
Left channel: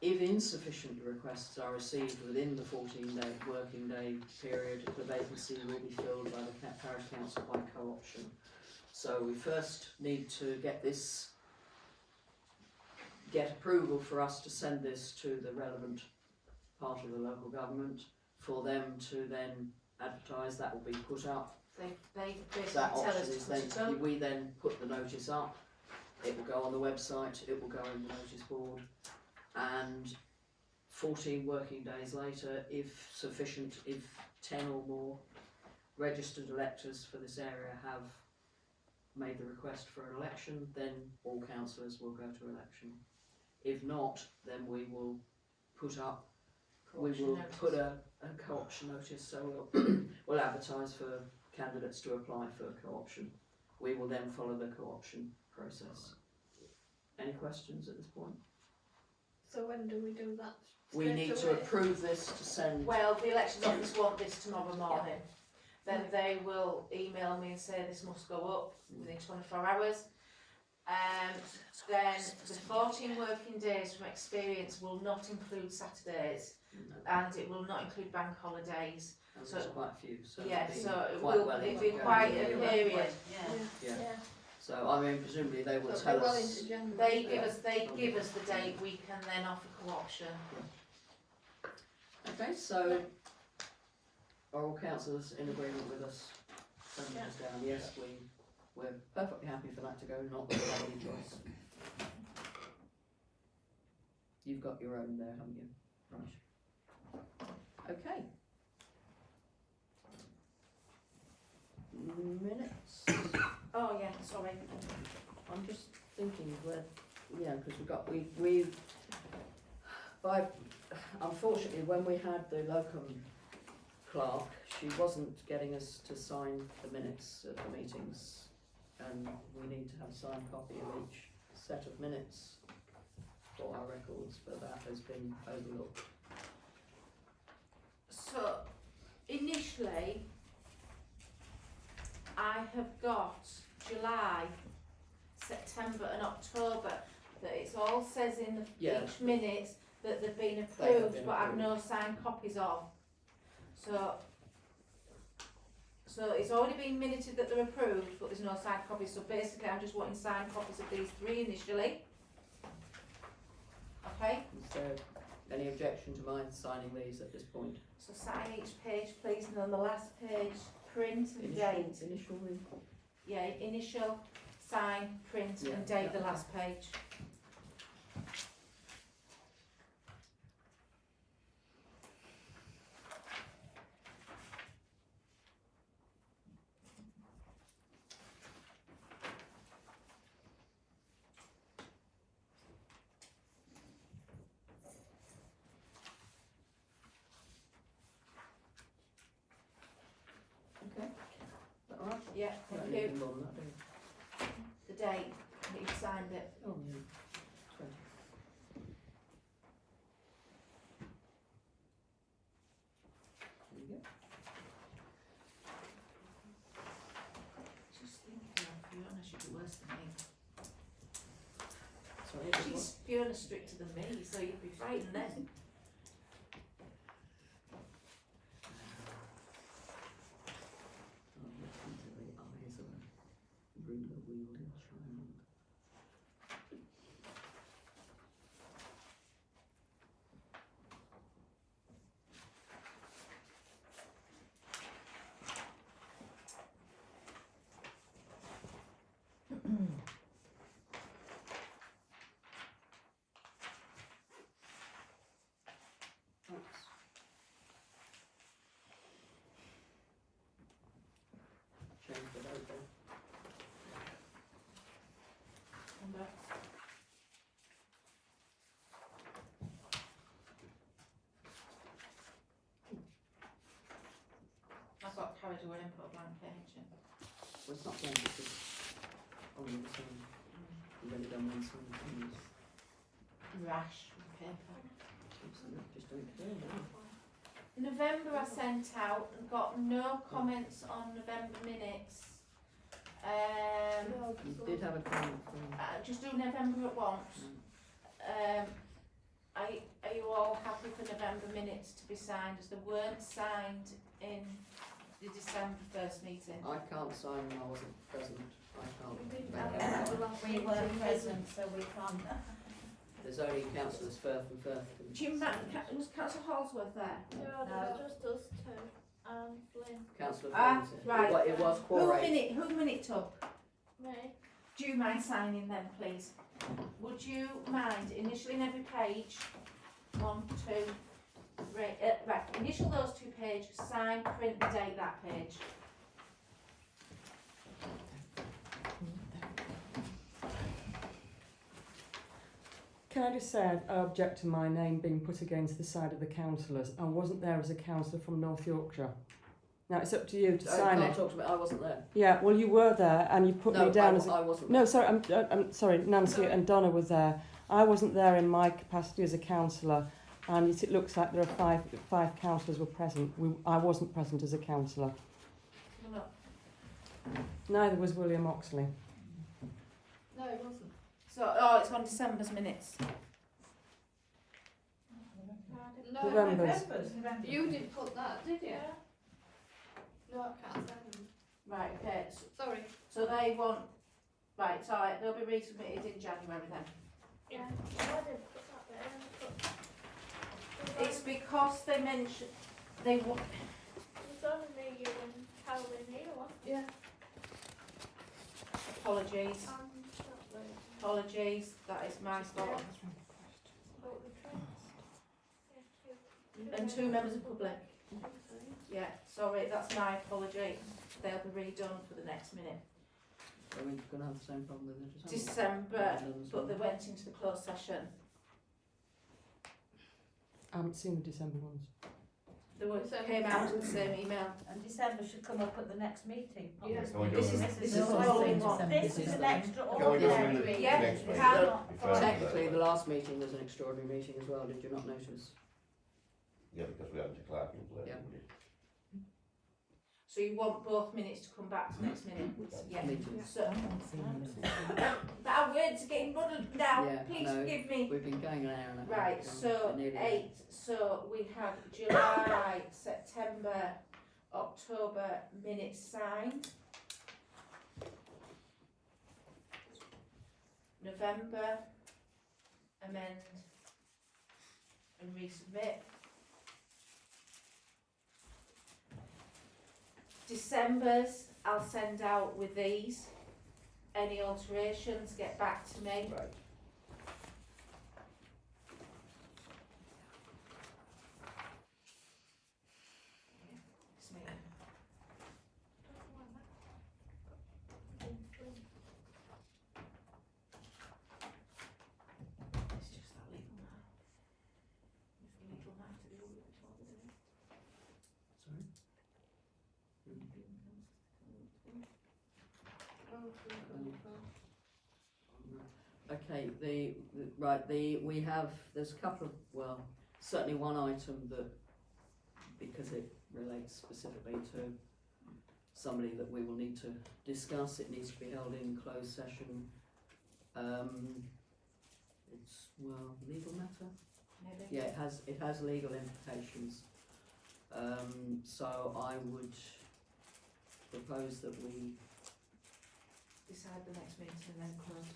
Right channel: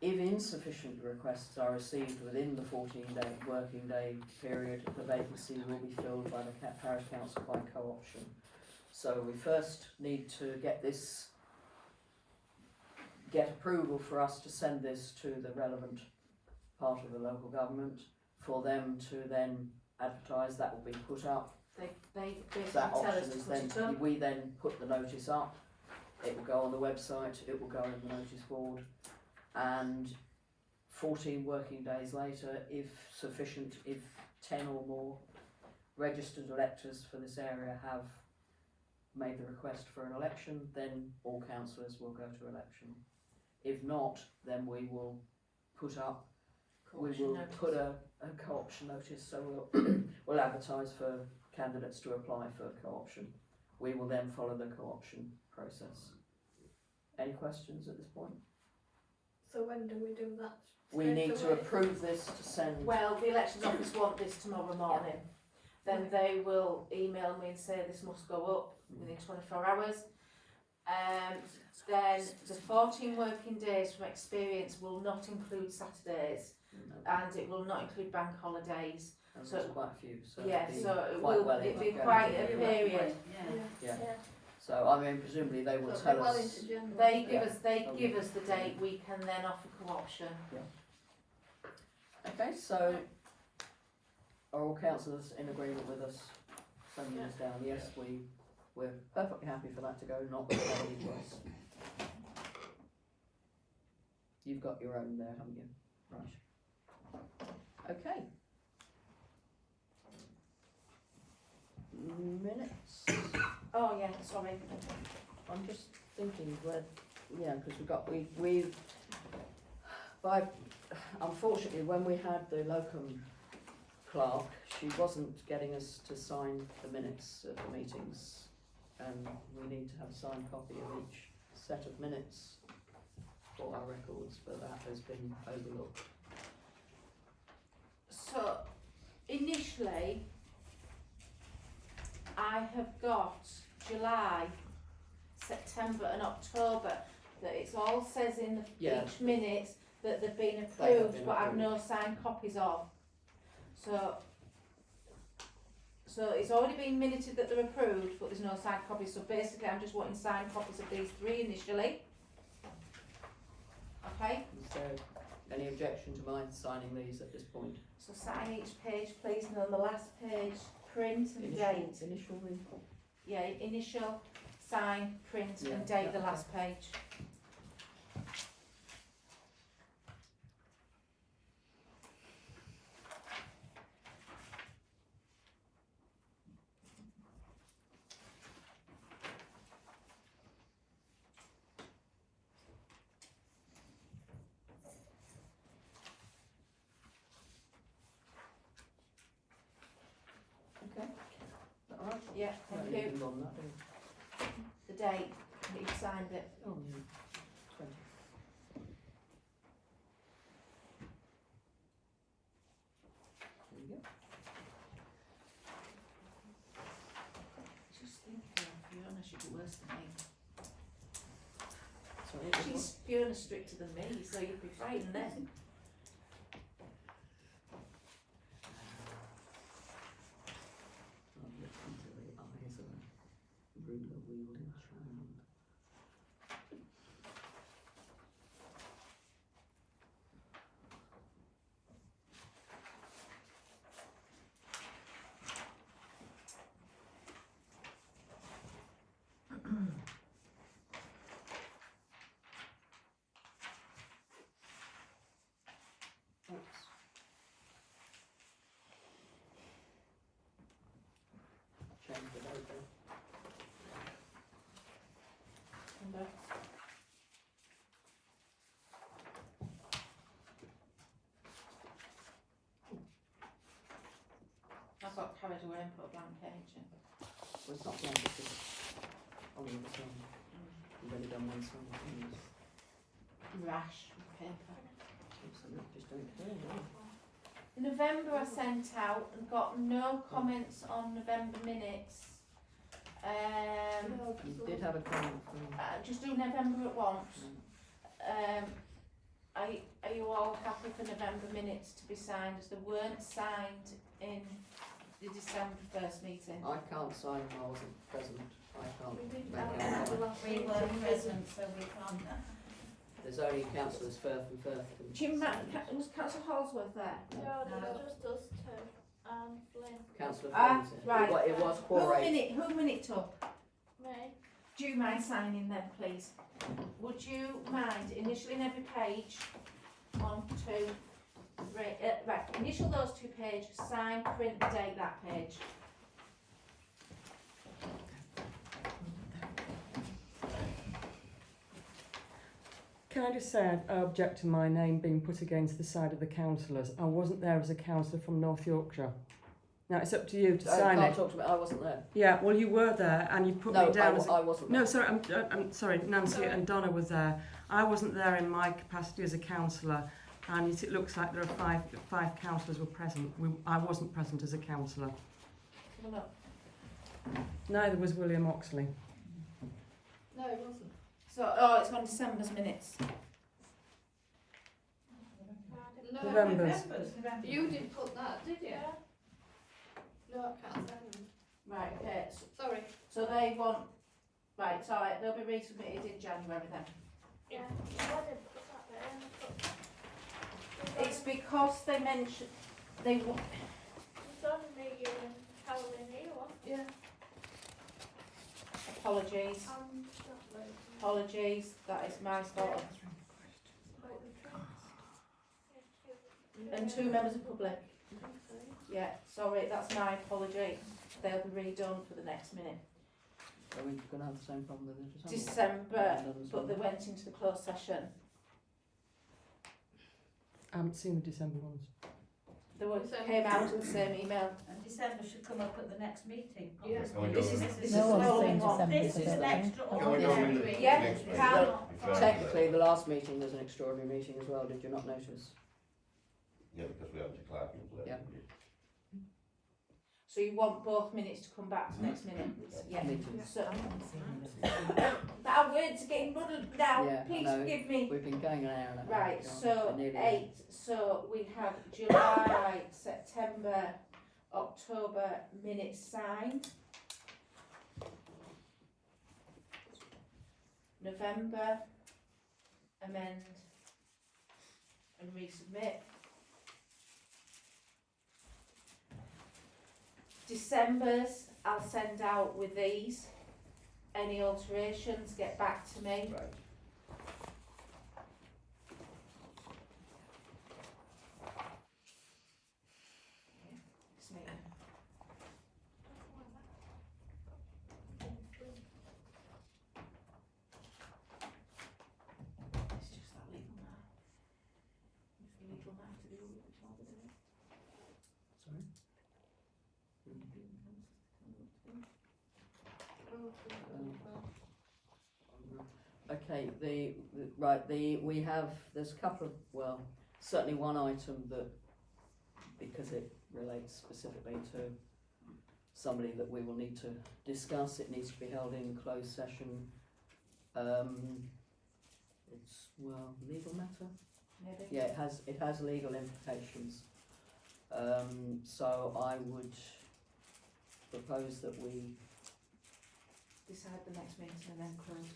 If insufficient requests are received within the 14-day working day period, the vacancy will be filled by the parish council by co-option. So we first need to get approval for us to send this to the relevant part of the local government for them to then advertise. That will be put up. they basically That tell option us to is put then, it up. we then put the notice up, it will go on the website, it will go in the notice board, and 14 working days later, if sufficient, if 10 or more registered electors for this area have made the request for an election, then all councillors will go to election. If not, then we will put up, we will put a co-option notice, so we'll advertise for candidates to apply for co-option. We will then follow the co-option process. Any questions at this point? So when do we do that? We Straight need to away? approve this to send. Well, the elections office want this tomorrow morning. Then they will email me and say this must go up within 24 hours. Then the 14 working days from experience will not include Saturdays, and it will not include bank holidays. And so- there's quite a few, so Yeah, it'll be so it quite will well it'll into be going quite into a the- period. Yeah. Yeah. So I mean, presumably they will So tell we're well us. into January. They give Yeah. us the date. We can then offer co-option. Okay, so are all councillors in agreement with us sending this down? Yes, we're perfectly happy for that to go, not that we have any choice. You've got your own there, haven't you? Right. Okay. Minutes. Oh yeah, sorry. I'm just thinking because unfortunately when we had the locum clerk, she wasn't getting us to sign the minutes of the meetings, and we need to have a signed copy of each set of minutes for our records, but that has been overlooked. So initially, I have got July, September and October, that it's all says in the Yeah. each minutes that they've been They have approved, been but I've approved. no signed copies of. So it's already been minuted that they're approved, but there's no signed copies, so basically I'm just wanting signed copies of these three initially. Okay, Is there any objection to my signing these at this point? so sign each page please, and on the last page, print and date. Initial read? Yeah, initial, sign, print Yeah, and date yeah, the okay. last page. Okay. Is that all right? Yeah, Don't thank need you. anything more than that, do we? The date, that you've signed it. Oh, yeah. 20. There we go. She'd be worse than me. Sorry, it was She's Fiona stricter than me, so you'd be frightened then. I've looked into the eyes of a ruler wielding child. Oops. Change the date there. Remember? I got carried away and put a blank page in. Well, it's not blank, it's just on the other side. You've only done one side, haven't you? Rash with paper. Absolutely, just don't care, do you? In November I sent out and got no comments on November minutes. You did have a comment from. Just do November at once. Are you all happy for November minutes to be signed, as they weren't signed in the December 1st meeting? I can't sign when I wasn't present. I can't We did make have out. it at the last We meeting, weren't didn't we? present, so we can't. There's only councillors Firth and Firth. Do you was Councillor Holsworth there? No, No. there's just us two and Flynn. Councillor Ah, Flynn's here. right. It was Who quorate. minute took? Me. Do you mind signing them, please? Would you mind initialing every page? 1, 2, 3. Right, initial those 2 pages, sign, print, date that page. Can I just say I object to my name being put against the side of the councillors. I wasn't there as a councillor from North Yorkshire. Now it's up to you to I sign can't it. talk to me. I wasn't there. Yeah, well you were there and you put No, me down as a... I wasn't No, there. sorry, I'm sorry, Nancy and Donna were there. I wasn't there in my capacity as a councillor, and it looks like there are five councillors were present. I wasn't present as a councillor. Come up. Neither was William Oxley. No, it wasn't. So, oh, it's on December's minutes. No, November's. you didn't put that, did you? No, I can't send them. Right, okay. Sorry. So they want, right, it's alright, they'll be resubmitted in January then. Yeah. I didn't put that there. I put- It's because they mentioned, they want, It's only me, you and Caroline here, wasn't it? Yeah. apologies, And that lady. apologies, that is my fault. About the trust. Yeah, And 2 members of public, Okay. yeah, sorry, that's my apology. They'll be redone for the next minute. Are we going to have the same problem with it? December, but they went into the closed session. I haven't seen the December ones. They were, came out in the same email. And December should come up at the next meeting. not Yeah. this Can we meeting. go This is the the following one. This This is is an the- extra Can we go ordinary in the week. Yeah, next week? can. Before- Technically, the last meeting was an extraordinary meeting as well. Did you not notice? Yeah, because we had to Clark in play. Yeah. So you want both minutes to come back to next minute? Yeah. Meetings. So, our words are getting muddled now, Yeah, I please know. forgive me. We've been going an hour and a half. Right, John. so We're nearly 8, so we have July, September, October minutes signed. November, amend and resubmit. December's, I'll send out with these. Any alterations, get back to me. Right. It's me. It's just that legal now. It's the legal now to deal with before they do it. Sorry. Okay, we have, there's a couple of, well, certainly one item that, because it relates specifically to somebody that we will need to discuss. It needs to be held in closed session. It's, well, legal matter? Maybe? Yeah, it has legal implications. So I would propose that we, Decide the next meeting and then close.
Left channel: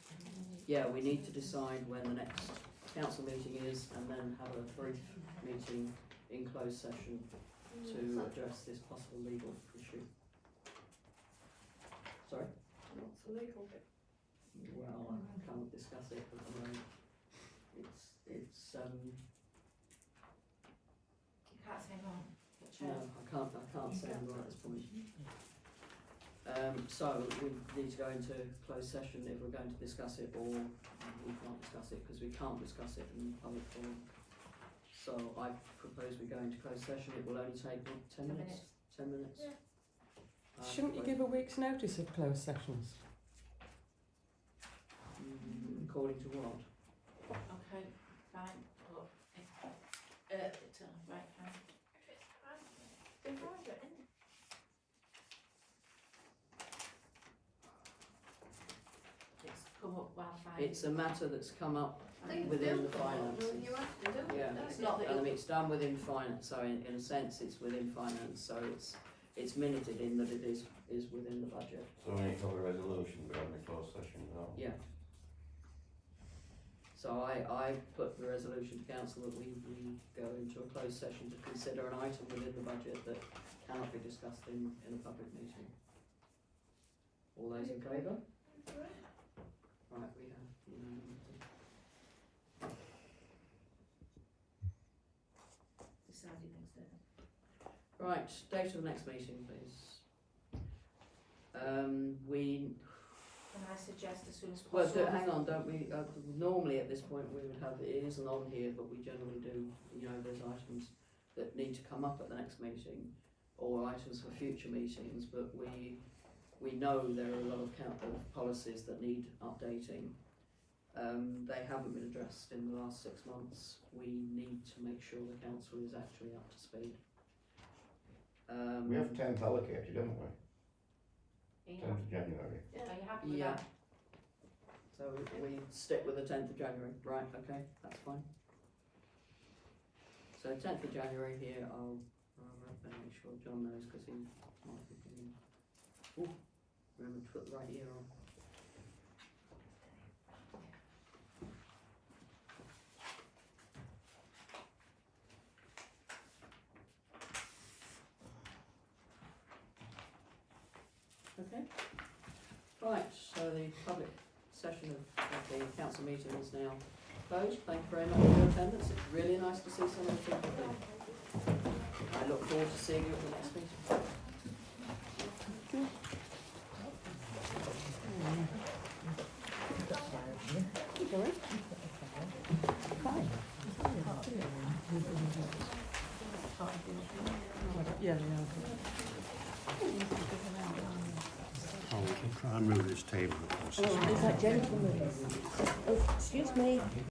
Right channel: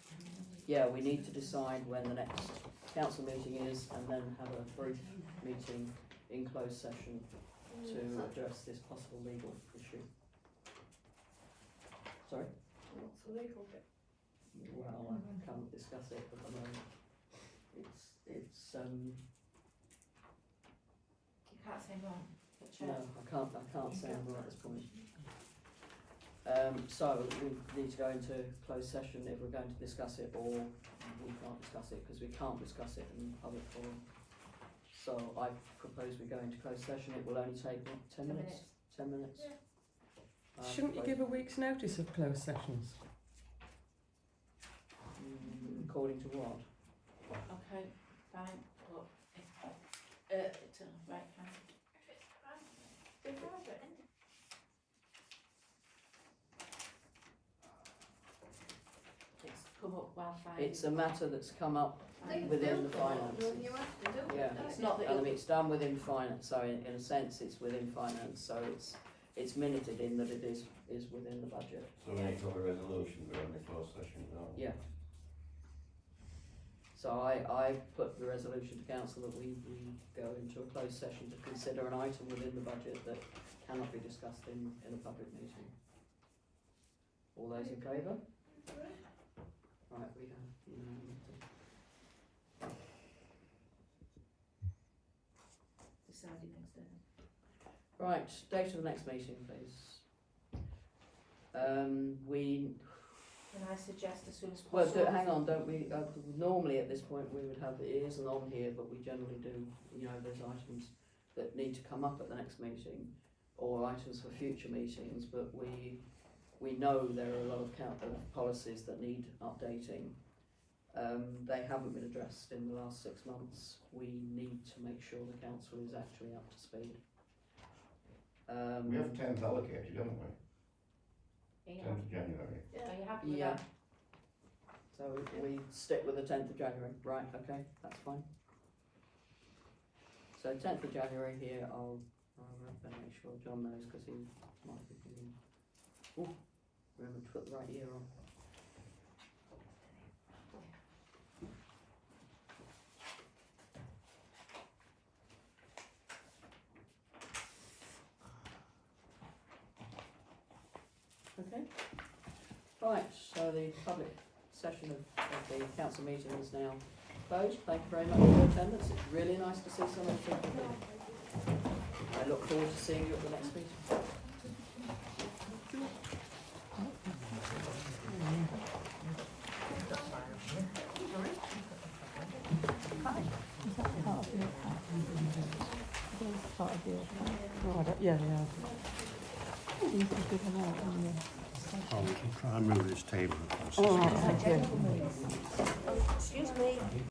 yeah, we need to decide when the next council meeting is and then have a brief meeting in closed session to address this possible legal issue. Sorry? What's the legal bit? Well, I can't discuss it at the moment. It's You can't say no, but no, Chair. I can't say more at this point. So we need to go into closed session if we're going to discuss it, or we can't discuss it because we can't discuss it in public forum. So I propose we go into closed session. It will only take, what, 10 minutes? 10 minutes? Yeah. Shouldn't you give a week's notice of closed sessions? According to what? Okay, fine, but, right, fine. If it's private, it's private, isn't it? It's come up while fine. It's a matter that's come up within the finances. You have to do Yeah. it, don't It's you? not that And it's done within finance, so in a sense it's within finance, so it's minuted in that it is within the budget. So we need to have a resolution going into closed session now. Yeah. So I put the resolution to council that we go into a closed session to consider an item within the budget that cannot be discussed in a public meeting. All those in favour? Right, we have unanimity. Decided next day. Right, date of the next meeting, please. Can I suggest as soon as Well, possible? hang on, don't we, normally at this point we would have, it isn't on here, but we generally do, you know, there's items that need to come up at the next meeting, or items for future meetings, but we know there are a lot of policies that need updating. They haven't been addressed in the last 6 months. We need to make sure the council is actually up to speed. We have 10th allocated, don't we? Yeah. 10th of January. Are you happy with Yeah. that? So we stick with the 10th of January, right, okay, that's fine. So 10th of January here, I'll better make sure John knows, because he might be doing, oh, remember to put the right year on. Okay, right, so the public session of the council meeting is now closed. Thank you very much for your attendance. It's really nice to see so many people here. I look forward to seeing you at the next meeting. Sorry? Yeah. Oh, we can try and move this table across. All right, thank you. Excuse me.